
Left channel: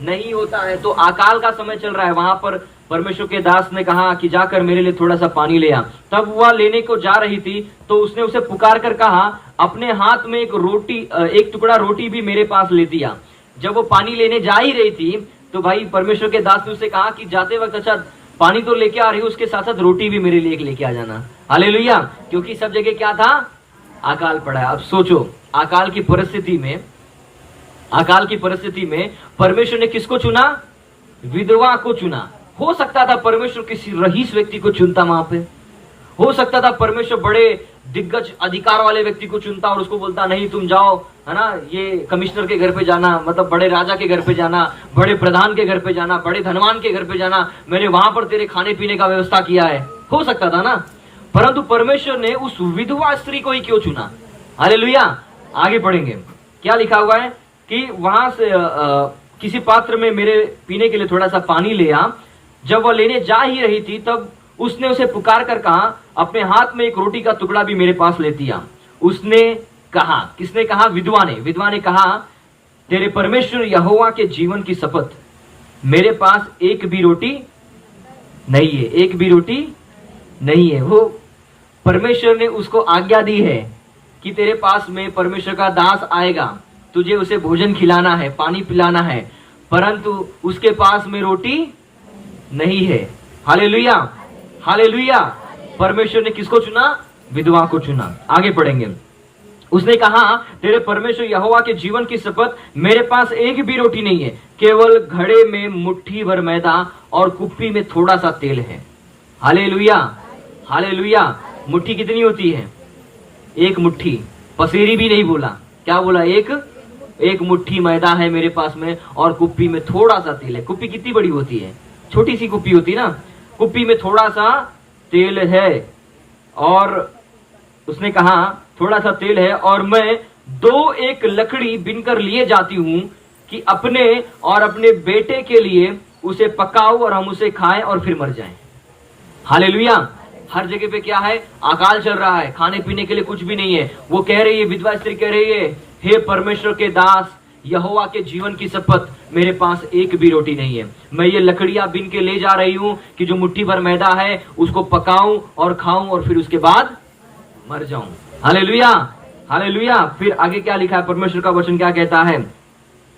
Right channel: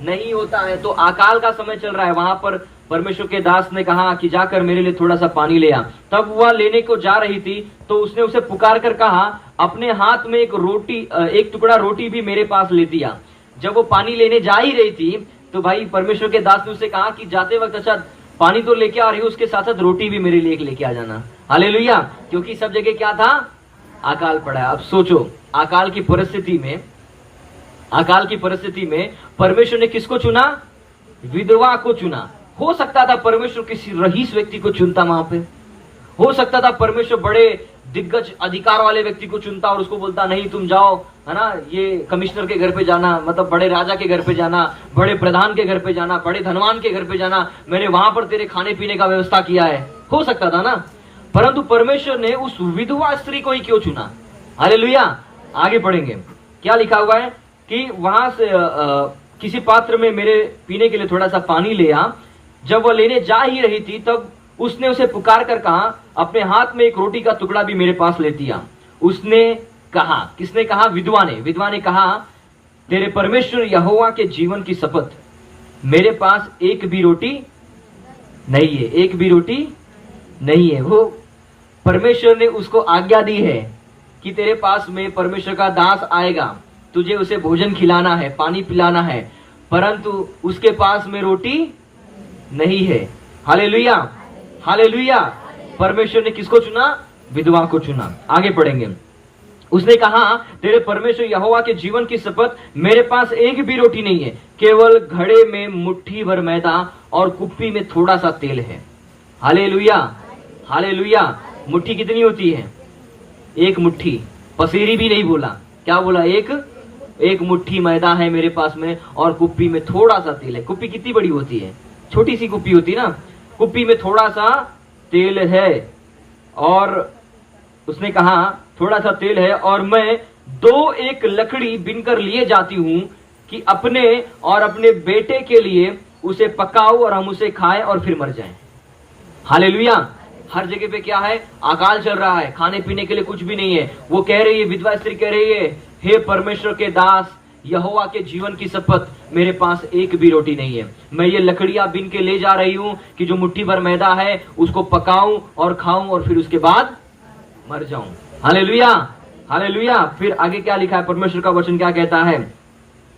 नहीं होता है, तो अकाल का समय चल रहा है। वहां पर परमेश्वर के दास ने कहा कि जाकर मेरे लिए थोड़ा सा पानी ले आ। तब वह लेने को जा रही थी तो उसने उसे पुकार कर कहा, अपने हाथ में एक टुकड़ा रोटी भी मेरे पास ले दिया। जब वो पानी लेने जा ही रही थी तो भाई परमेश्वर के दास ने उसे कहा कि जाते वक्त अच्छा पानी तो लेके आ रही हो, उसके साथ साथ रोटी भी मेरे लिए लेके आ जाना। हालेलुया। क्योंकि सब जगह क्या था? अकाल पड़ा है। अब सोचो, अकाल की परिस्थिति में परमेश्वर ने किसको चुना? विधवा को चुना। हो सकता था परमेश्वर किसी रईस व्यक्ति को चुनता, वहां पे हो सकता था परमेश्वर बड़े दिग्गज अधिकार वाले व्यक्ति को चुनता और उसको बोलता नहीं तुम जाओ, है ना, ये कमिश्नर के घर पे जाना, मतलब बड़े राजा के घर पे जाना, बड़े प्रधान के घर पे जाना, बड़े धनवान के घर पे जाना, मैंने वहां पर तेरे खाने पीने का व्यवस्था किया है। हो सकता था ना, परंतु परमेश्वर ने उस विधवा स्त्री को ही क्यों चुना? हालेलुया। आगे पढ़ेंगे क्या लिखा हुआ है कि वहां से किसी पात्र में मेरे पीने के लिए थोड़ा सा पानी ले आ। जब वह लेने जा ही रही थी तब उसने उसे पुकार कर कहा, अपने हाथ में एक रोटी का टुकड़ा भी मेरे पास ले दिया। उसने कहा, किसने कहा? विधवा ने कहा, तेरे परमेश्वर यहोवा के जीवन की शपथ, मेरे पास एक भी रोटी नहीं है, एक भी रोटी नहीं है। वो परमेश्वर ने उसको आज्ञा दी है कि तेरे पास में परमेश्वर का दास आएगा, तुझे उसे भोजन खिलाना है, पानी पिलाना है, परंतु उसके पास में रोटी नहीं है। Hallelujah, hallelujah. परमेश्वर ने किसको चुना? विधवा को चुना। आगे पढ़ेंगे। उसने कहा, तेरे परमेश्वर यहोवा के जीवन की शपथ, मेरे पास एक भी रोटी नहीं है, केवल घड़े में मुट्ठी भर मैदा और कुप्पी में थोड़ा सा तेल है। Hallelujah, hallelujah. मुट्ठी कितनी होती है? एक मुट्ठी। पसेरी भी नहीं बोला, क्या बोला? एक मुट्ठी मैदा है मेरे पास में और कुप्पी में थोड़ा सा तेल है। कुप्पी कितनी बड़ी होती है? छोटी सी कुप्पी होती है ना, कुप्पी में थोड़ा सा तेल है। और उसने कहा थोड़ा सा तेल है और मैं एक लकड़ी बिनकर लिए जाती हूं कि अपने और अपने बेटे के लिए उसे पकाऊं और हम उसे खाएं और फिर मर जाएं। हालेलुया। हर जगह पे क्या है? अकाल चल रहा है, खाने पीने के लिए कुछ भी नहीं है। वो कह रही है, विधवा स्त्री कह रही है, हे परमेश्वर के दास, यहोवा के जीवन की शपथ, मेरे पास एक भी रोटी नहीं है। मैं ये लकड़ियां बिन के ले जा रही हूं कि जो मुट्ठी भर मैदा है उसको पकाऊं और खाऊं और फिर उसके बाद मर जाऊं। Hallelujah, hallelujah. फिर आगे क्या लिखा है? परमेश्वर का वचन क्या कहता है?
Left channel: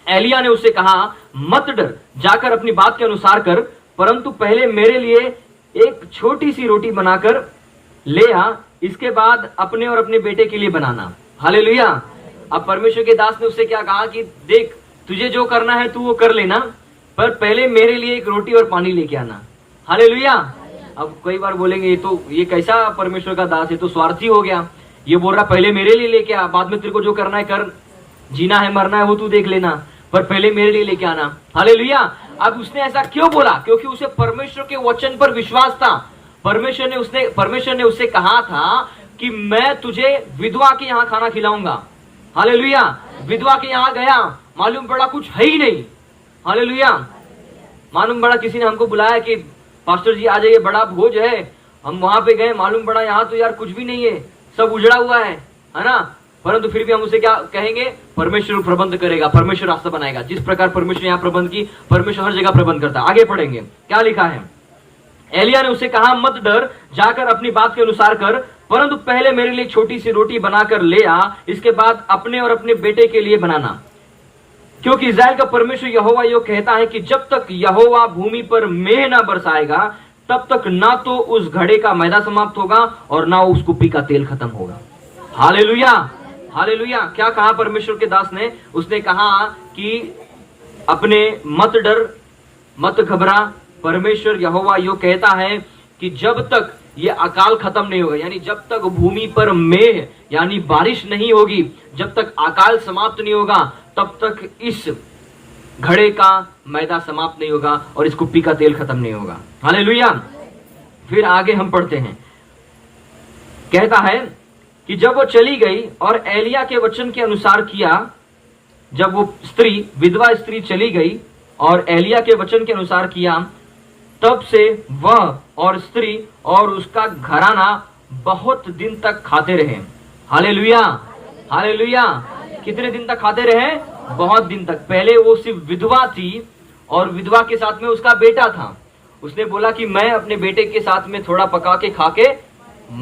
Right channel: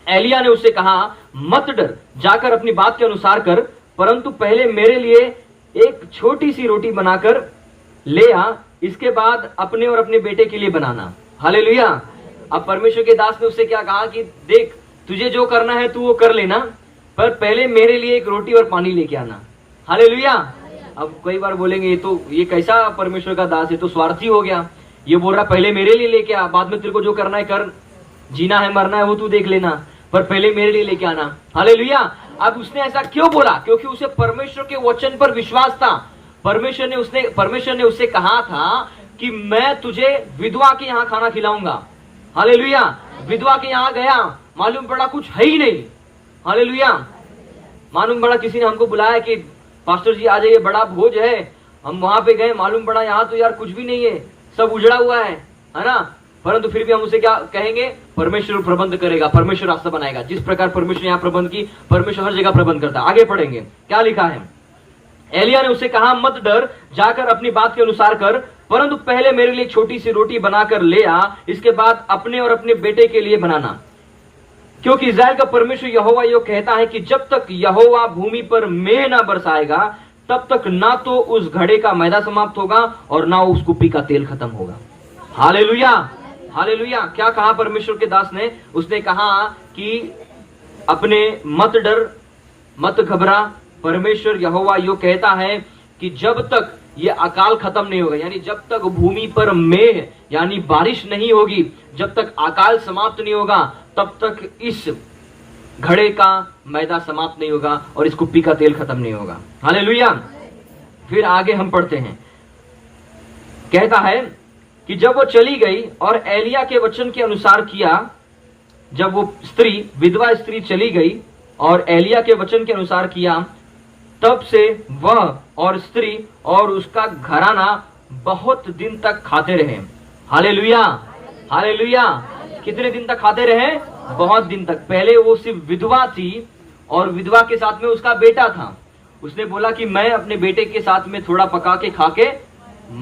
एलिया ने उससे कहा, मत डर, जाकर अपनी बात के अनुसार कर, परंतु पहले मेरे लिए एक छोटी सी रोटी बनाकर ले आ, इसके बाद अपने और अपने बेटे के लिए बनाना। हालेलुया। अब परमेश्वर के दास ने उससे क्या कहा कि देख, तुझे जो करना है तू वो कर लेना, पर पहले मेरे लिए एक रोटी और पानी लेके आना। हालेलुया। अब कई बार बोलेंगे तो ये कैसा परमेश्वर का दास है, तो स्वार्थी हो गया। ये बोल रहा पहले मेरे लिए लेके आ, बाद में तेरे को जो करना है कर, जीना है मरना है वो तू देख लेना, पर पहले मेरे लिए लेके आना। हालेलुया। अब उसने ऐसा क्यों बोला? क्योंकि उसे परमेश्वर के वचन पर विश्वास था। परमेश्वर ने उससे कहा था कि मैं तुझे विधवा के यहाँ खाना खिलाऊंगा। हालेलुया। विधवा के यहाँ गया, मालूम पड़ा कुछ है ही नहीं। हालेलुया। मालूम पड़ा किसी ने हमको बुलाया कि पास्टर जी आ जाइए, बड़ा भोज है। हम वहां पे गए, मालूम पड़ा यहाँ तो यार कुछ भी नहीं है, सब उजड़ा हुआ है ना। परंतु फिर भी हम उसे क्या कहेंगे? परमेश्वर प्रबंध करेगा, परमेश्वर रास्ता बनाएगा। जिस प्रकार परमेश्वर यहाँ प्रबंध की, परमेश्वर हर जगह प्रबंध करता है। आगे पढ़ेंगे क्या लिखा है। एलिया ने उससे कहा, मत डर, जाकर अपनी बात के अनुसार कर, परंतु पहले मेरे लिए छोटी सी रोटी बनाकर ले आ, इसके बाद अपने और अपने बेटे के लिए बनाना, क्योंकि इस्राएल का परमेश्वर यहोवा यो कहता है कि जब तक यहोवा भूमि पर मेह ना बरसाएगा तब तक ना तो उस घड़े का मैदा समाप्त होगा और ना उस कुप्पी का तेल खत्म होगा। Hallelujah, hallelujah. क्या कहा परमेश्वर के दास ने? उसने कहा कि अपने मत डर, मत घबरा, परमेश्वर यहोवा यो कहता है कि जब तक ये अकाल खत्म नहीं होगा, यानी जब तक भूमि पर मेघ यानी बारिश नहीं होगी, जब तक अकाल समाप्त नहीं होगा, तब तक इस घड़े का मैदा समाप्त नहीं होगा और इस कुप्पी का तेल खत्म नहीं होगा। हालेलुया। फिर आगे हम पढ़ते हैं, कहता है कि जब वो चली गई और एलिया के वचन के अनुसार किया, जब वो स्त्री विधवा स्त्री चली गई और एलिया के वचन के अनुसार किया, तब से वह और स्त्री और उसका घराना बहुत दिन तक खाते रहे। Hallelujah, hallelujah. कितने दिन तक खाते रहे? बहुत दिन तक। पहले वो सिर्फ विधवा थी और विधवा के साथ में उसका बेटा था। उसने बोला कि मैं अपने बेटे के साथ में थोड़ा पका के खा के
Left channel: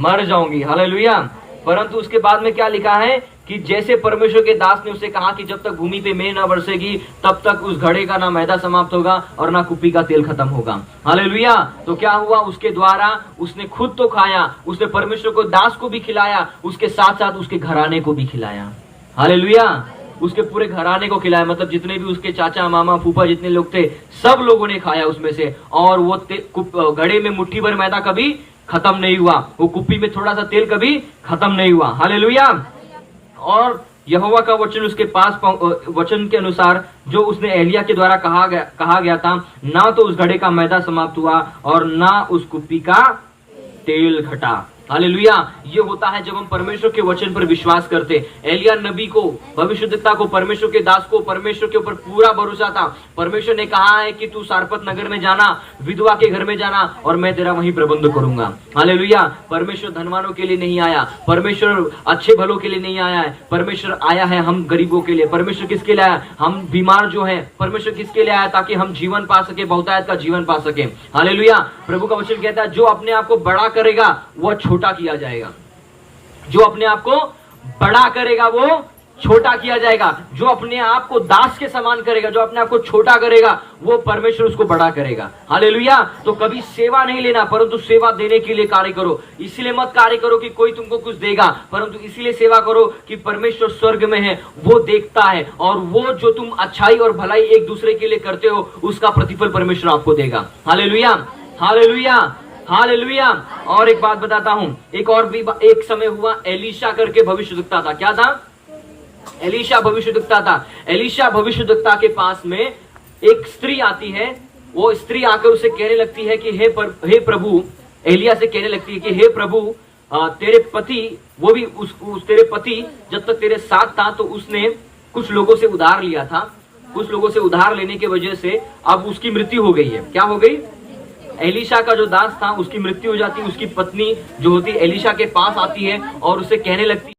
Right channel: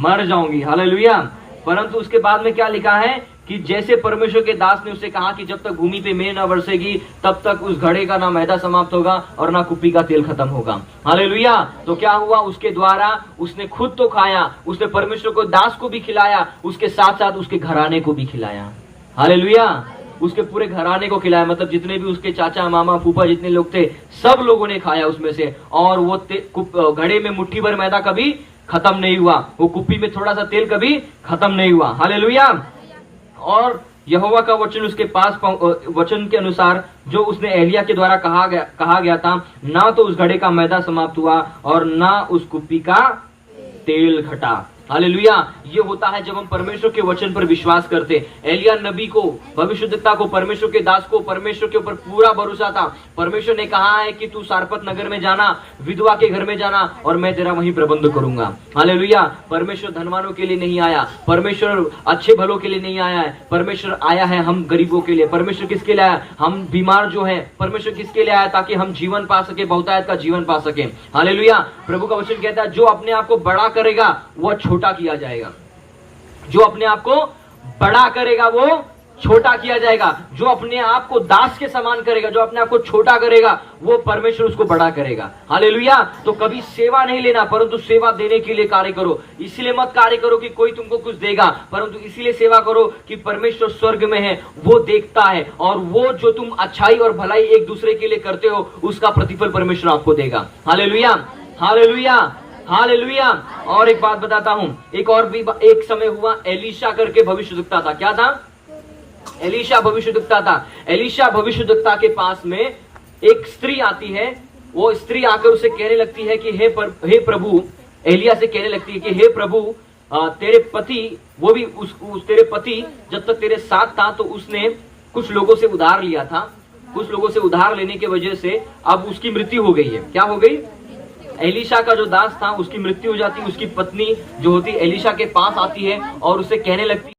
मर जाऊंगी। हालेलुया। परंतु उसके बाद में क्या लिखा है कि जैसे परमेश्वर के दास ने उसे कहा कि जब तक भूमि पे मेघ ना बरसेगी तब तक उस घड़े का ना मैदा समाप्त होगा और ना कुप्पी का तेल खत्म होगा। हालेलुया। तो क्या हुआ? उसके द्वारा उसने खुद तो खाया, उसने परमेश्वर को दास को भी खिलाया, उसके साथ साथ उसके घराने को भी खिलाया। हालेलुया। उसके पूरे घराने को खिलाया, मतलब जितने भी उसके चाचा मामा फूफा जितने लोग थे सब लोगों ने खाया उसमें से। और वो घड़े में मुट्ठी भर मैदा कभी खत्म नहीं हुआ, वो कुप्पी में थोड़ा सा तेल कभी खत्म नहीं हुआ। हालेलुया। और यहोवा का वचन उसके पास वचन के अनुसार जो उसने एलिया के द्वारा कहा गया था, ना तो उस घड़े का मैदा समाप्त हुआ और ना उस कुप्पी का तेल घटा। हालेलुया। ये होता है जब हम परमेश्वर के वचन पर विश्वास करते। एलिया नबी को, भविष्यद्वक्ता को, परमेश्वर के दास को परमेश्वर के ऊपर पूरा भरोसा था। परमेश्वर ने कहा है कि तू सारपत नगर में जाना, विधवा के घर में जाना और मैं तेरा वहीं प्रबंध करूंगा। हालेलुया। परमेश्वर धनवानों के लिए नहीं आया, परमेश्वर अच्छे भलों के लिए नहीं आया है, परमेश्वर आया है हम गरीबों के लिए। परमेश्वर किसके लिए आया? हम बीमार जो है, परमेश्वर किसके लिए आया? ताकि हम जीवन पा सके, बहुतायत का जीवन पा सके। हालेलुया। प्रभु का वचन कहता है जो अपने आप को बड़ा करेगा वह छोटा किया जाएगा, जो अपने आप को बड़ा करेगा वो छोटा किया जाएगा, जो अपने आप को दास के समान करेगा, जो अपने आप को छोटा करेगा वो परमेश्वर उसको बड़ा करेगा। हालेलुया। तो कभी सेवा नहीं लेना, परंतु सेवा देने के लिए कार्य करो। इसलिए मत कार्य करो कि कोई तुमको कुछ देगा, परंतु इसलिए सेवा करो कि परमेश्वर स्वर्ग में है, वो देखता है और वो जो तुम अच्छाई और भलाई एक दूसरे के लिए करते हो उसका प्रतिफल परमेश्वर आपको देगा। Hallelujah, hallelujah, hallelujah. और एक बात बताता हूं, एक समय हुआ, एलीशा करके भविष्यद्वक्ता था। क्या था? एलीशा भविष्यद्वक्ता था। एलीशा भविष्यद्वक्ता के पास में एक स्त्री आती है। वो स्त्री आकर उसे कहने लगती है कि हे प्रभु, एलिया से कहने लगती है कि हे प्रभु, तेरे पति, वो भी तेरे पति जब तक तेरे साथ था तो उसने कुछ लोगों से उधार लिया था। कुछ लोगों से उधार लेने की वजह से अब उसकी मृत्यु हो गई है। क्या हो गई? एलीशा का जो दास था उसकी मृत्यु हो जाती है। उसकी पत्नी जो होती एलीशा के पास आती है और उसे कहने लगती